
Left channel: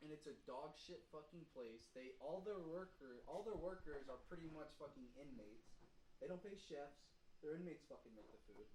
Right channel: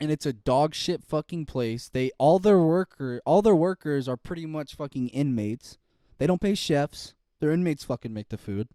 and it's a dog shit fucking place. All their workers are pretty much fucking inmates. They don't pay chefs. Their inmates fucking make the food.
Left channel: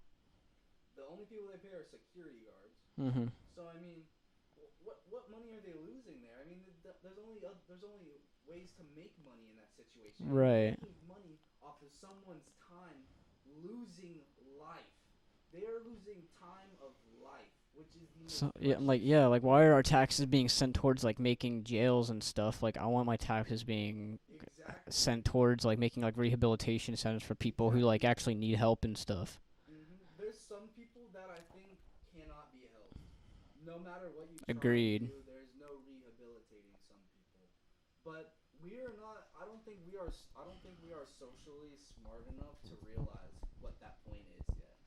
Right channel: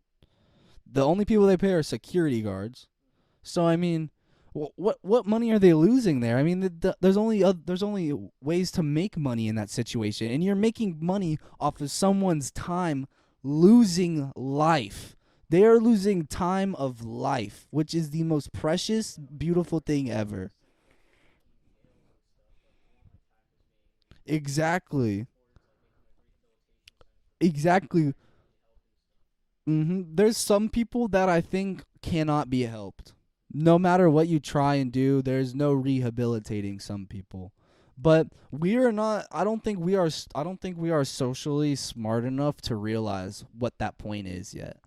The only people they pay are security guards. Mhm. So I mean, what money are they losing there? I mean, there's only ways to make money in that situation, and you're Right. making money off of someone's time losing life. They are losing time of life, which is the most precious, like beautiful why are our thing taxes ever. being sent towards like making jails and stuff? Like I want my taxes being Exactly. sent towards like making like rehabilitation centers for people who Exactly. like actually need help and stuff. There's some people that I think cannot be helped. No matter what you try and Agreed. do, there's no rehabilitating some people. But we are not. I don't think we are socially smart enough to realize what that point is yet.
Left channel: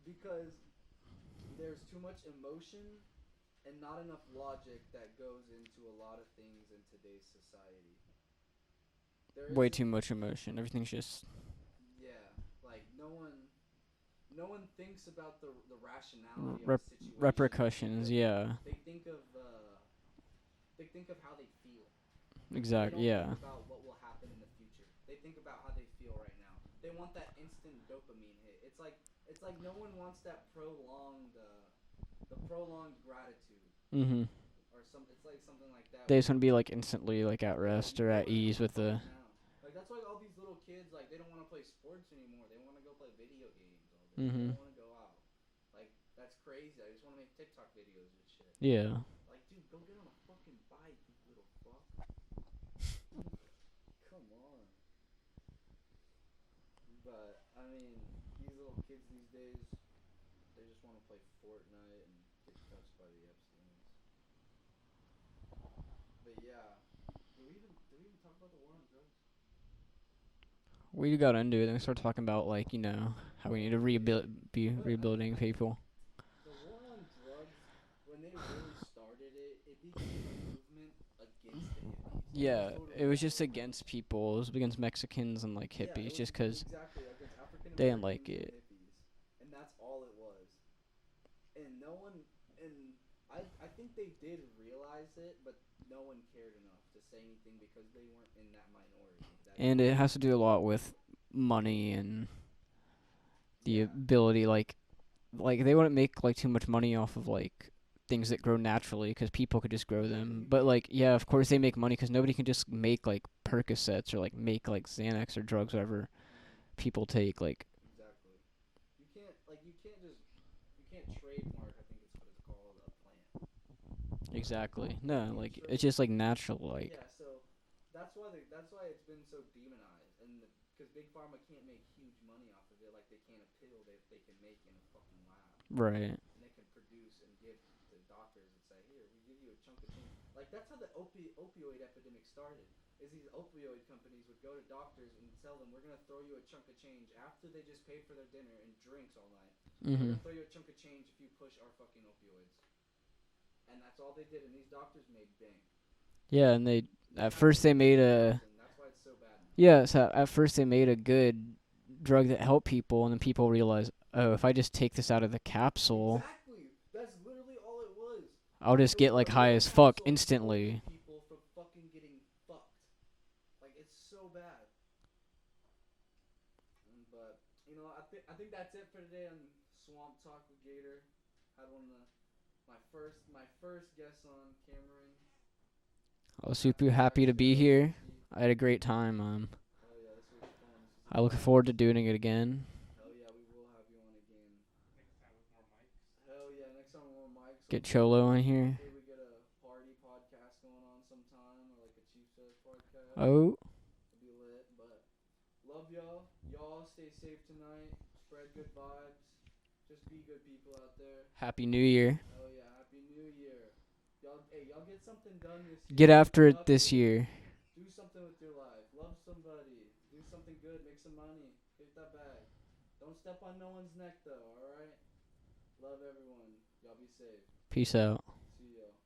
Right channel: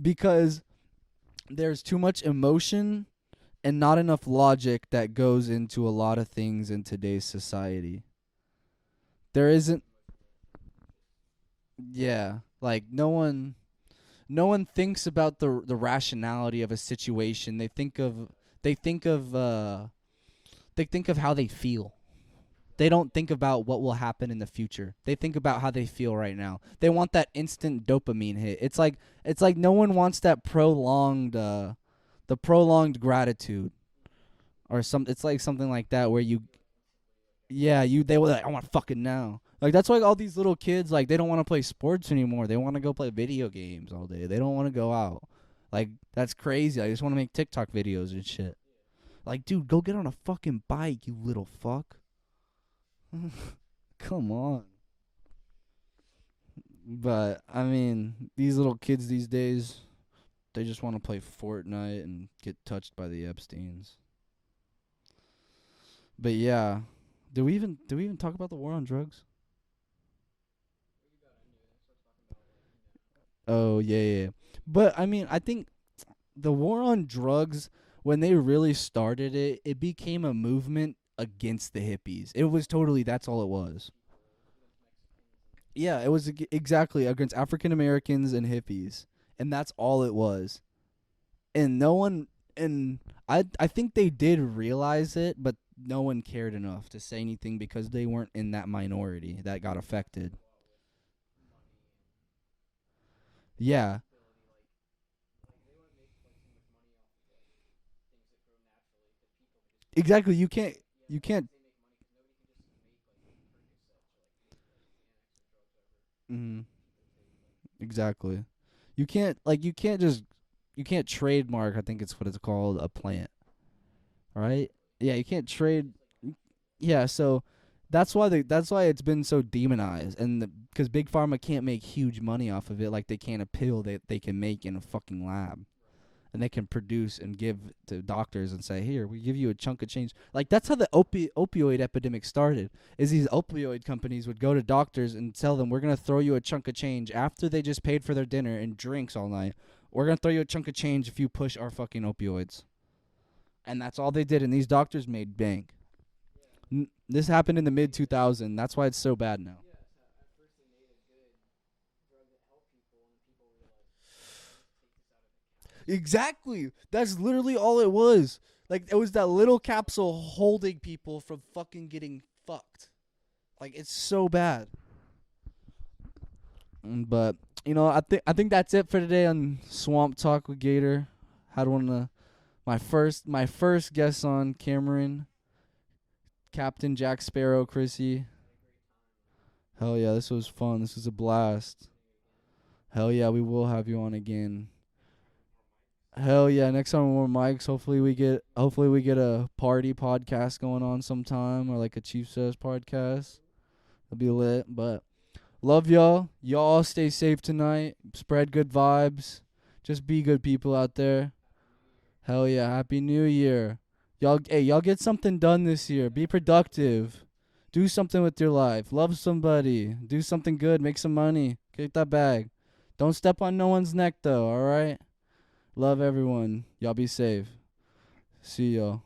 Because there's too much emotion and not enough logic that goes into a lot of things in today's society. There Way isn't. too much emotion. Everything's just Yeah, like no one thinks about the rationality of a situation. They think repercussions. of Yeah. they think of how they feel. Exactly. They don't think about what will happen in the future. They think about how they feel right now. They want that instant dopamine hit. It's like no one wants that prolonged gratitude Mhm. or it's like something like that They where just you wanna be like instantly like at yeah, rest or they at were like, I ease want with the- fucking now. Like that's why all these little kids like they don't want to play sports anymore. They want to go play video games all day. They don't Mhm. want to go out. Like that's crazy. I just want to make TikTok videos and shit. Yeah. Like, dude, go get on a fucking bike, you little fuck. Come on. But I mean, these little kids these days, they just want to play Fortnite and get touched by the Epsteins. But yeah, do we even talk about the war on drugs? We got into it and we started talking about like, you know, how Oh, we need to yeah. be But, I mean, rehabilitating I think people. The war on drugs, when they really started it, it became a movement against the hippies. It was Yeah, totally it was that's just all it against was. people. It was against Mexicans and like Yeah, hippies it was just 'cause exactly against African Americans like and it. hippies, and that's all it was. And no one, and I think they did realize it, but no one cared enough to say anything because they weren't in that minority that got and affected. it has to do a lot with money and Yeah, ability. Like they wouldn't make like too much money off of like things that grow naturally because people could just grow Exactly, them. you But can't- like yeah, you of can't- course they make money because nobody can just make like Percocets or like make like Xanax or drugs, whatever people take. Like exactly. You can't trademark. I think it's what it's called, a plant. Right? exactly. Yeah, you can't like, trade- It's just like natural. Like Yeah, so that's why it's been so demonized, and because big pharma can't make huge money off of it like they can a pill that they can make in a fucking lab, right. and they can produce and give to doctors and say, here, we give you a chunk of change. Like that's how the opioid epidemic started. Is these opioid companies would go to doctors and tell them, we're gonna throw you a chunk of change after they just paid for their dinner and drinks all night. We're gonna throw you a chunk of change if you push our fucking opioids. And that's all they did, and these doctors made bank. Yeah, and they This at happened first in the they mid made a- 2000s. That's why it's so bad now. yeah. So at first they made a good drug that helped people, and then people realized, oh, if I just take this out of the capsule, Exactly. That's literally all it was. I'll just it was get like that high little as fuck capsule instantly. holding people from fucking getting fucked. Like it's so bad. But I think that's it for today on Swamp Talk with Gator. Had one of My first guest on, Cameron. I was Captain super happy Jack to be Sparrow, here. Chrissy. I had a great time. Hell yeah, this was fun. This was a I blast. look forward to doing it again. Hell yeah, we will have you on again. Hell yeah, next time more mics. Get Cholo on here. Hopefully we get a party podcast going on sometime, or like a Chief Says podcast. Oh, It'll be lit. But love y'all. Y'all stay safe tonight. Spread good vibes. Just be good people out there. Happy New Year. Hell yeah, Happy New Year. Y'all get something done this year. Get Be after it productive. this year. Do something with your life. Love somebody. Do something good. Make some money. Get that bag. Don't step on no one's neck though, alright? Love everyone. Y'all be safe. Peace out. See y'all.